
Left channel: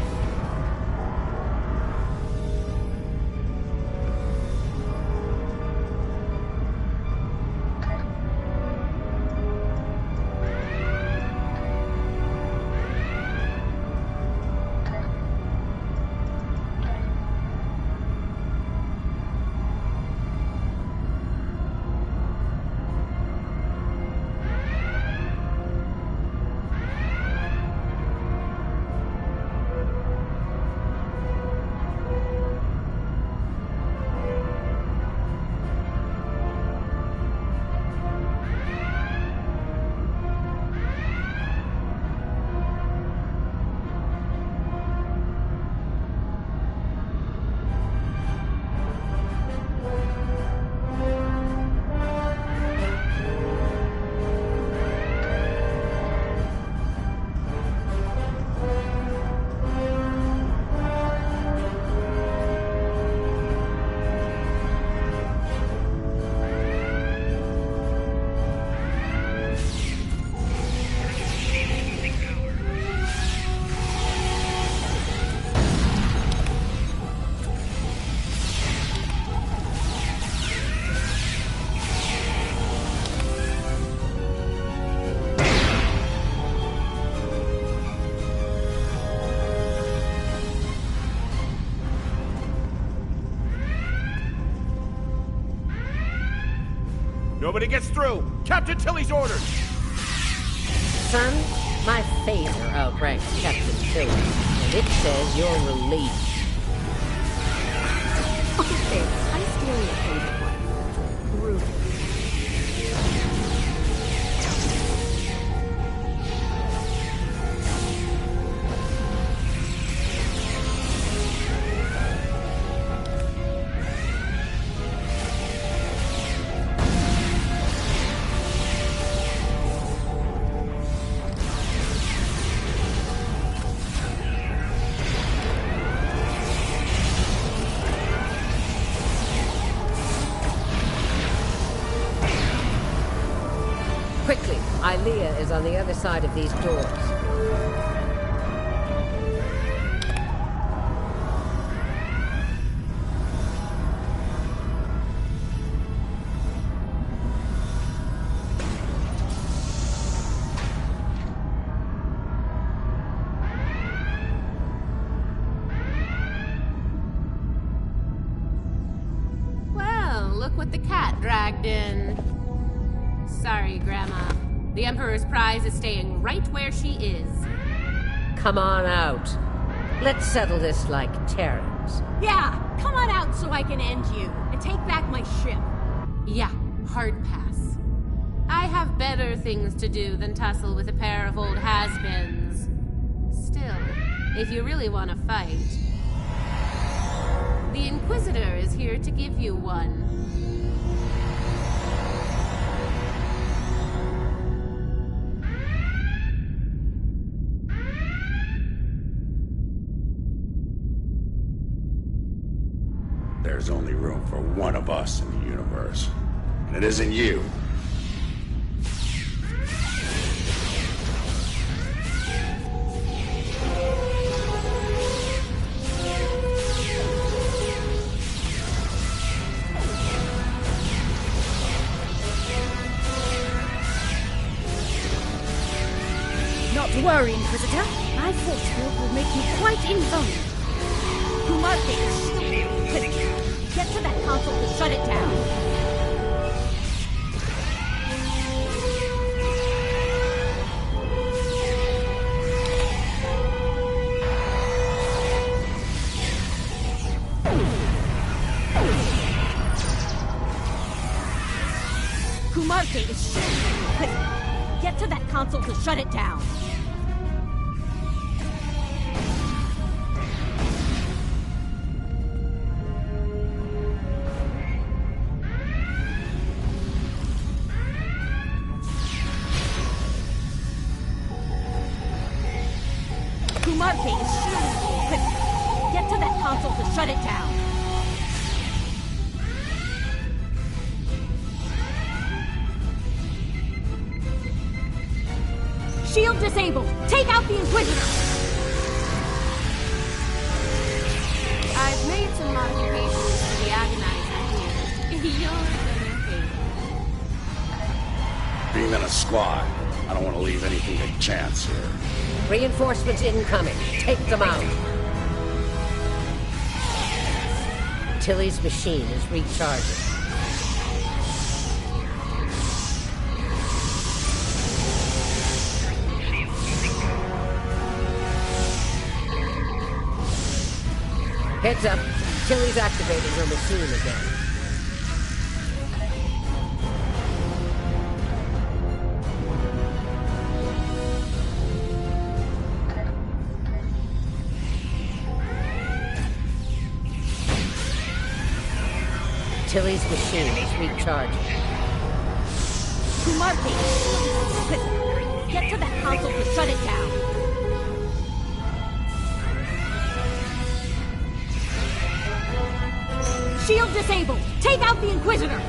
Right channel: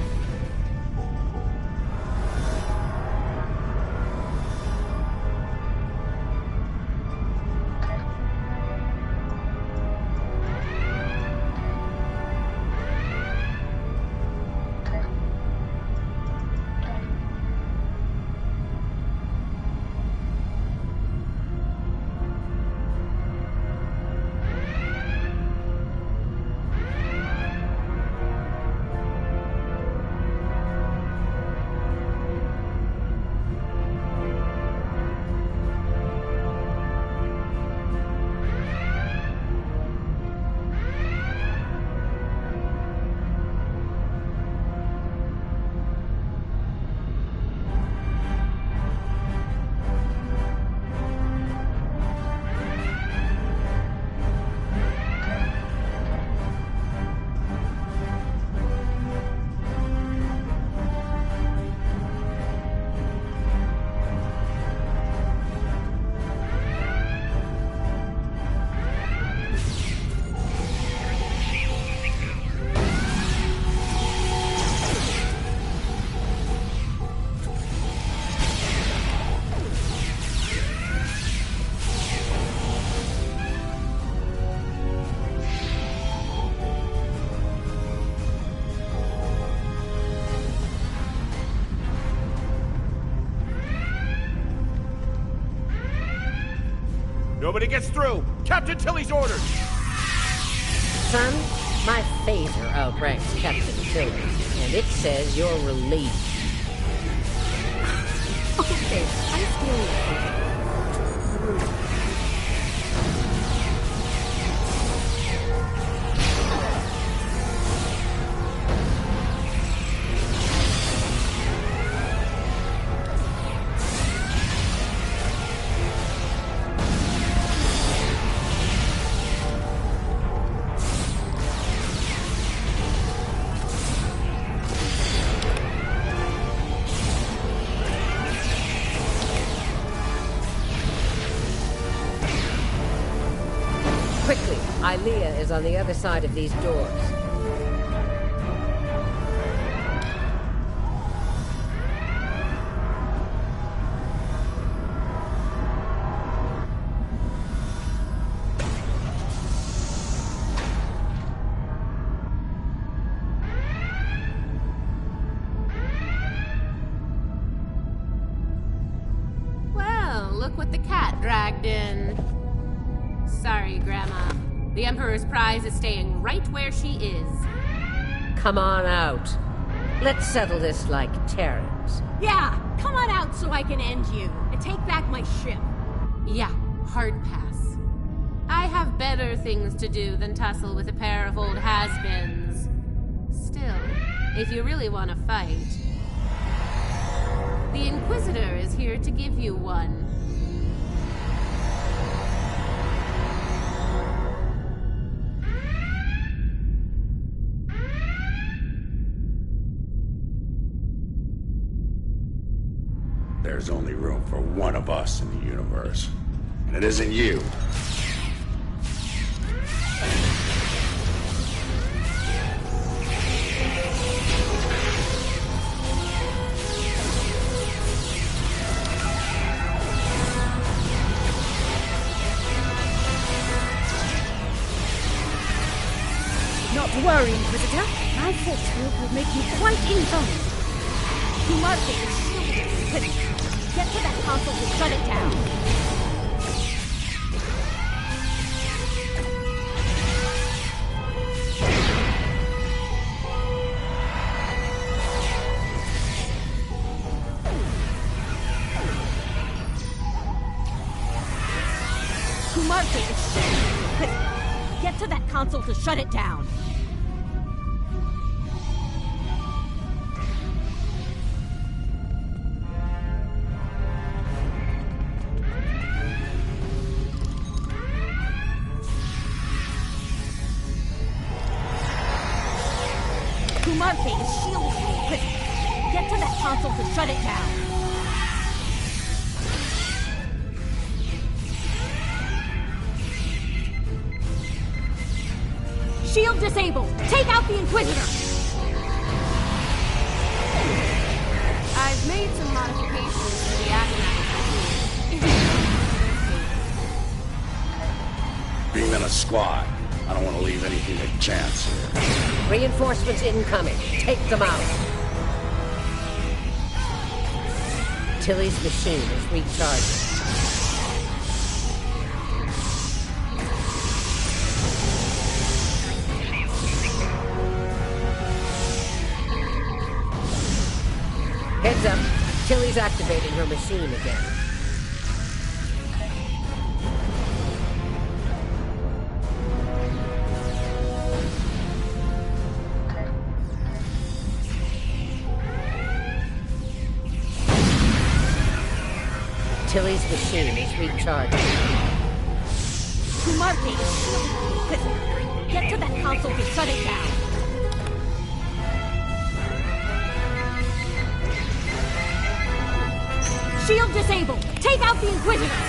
Nobody gets through! Captain Tilly's orders! Son, my phaser outranks Captain Tilly, and it says you're relieved. Okay, I'm stealing that phaser one. Brutal. Quickly, Ilea is on the other side of these doors. Well, look what the cat dragged in. Sorry, Grandma. The Emperor's prize is staying right where she is. Come on out. Let's settle this like Terrans. Yeah, come on out so I can end you and take back my ship. Yeah, hard pass. I have better things to do than tussle with a pair of old has-beens. Still, if you really want to fight... The Inquisitor is here to give you one. There's only room for one of us in the universe. And it isn't you. Not to worry, Inquisitor. My force field will make you quite invulnerable. Kumarte is shielded. Get to that console to shut it down. Kumarte is shielded. Get to that console to shut it down. Kumarte is shielded. Get to that console to shut it down. Shield disabled. Take out the Inquisitor. I've made some modifications to the Agonizer here. In your favor. Being in a squad, I don't want to leave anything to chance here. Reinforcements incoming. Take them out. Tilly's machine is recharging. Heads up. Tilly's activating her machine again. Tilly's machine is recharging. Kumarte is shielded. Get to that console to shut it down. Shield disabled. Take out the Inquisitor.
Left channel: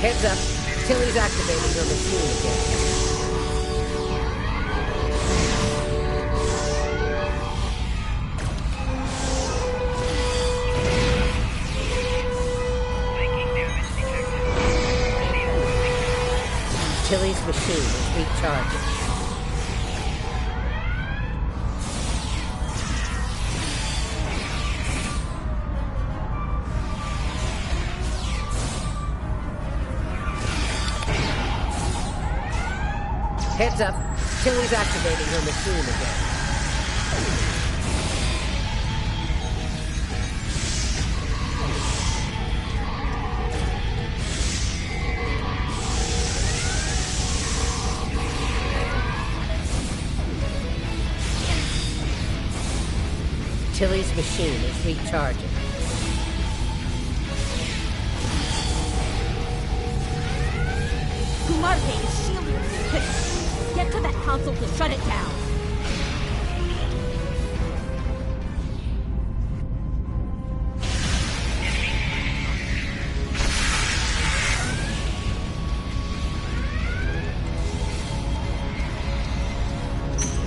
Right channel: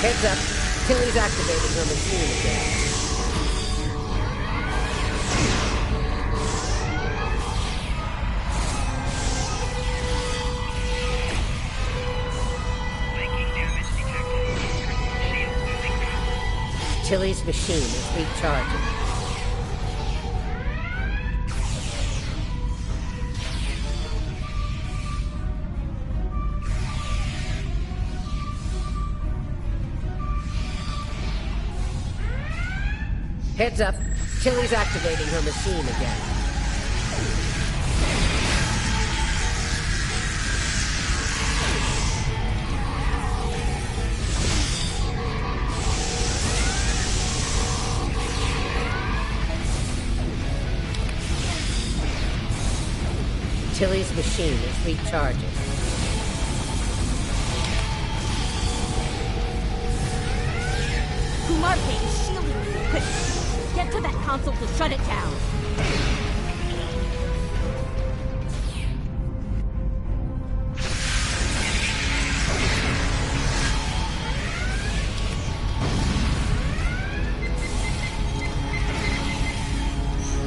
Heads up. Tilly's activating her machine again. Tilly's machine is recharging. Heads up. Tilly's activating her machine again. Tilly's machine is recharging. Kumarte is shielding you. Get to that console to shut it down.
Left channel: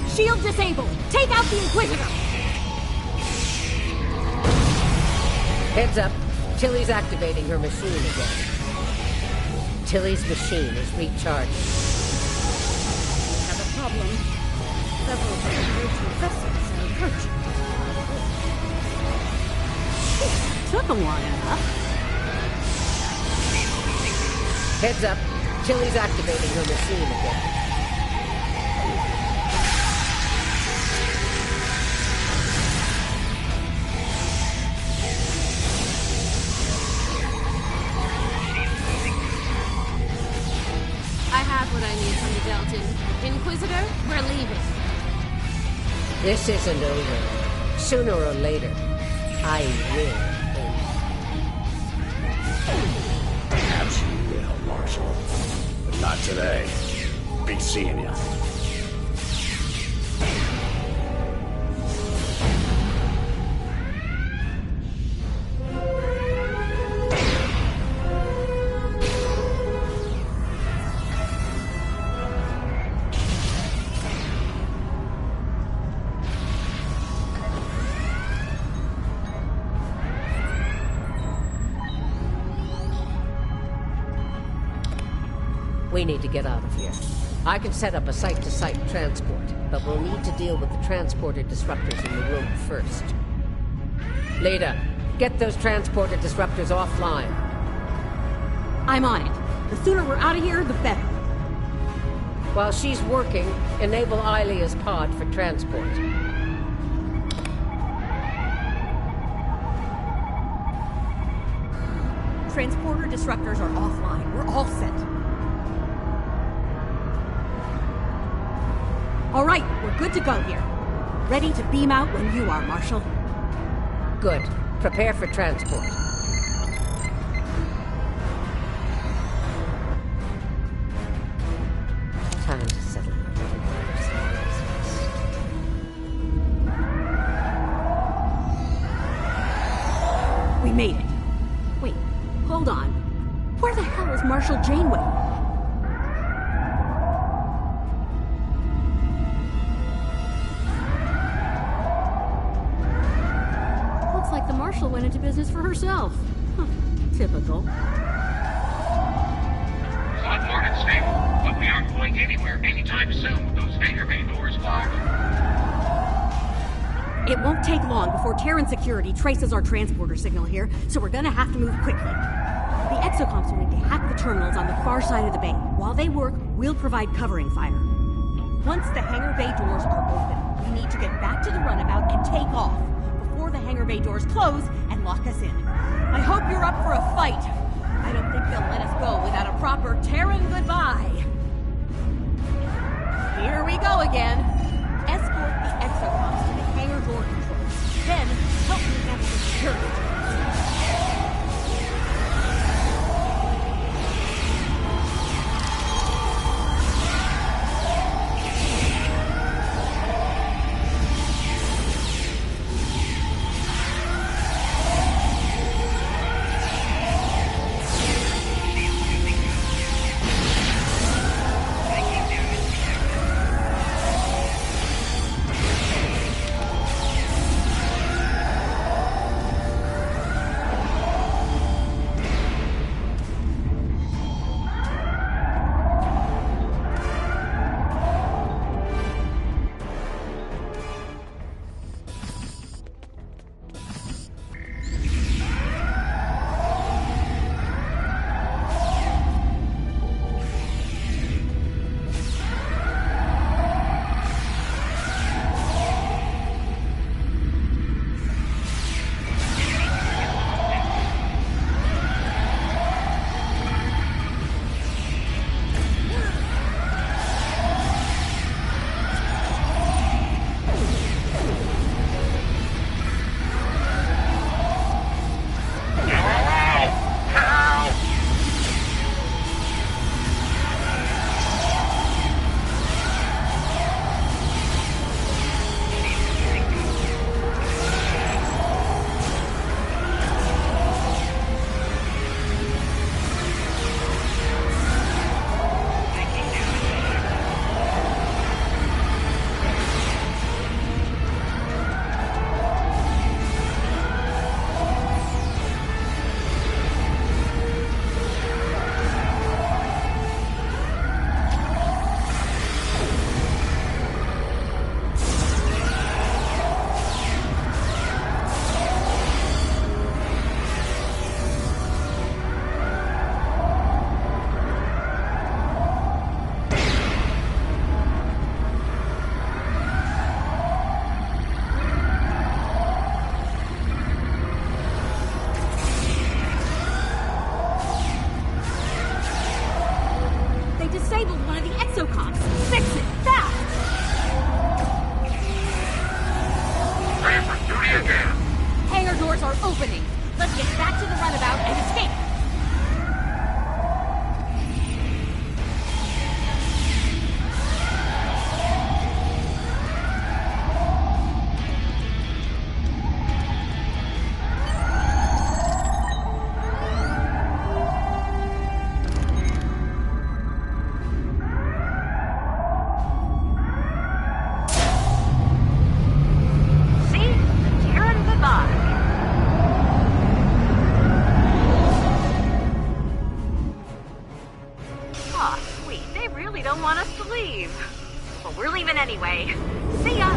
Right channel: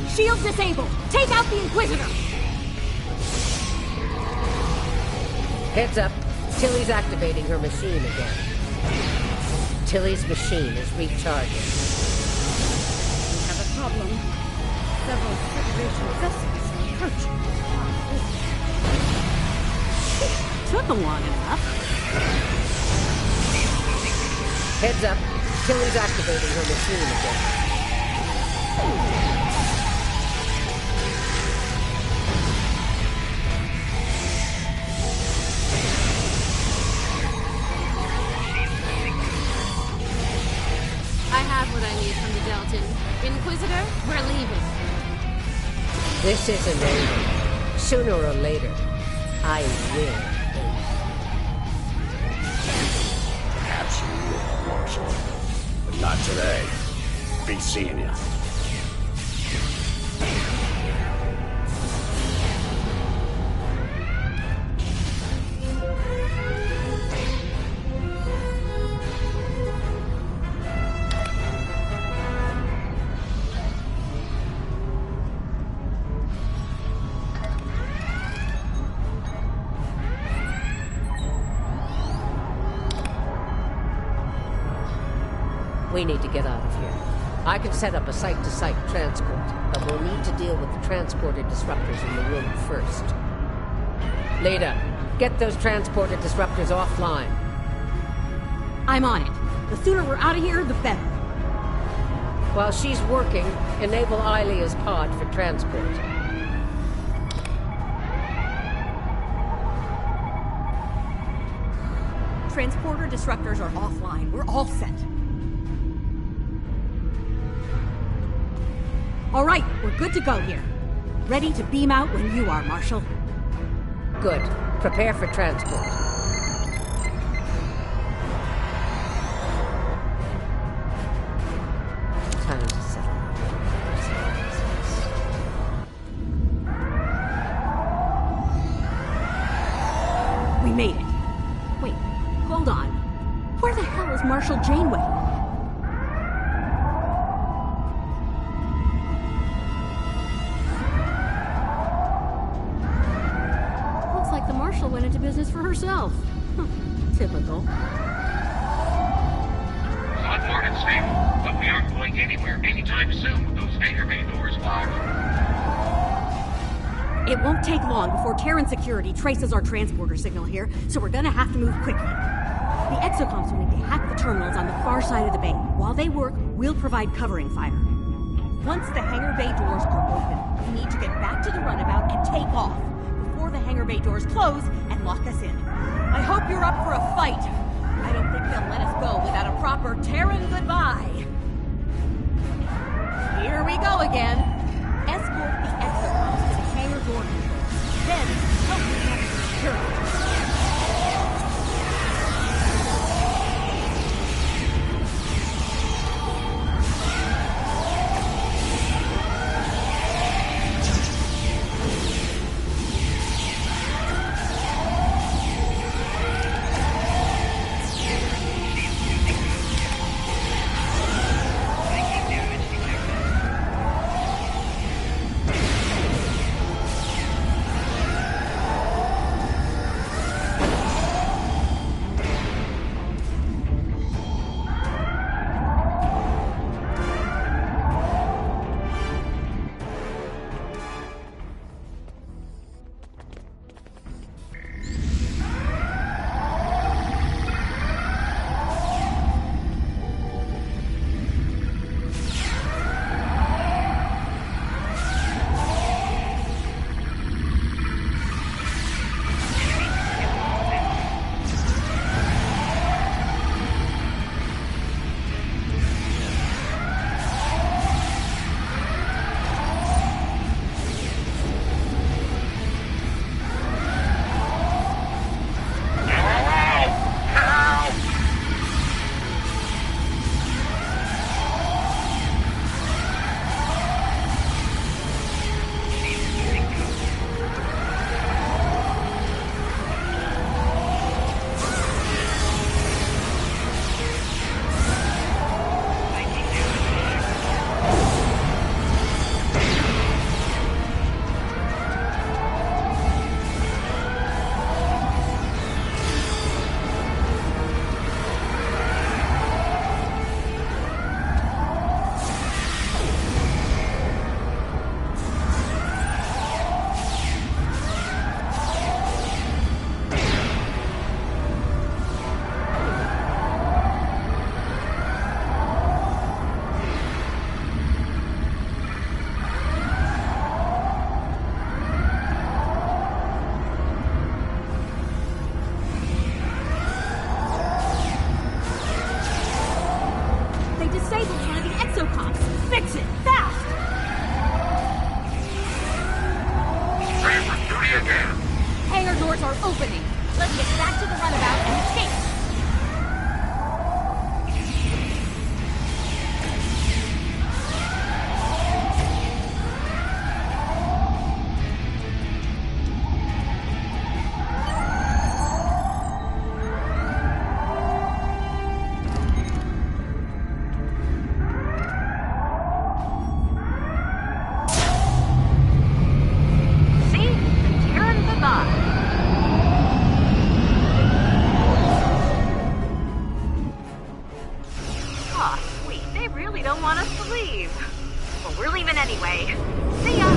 Shield disabled. Take out the Inquisitor. Heads up. Tilly's activating her machine again. Tilly's machine is recharging. We have a problem. Several Federation vessels are approaching. Took them long enough. Heads up. Tilly's activating her machine again. What I need from the Deltan. Inquisitor, we're leaving. This isn't over. Sooner or later, I will end you. Perhaps you will, Marshal. But not today. Be seeing ya. We need to get out of here. I can set up a site-to-site transport, but we'll need to deal with the transporter disruptors in the room first. Leader, get those transporter disruptors offline. I'm on it. The sooner we're out of here, the better. While she's working, enable Ilea's pod for transport. Transporter disruptors are offline. We're all set. All right, we're good to go here. Ready to beam out when you are, Marshal. Good. Prepare for transport. Time to settle a little personal business. We made it. Wait, hold on. Where the hell is Marshal Janeway? Looks like the Marshal went into business for herself. Huh. Typical. Hot morning, stable, but we aren't going anywhere anytime soon with those hangar bay doors locked. It won't take long before Terran security traces our transporter signal here, so we're gonna have to move quickly. The exocomps will need to hack the terminals on the far side of the bay. While they work, we'll provide covering fire. Once the hangar bay doors are open, we need to get back to the runabout and take off before the hangar bay doors close and lock us in. I hope you're up for a fight. I don't think they'll let us go without a proper Terran goodbye. Here we go again. Escort the exocomps to the hangar door controls. Then, help me handle the security. opening. Let's get back to the runabout and escape. Anyway, see ya!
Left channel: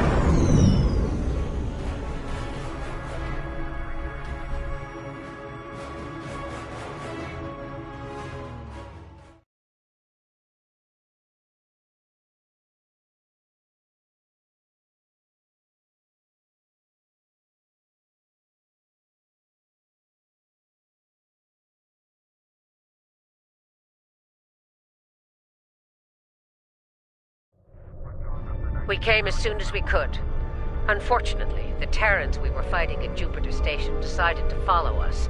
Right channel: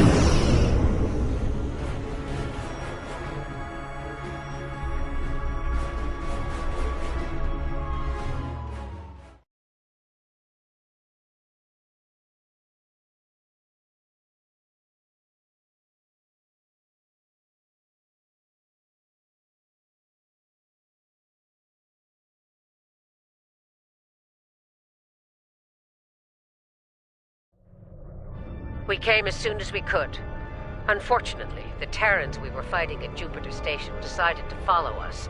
We came as soon as we could. Unfortunately, the Terrans we were fighting at Jupiter Station decided to follow us.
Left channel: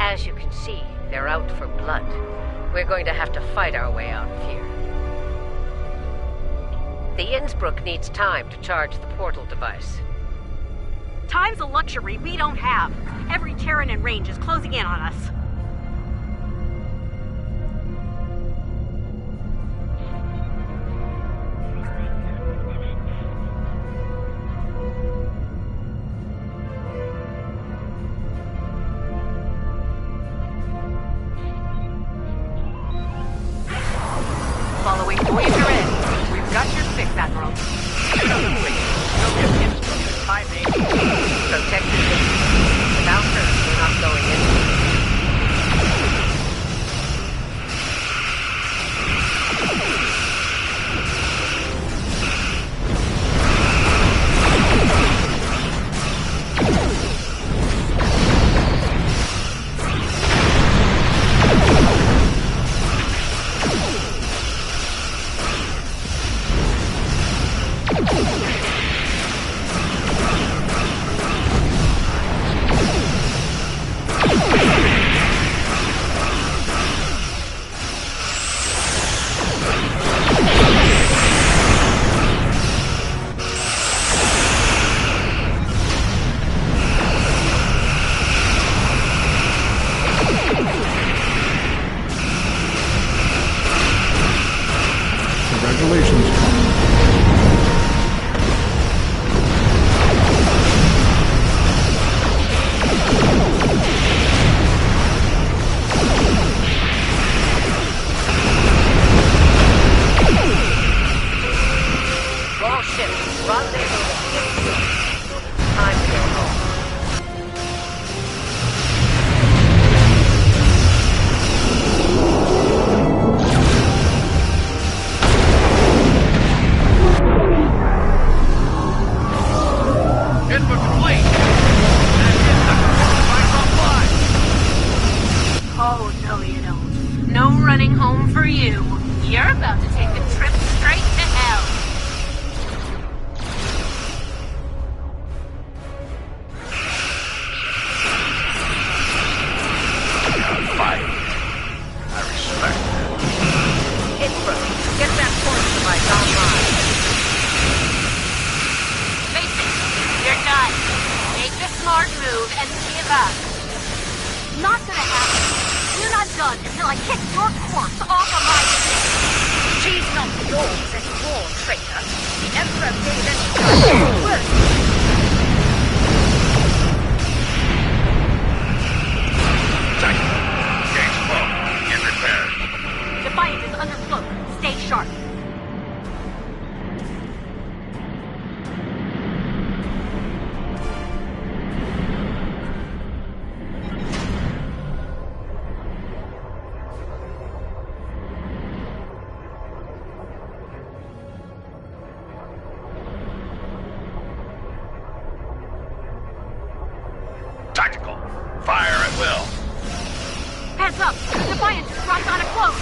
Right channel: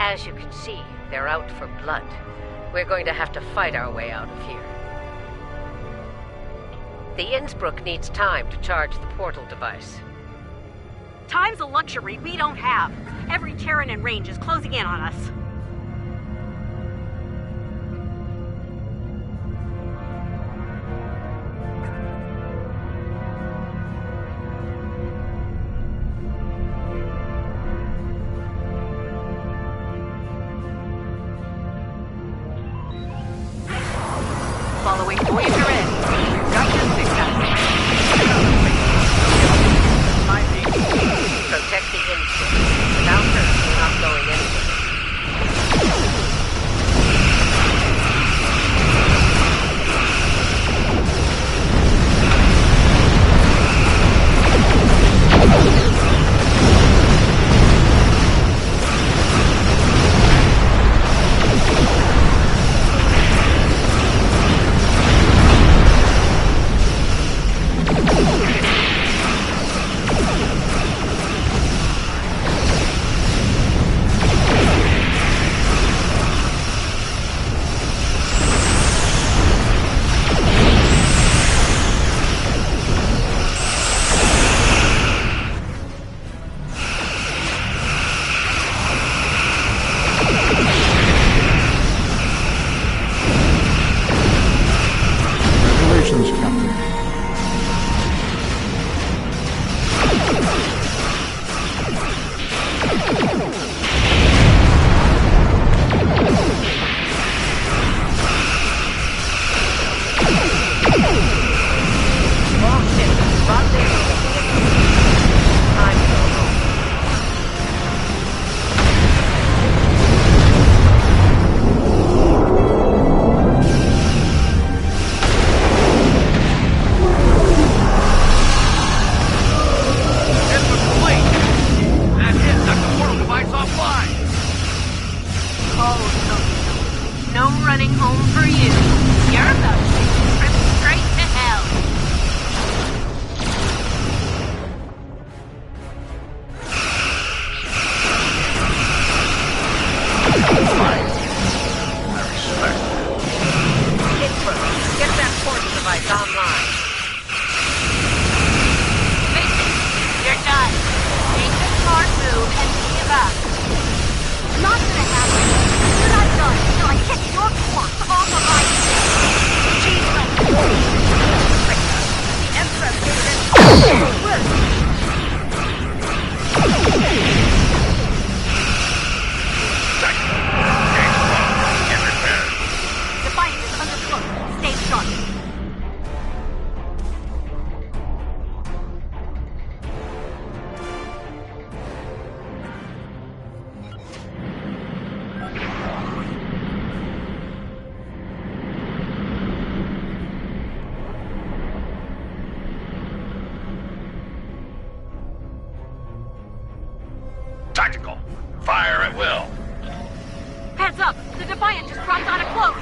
As you can see, they're out for blood. We're going to have to fight our way out of here. The Innsbruck needs time to charge the portal device. Time's a luxury we don't have. Every Terran in range is closing in on us. Following Voyager in. We've got your 6 Admiral. Shoot on the plate. Protect the Innsbruck. Without her, we're not going anywhere. Tactical. Fire at will. Heads up! The Defiant just dropped on a cloak!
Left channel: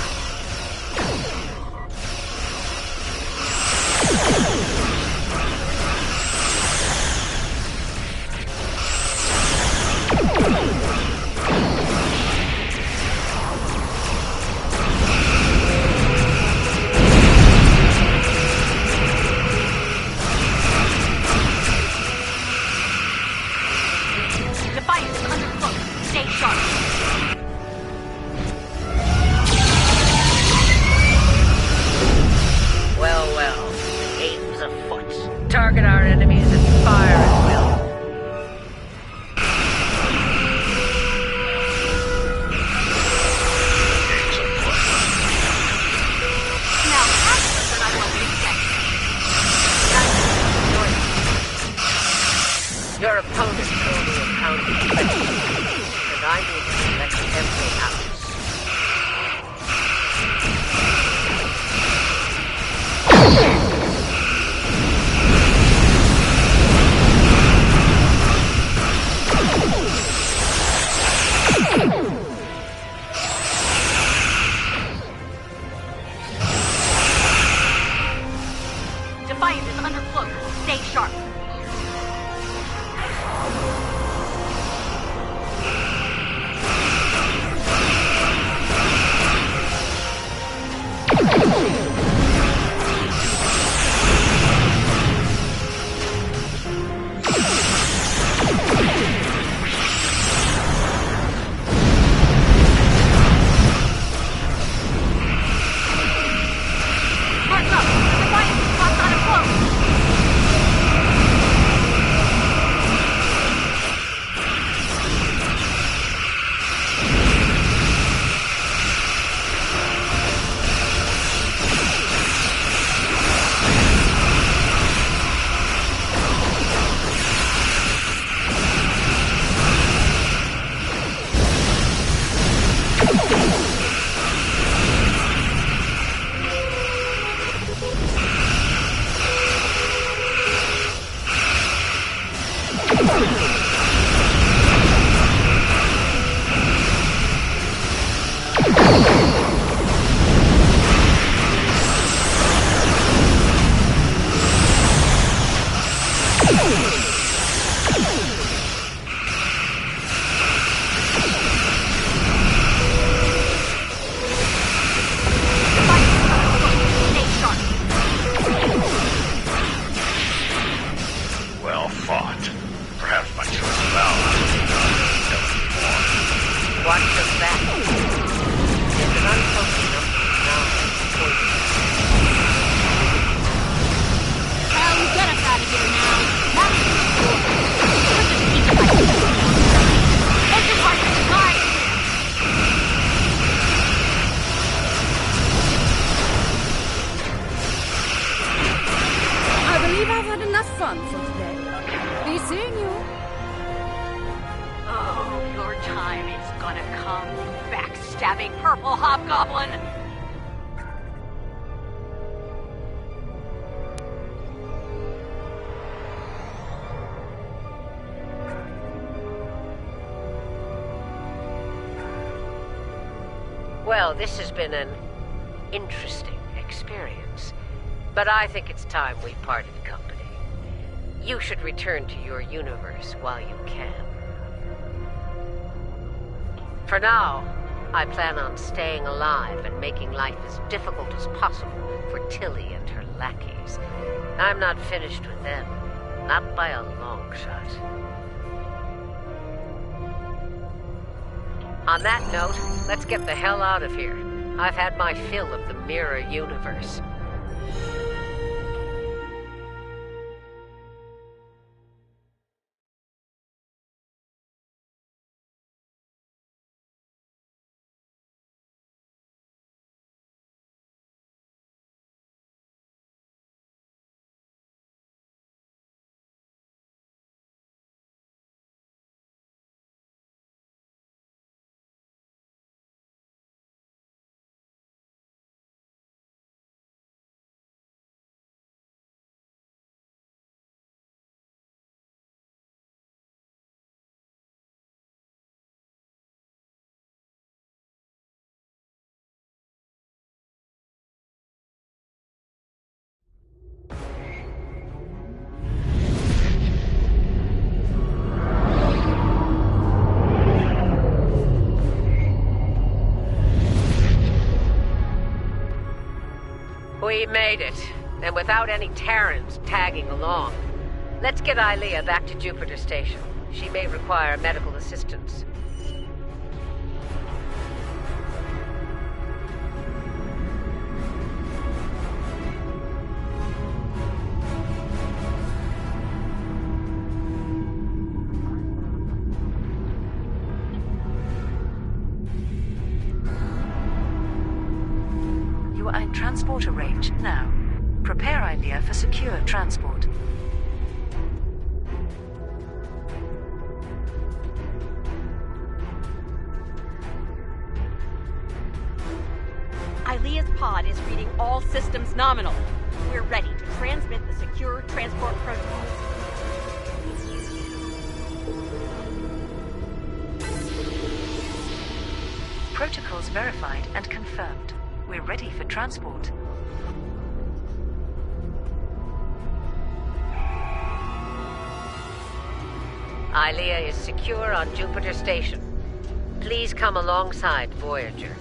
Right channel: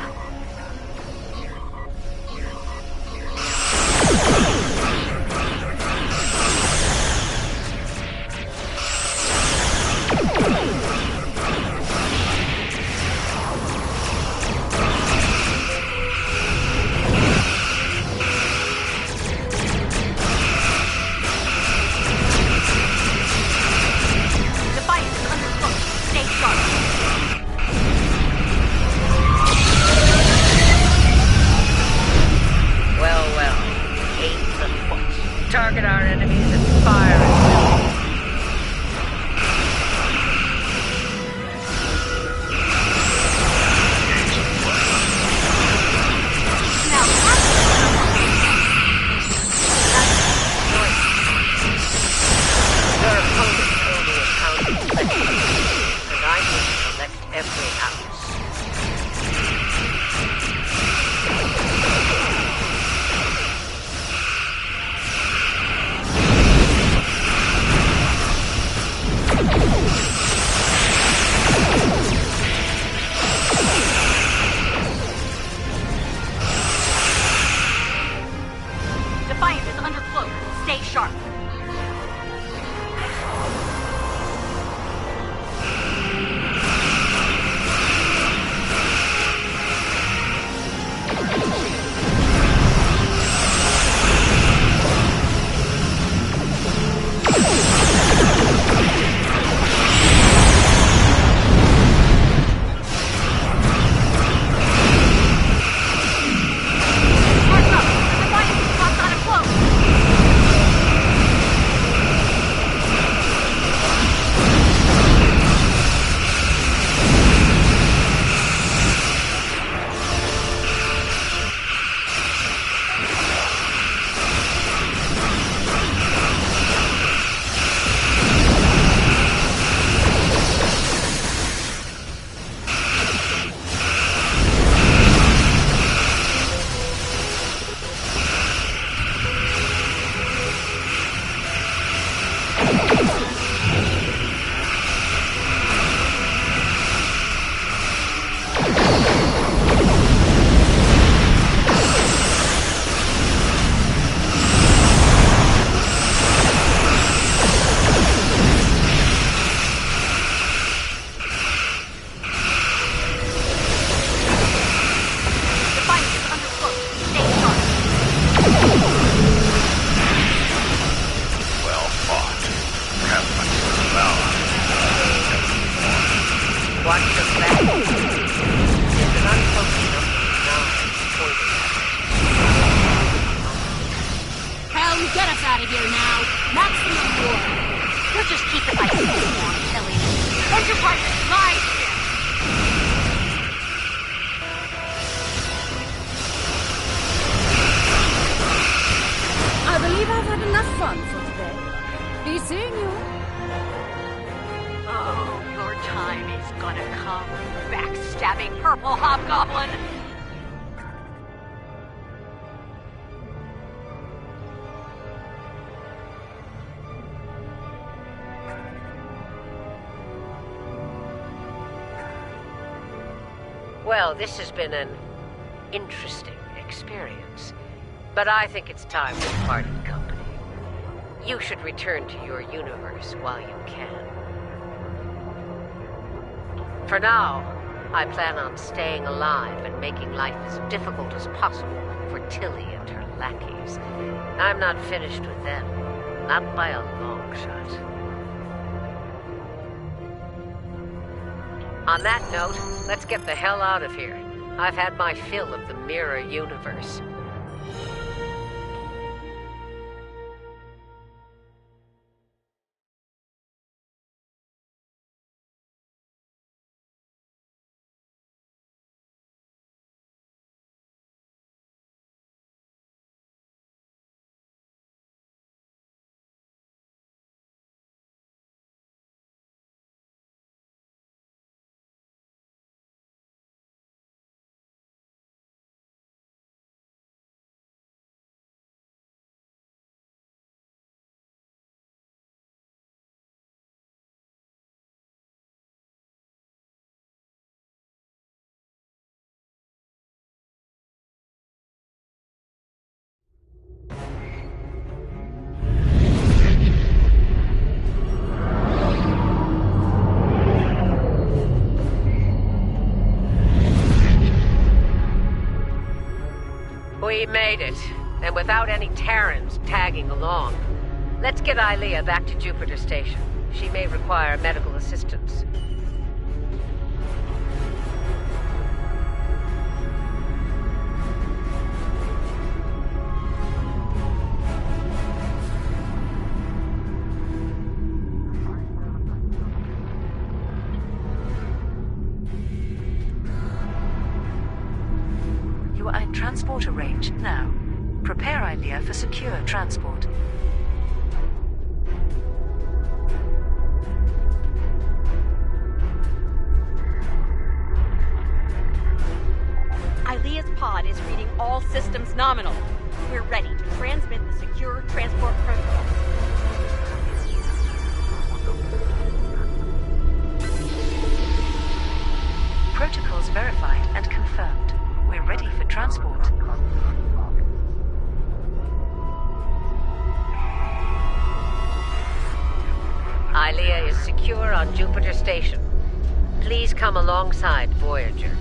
target our enemies and fire at will. Now, that's what I want to say. Your opponent only accounted for and I need to collect every ounce. Defiant is under cloak. Stay sharp. Well, this has been an interesting experience, but I think it's time we parted company. You should return to your universe while you can. For now, I plan on staying alive and making life as difficult as possible for Tilly and her lackeys. I'm not finished with them, not by a long shot. On that note, let's get the hell out of here. I've had my fill of the mirror universe. We made it, and without any Terrans tagging along. Let's get Ilea back to Jupiter Station. She may require medical assistance. transporter range now. Prepare Ilea for secure transport. Ilea's pod is reading all systems nominal. We're ready to transmit the secure transport protocols. Protocols verified and confirmed. We're ready for transport. Ilea is secure on Jupiter Station. Please come alongside Voyager.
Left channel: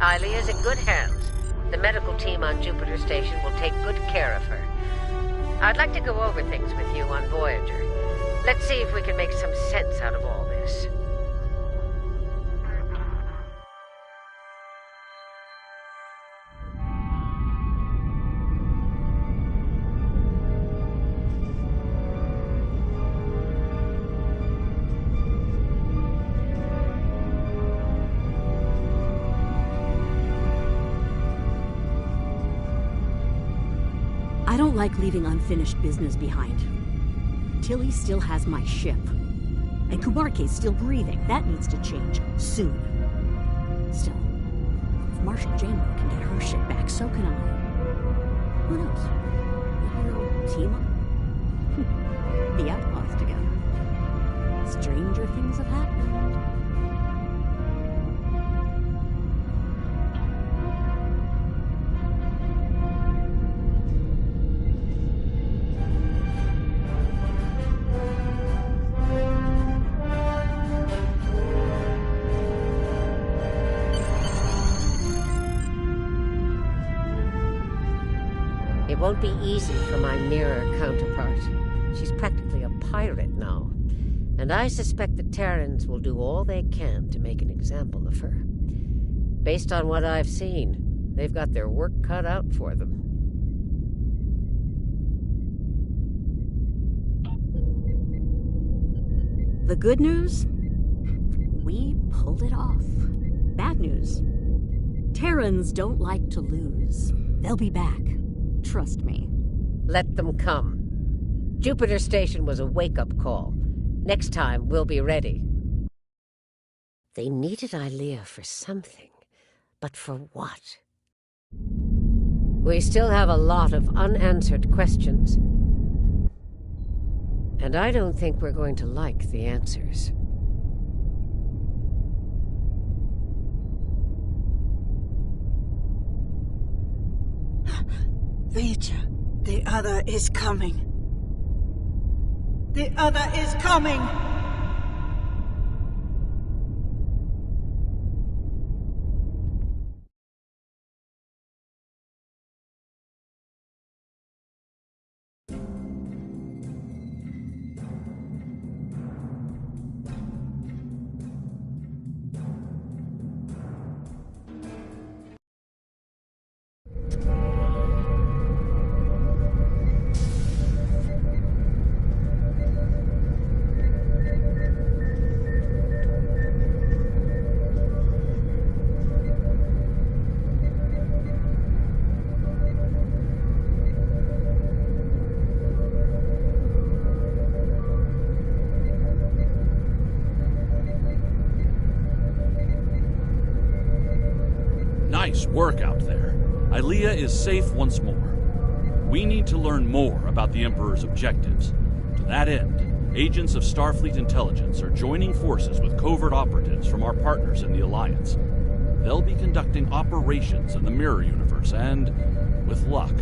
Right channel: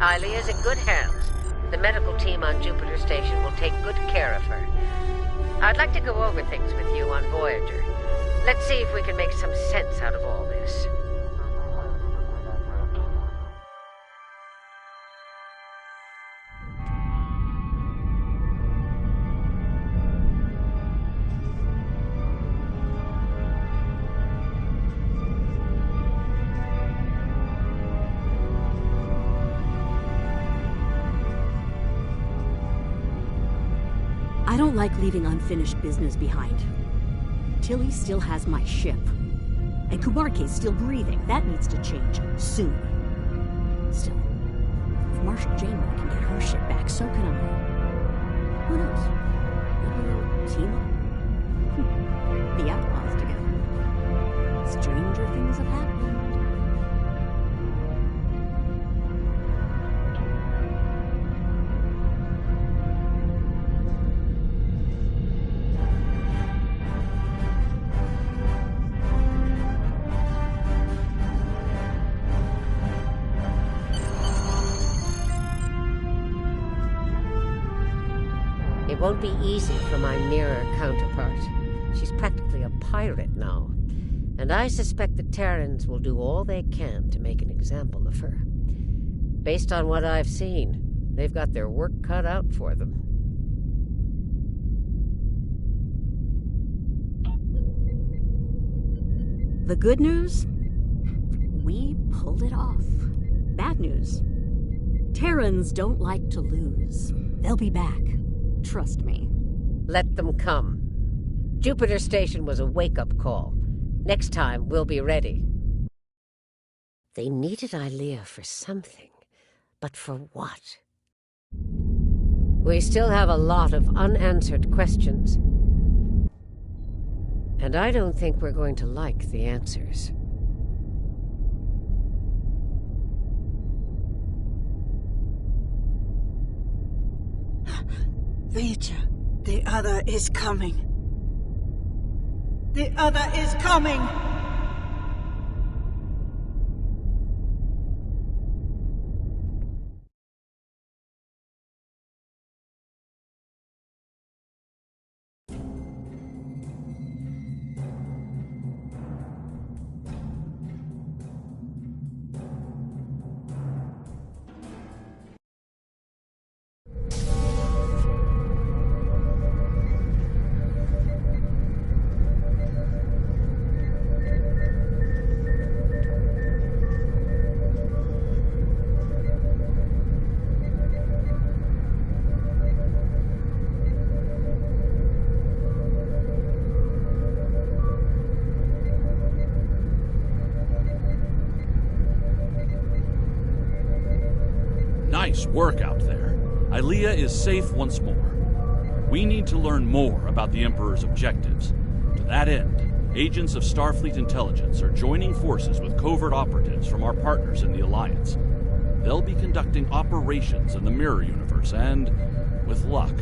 Ilea's in good hands. The medical team on Jupiter Station will take good care of her. I'd like to go over things with you on Voyager. Let's see if we can make some sense out of all this. I don't like leaving unfinished business behind. Tilly still has my ship. And Kubarke's still breathing. That needs to change soon. Still, if Marshal Janeway can get her ship back, so can I. Who knows? Maybe they'll team up. The Outlaws together. Stranger things have happened. It won't be easy for my mirror counterpart. She's practically a pirate now. And I suspect the Terrans will do all they can to make an example of her. Based on what I've seen, they've got their work cut out for them. The good news? We pulled it off. Bad news? Terrans don't like to lose. They'll be back. Trust me. Let them come. Jupiter Station was a wake-up call. Next time, we'll be ready. They needed Ilea for something. But for what? We still have a lot of unanswered questions. And I don't think we're going to like the answers. Voyager, the other is coming. The other is coming! Nice work out there. Ilea is safe once more. We need to learn more about the Emperor's objectives. To that end, agents of Starfleet Intelligence are joining forces with covert operatives from our partners in the Alliance. They'll be conducting operations in the Mirror Universe, and, with luck,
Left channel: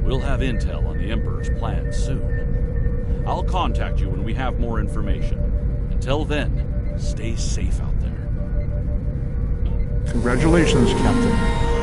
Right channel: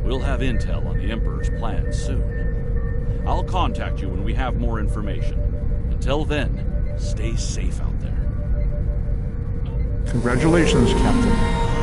we'll have intel on the Emperor's plans soon. I'll contact you when we have more information. Until then, stay safe out there. Congratulations, Captain.